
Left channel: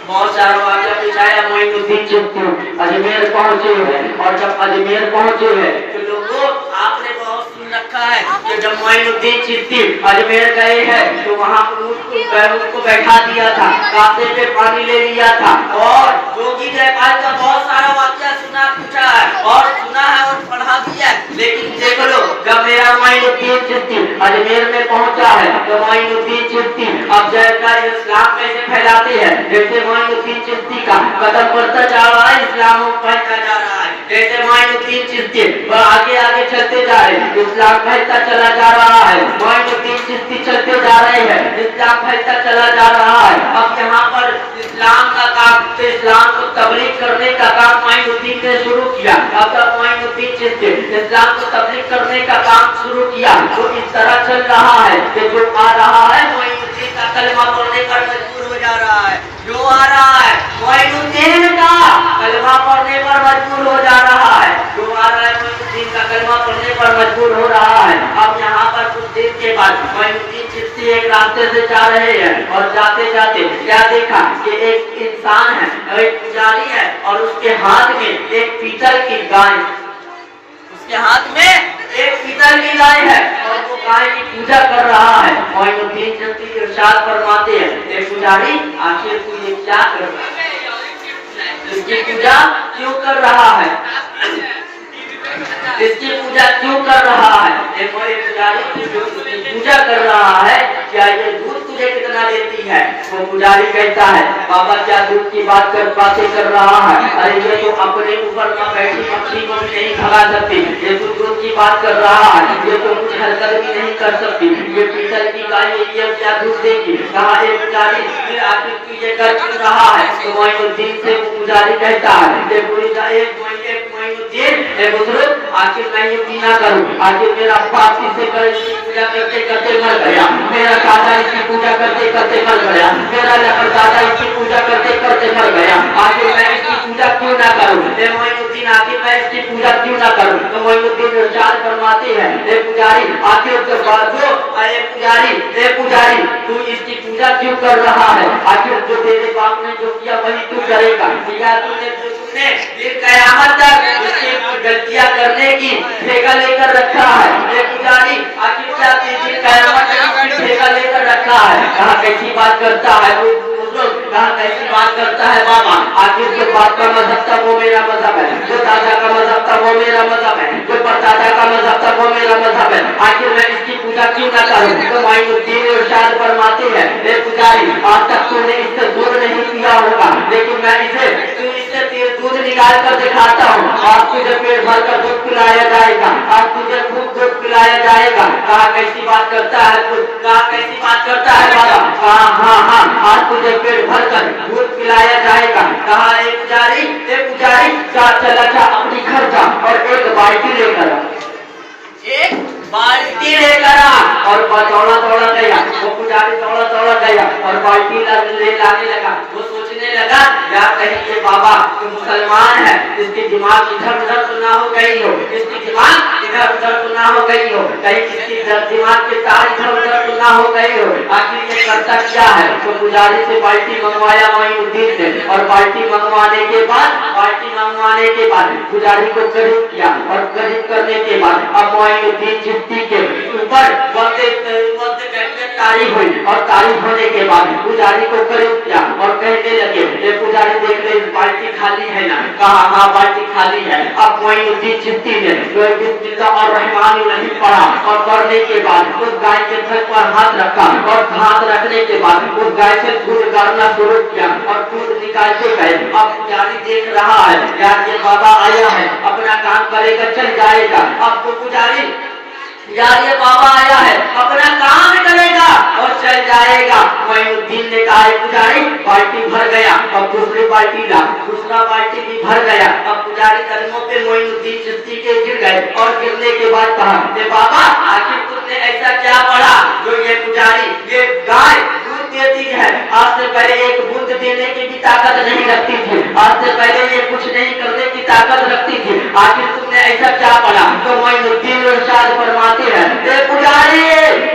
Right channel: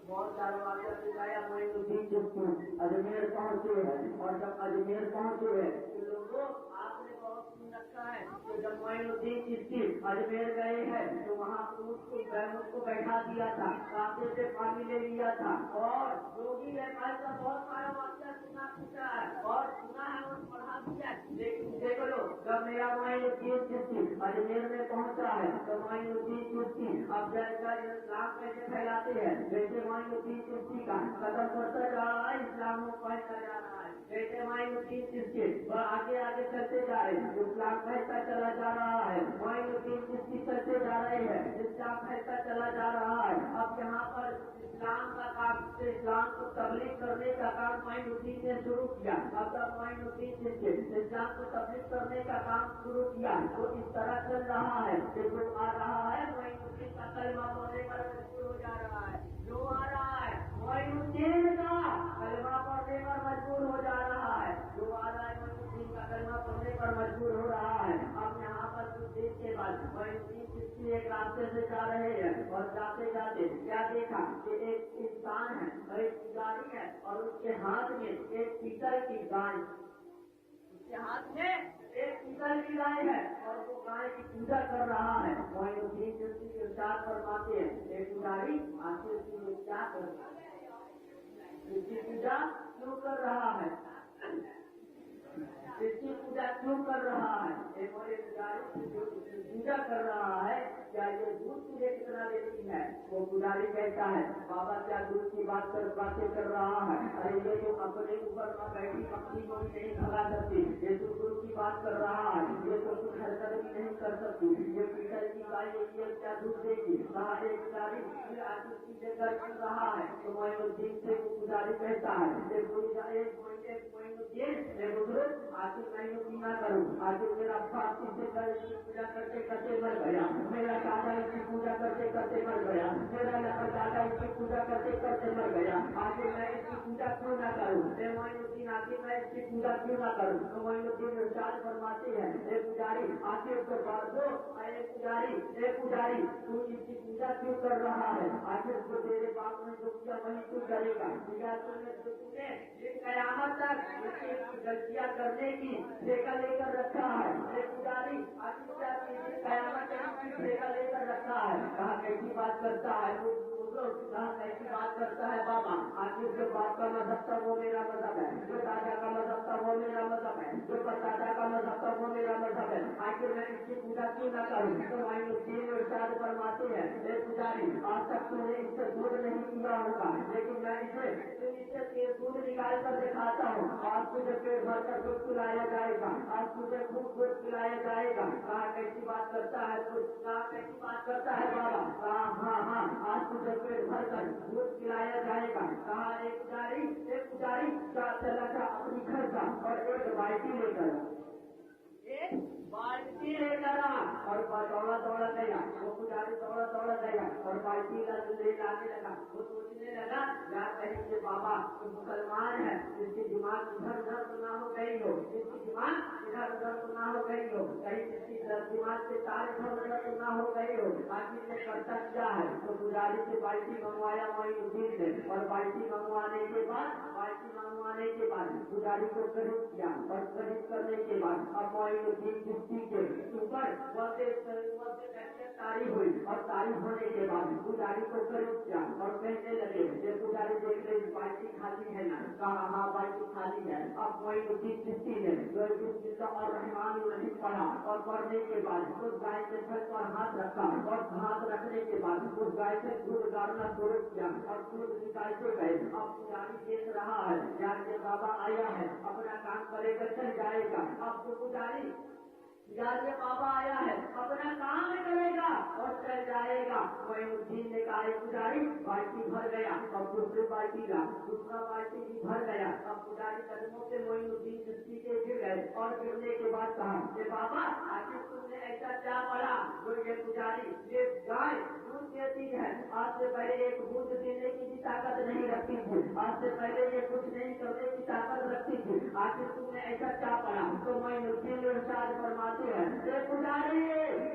बहुत सारा वाक़या पेश आया। मोइनुद्दीन चिश्ती अजमेर पहुंचे हैं और जब अजमेर पहुंचे हैं तो लोगों आपने बहुत सुन रखा है कि जब मोइनुद्दीन चिश्ती अजमेर गए हैं तो वहाँ उनको बैठा दिया था, कांटे पे पानी ले लिया था और जोगी जयपाल का बहुत सारा वाक़या सुना पूछा है और सुना है और पढ़ा भी है। लेकिन देख लो जब मेरा मोइनुद्दीन चिश्ती अजमेर में पहुंचा है तो मोइनुद्दीन चिश्ती अब जयकार इस्लाम कैसे फैलाते हैं। जैसे मोइनुद्दीन चिश्ती का कदम बढ़ता जा रहा है इस्लाम फैलता जा रहा है। जैसे मोइनुद्दीन चिश्ती आगे आगे चलते जा रहे हैं इस्लाम फैलता चला जा रहा है। मोइनुद्दीन चिश्ती चलते जा रहे हैं इस्लाम फैलता चला जा रहा है। अब यहाँ पर इस्लाम का काम इस्लाम को तबलीग करने का काम मोइनुद्दीन ने शुरू किया। अब तक मोइनुद्दीन चिश्ती इस्लाम को तबलीग करने का काम शुरू किया तो इस तरह चल रहा है कि जो आ रहा है मोइनुद्दीन का कलमा पढ़ने पर मजबूर हो जा रहा है। जो आ रहा है मोइनुद्दीन का कलमा पढ़ने पर मजबूर हो जा रहा है। जो आ रहा है मोइनुद्दीन का कलमा पढ़ने पर मजबूर हो रहा है। अब यहाँ पर कुछ देर के बाद मोइनुद्दीन चिश्ती एक रास्ते से जा रहे हैं और जाते जाते क्या देखा कि एक इंसान है एक पुजारी है और उसके हाथ में एक पीतल की गाय उसके हाथ में एक पीतल की गाय है और वो गाय की पूजा कर रहा है। मोइनुद्दीन चिश्ती इरशाद फरमाते हैं एक पुजारी आखिर तू ये क्या कर रहा है, इसकी पूजा क्यों कर रहा है, इसकी पूजा क्यों कर रहा है। एक पुजारी पूजा कर रहा है क्या ये दूध तुझे कितना देती है। वो पुजारी कहता है बाबा क्या दूध की बातें कर रहा है। अरे ये तो अपने ऊपर न बैठी पक्षी को भी नहीं भगा सकती। ये तो दूध की बात कर रहा है, ये तो कुछ हरकत भी नहीं कर सकती। ये पीतल की गाय ये क्या दूध देगी। कहा एक पुजारी फिर आखिर तू ये कर क्यों रहा है। तो मोइनुद्दीन से वो पुजारी कहता है बुजुर्ग आखिर मैं ये पीना करूँ। आखिर मेरा बाप इससे पूजा करते करते मर गया, मेरा दादा इसकी पूजा करते करते मर गया, मेरा दादा इसकी पूजा करते करते मर गया। आखिर मैं इसकी पूजा क्यों ना करूँ। मोइनुद्दीन आखिर मैं इसकी पूजा क्यों ना करूँ। तो मोइनुद्दीन इरशाद फरमाते हैं ए पुजारी आखिर जो बात हो ए पुजारी तू इसकी पूजा क्यों कर रहा है। आखिर जो तेरे बाप ने जो किया वही तू करेगा। तुमने फिर कयामत तक इसकी गलतियां करने की ठेका लेकर रखा है। ये पुजारी आखिर क्या फिर कयामत तक ठेका लेकर रखा है। कहाँ कैसी बात करता है वो कहाँ कैसी बात करता है बाबा। आखिर जो बाप का मजहब था वो मेरा मजहब है, जो दादा का मजहब था वो मेरा मजहब है, जो परदादा का मजहब था वो मेरा मजहब है। आखिर मैं इसकी पूजा क्यों ना करूँ। तो मोइनुद्दीन इरशाद फरमाते हैं ए पुजारी आज तक तूने इससे दूध नहीं पिया होगा लेकिन मैं इससे दूध निकाल कर दिखाता हूँ। आज तुझे पेट भर कर दूध पिलाया जाएगा, आज तुझे खूब दूध पिलाया जाएगा। कहा कैसी बात करता है तू, कहा कैसी बात करता है बाबा। कहा हाँ आज तुझे पेट भर कर दूध पिलाया जाएगा। कहा एक पुजारी चला जा अपनी घर जा और एक बाल्टी लेकर आ और दौड़ा गया। वो पुजारी दौड़ा गया और बाल्टी ले लाने लगा। वो सोचने लगा यार कहीं ये बाबा तो मुसलमान है, इसकी दिमाग इधर उधर तो ना हो गई हो, इसकी दिमाग इधर उधर तो ना हो गई हो, कहीं इसकी दिमाग के तार इधर उधर तो ना हो गई हो। आखिर ये करता क्या है। तो पुजारी से बाल्टी मंगवाया मोइनुद्दीन ने और बाल्टी मंगवाने के बाद पुजारी को करीब किया और करीब करने के बाद अब मोइनुद्दीन चिश्ती के ऊपर तारीफ हुई और तारीफ होने के बाद पुजारी को करीब किया और कहने लगे ये पुजारी देख ले बाल्टी खाली है ना। कहा हाँ बाल्टी खाली है। अब मोइनुद्दीन चिश्ती ने बिस्मिल्लाह और रहमान रहीम पढ़ा और पढ़ने के बाद उस गाय के थन पर हाथ रखा और हाथ रखने के बाद उस गाय से दूध गाड़ना शुरू किया और दूध निकालते गए। अब पुजारी देख रहा है यार ये बाबा आया है अपना काम करेगा चल जाएगा। अब तो पुजारी यार ये बाबा आया है, अपना काम करेगा और चल जाएगा। मोइनुद्दीन ने कहा पुजारी बाल्टी भर गया, अब दूसरी बाल्टी ला, दूसरा बाल्टी भी भर गया। अब पुजारी कदमों पे मोइनुद्दीन चिश्ती के गिर गए और गिरने के बाद कहा बाबा आखिर तुमने ऐसा क्या पढ़ा जो ये पुजारी ये गाय दूध देती है, आज से पहले एक बूंद देने की भी ताकत नहीं रखती थी, आज से पहले ये कुछ नहीं करने की ताकत रखती थी, आखिर तुमने ऐसा क्या पढ़ा? तो मोइनुद्दीन इरशाद फरमाते हैं पुजारी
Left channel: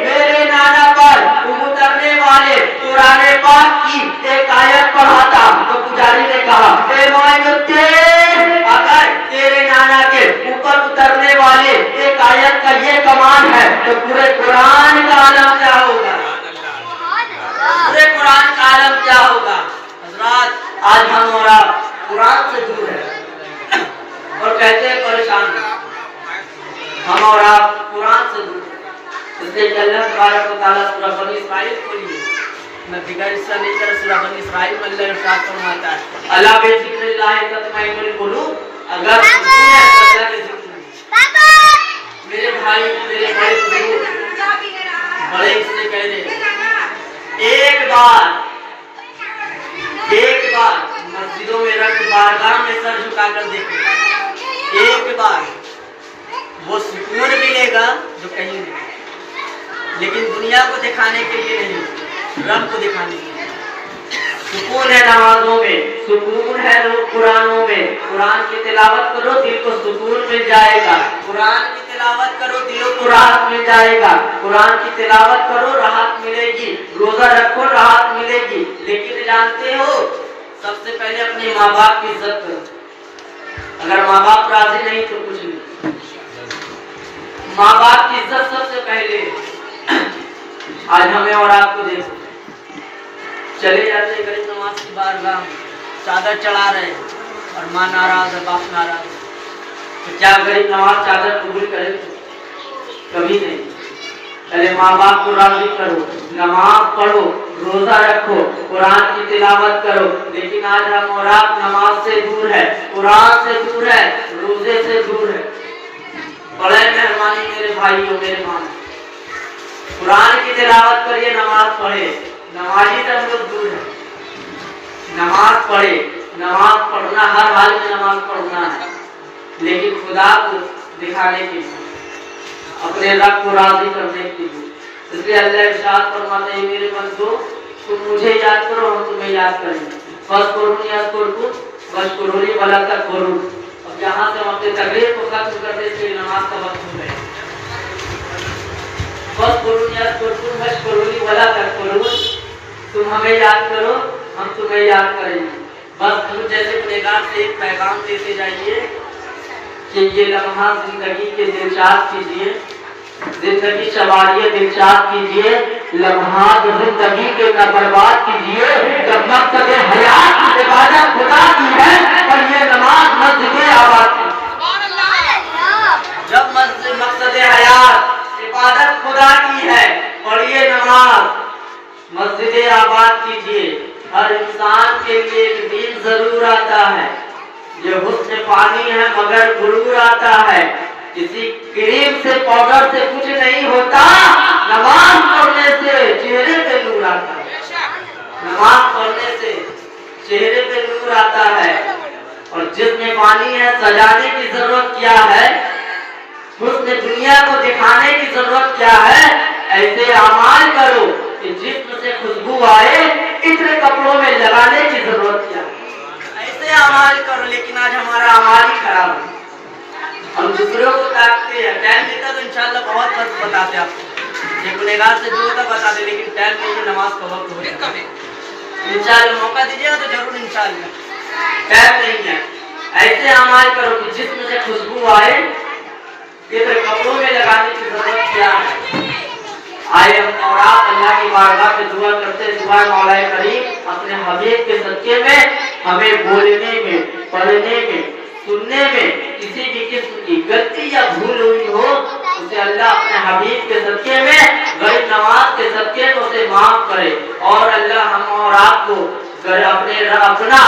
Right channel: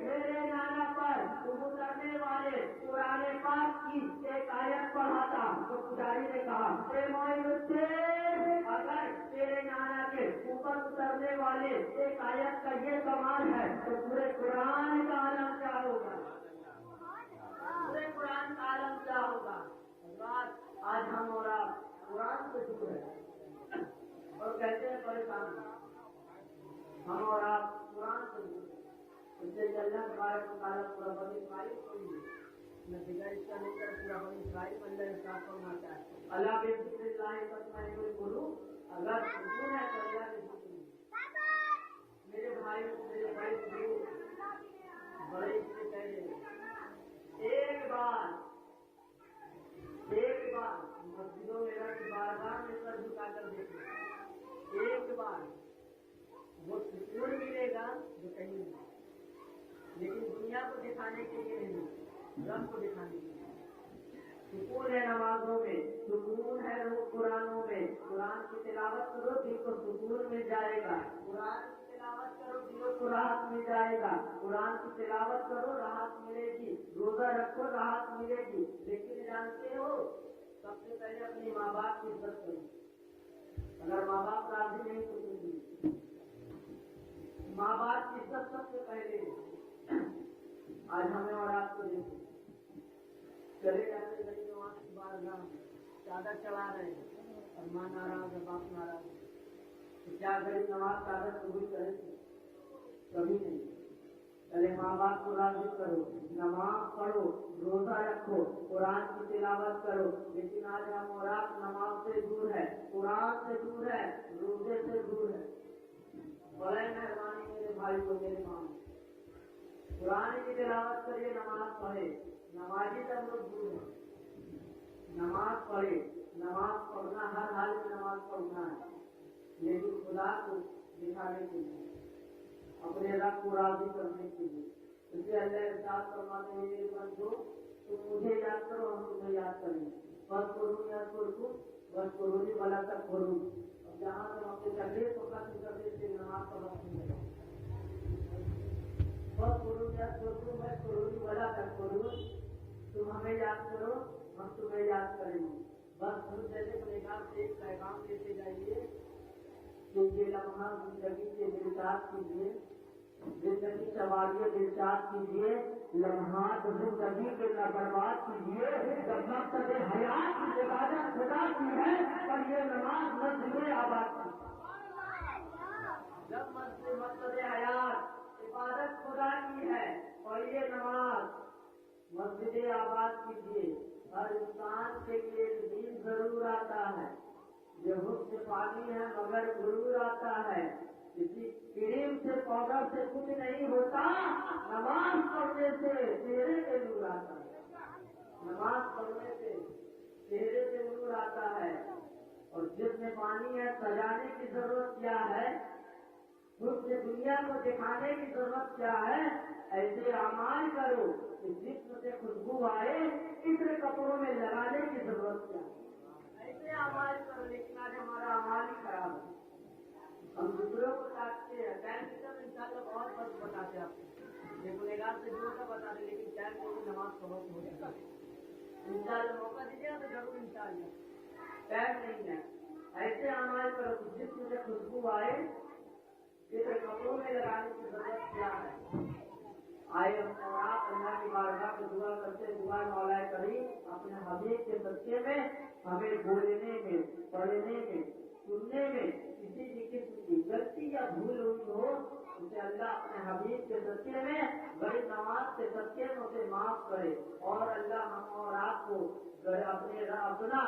मेरे नाना पर उतरने वाले कुरान पाक की एक आयत पढ़ा था। तो पुजारी ने कहा मोइनुद्दीन अगर तेरे नाना के ऊपर उतरने वाले एक आयत का ये कमाल है तो पूरे कुरान का आलम क्या होगा? पूरे कुरान का आलम क्या होगा? हजरात आज हम और आप कुरान से दूर है और कहते हैं परेशान, हम और आप कुरान से दूर। इसलिए अल्लाह तबारक व तआला सूरह बनी इस्राइल खोलिए, मैं फिगर हिस्सा नहीं कर सूरह बनी इस्राइल में अल्लाह इरशाद फरमाता है अल्लाह बेज़िक्रिल्लाह तत्मइनुल कुलूब। अगर अल्लाह के जिक्र मेरे भाई मेरे बड़े बुजुर्ग बड़े इससे कह रहे एक बार मस्जिदों में रख बारगाह में सर झुकाकर देखें, एक बार वो सुकून मिलेगा जो कहीं नहीं, लेकिन दुनिया को दिखाने के लिए नहीं, रब को दिखाने के लिए। सुकून है नमाजों में, सुकून है कुरानों में, कुरान की तिलावत करो दिल को सुकून मिल जाएगा, कुरान की तिलावत करो दिलों को राहत मिल जाएगा, कुरान की तिलावत करो राहत मिलेगी, रोजा रखो राहत मिलेगी। लेकिन जानते हो सबसे पहले अपने माँ बाप की इज्जत करो, अगर माँ बाप राजी नहीं तो कुछ नहीं, माँ बाप की इज्जत सबसे पहले। आज हमें और आपको देखो चले जाते गरीब नवाज की बारगाह में चादर चढ़ा रहे और माँ नाराज है बाप नाराज है, तो क्या गरीब नवाज चादर कबूल करे? कभी नहीं। पहले माँ बाप को राजी करो, नमाज पढ़ो, रोजा रखो, कुरान की तिलावत करो। लेकिन आज हम और आप नमाज से दूर है, कुरान से दूर है, रोजे से दूर है। बड़े मेहरबानी मेरे भाइयों मेरे माँ, कुरान की तिलावत करिए, नमाज पढ़े, नमाजी से हम लोग दूर है। नमाज पढ़े, नमाज पढ़ना हर हाल में नमाज पढ़ना है, लेकिन खुदा को दिखाने के लिए, अपने रब को राजी करने के लिए। इसलिए अल्लाह इरशाद फरमाते हैं मेरे बंदो तुम मुझे याद करो हम तुम्हें याद करेंगे। फज़कुरूनी अज़कुरकुम वशकुरूली वला तकफुरून। अब यहाँ से हम अपने तकरीर को खत्म करते इसलिए नमाज का वक्त हो गया। फज़कुरूनी अज़कुरकुम वशकुरूली वला तकफुरून, तुम हमें याद करो हम तुम्हें याद करेंगे। बस तुम जैसे गुनहगार से एक पैगाम देते जाइए कि ये लम्हा जिंदगी के दिलशाद कीजिए, जिंदगी सवारिये दिलशाद कीजिए, लम्हात जिंदगी के न बर्बाद कीजिए। जब मकसद हयात इबादत खुदा की है और ये नमाज मस्जिद आबाद की, जब मकसद हयात इबादत खुदा की है और ये नमाज मस्जिद आबाद कीजिए। हर इंसान के लिए एक दिन जरूर आता है, ये हुस्न पानी है मगर गुरूर आता है। किसी क्रीम से पाउडर से कुछ नहीं होता, नमाज पढ़ने से चेहरे पे नूर आता है, नमाज पढ़ने से चेहरे पे नूर आता है। और जिसमें पानी है सजाने की जरूरत क्या है, हुस्न दुनिया को दिखाने की जरूरत क्या है। ऐसे अमाल करो कि जिस्म से खुशबू आए, इतने कपड़ों में लगाने की जरूरत क्या है। ऐसे अमाल करो, लेकिन आज हमारा अमाल ही खराब है, हम दूसरों को ताकते हैं। टाइम देता तो इंशाल्लाह बहुत वक्त बताते आपको, ये गुनहगार से दूर तक बताते, लेकिन टाइम नहीं है, नमाज का वक्त हो जाता है। इंशाल्लाह मौका दीजिएगा तो जरूर, इंशाल्लाह टाइम नहीं है। ऐसे अमाल करो कि जिस्म से खुशबू आए, इतने कपड़ों में लगाने की जरूरत क्या है। आए हम और आप अल्लाह की बारगाह में दुआ करते, दुआ मौलाए करीम अपने हबीब के सदके में हमें बोलने में, पढ़ने में, सुनने में किसी भी किस्म की गलती या भूल हुई हो, उसे अल्लाह अपने हबीब के सदके में, गरीब नवाज के सदके में उसे माफ करे। और अल्लाह हम और आपको अपना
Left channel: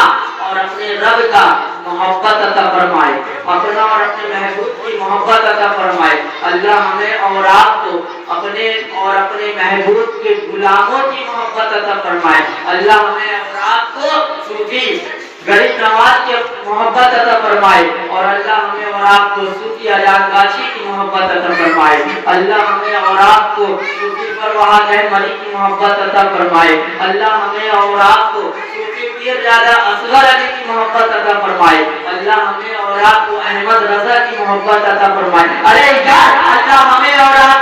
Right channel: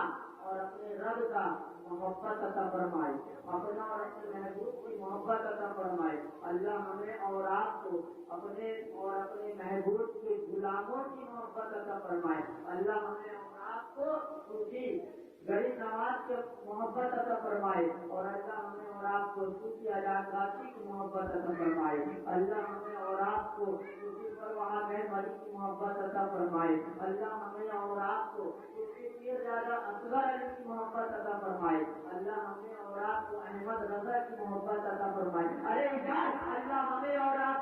اور اپنے رب کا محبت عطا فرمائے، اپنا اور اپنے محبوب کی محبت عطا فرمائے۔ اللہ ہمیں اور آپ کو اپنے اور اپنے محبوب کے غلاموں کی محبت عطا فرمائے۔ اللہ ہمیں اور آپ کو صوفی غریب نواز کی محبت عطا فرمائے، اور اللہ ہمیں اور آپ کو صوفی آزاد گاچھی کی محبت عطا فرمائے۔ اللہ ہمیں اور آپ کو صوفی پرواز احمدی کی محبت عطا فرمائے۔ اللہ ہمیں اور آپ کو صوفی پیر زیادہ اصغر علی کی محبت عطا فرمائے۔ اللہ ہمیں اور آپ کو احمد رضا کی محبت عطا فرمائے۔ ارے یار اللہ ہمیں اور آپ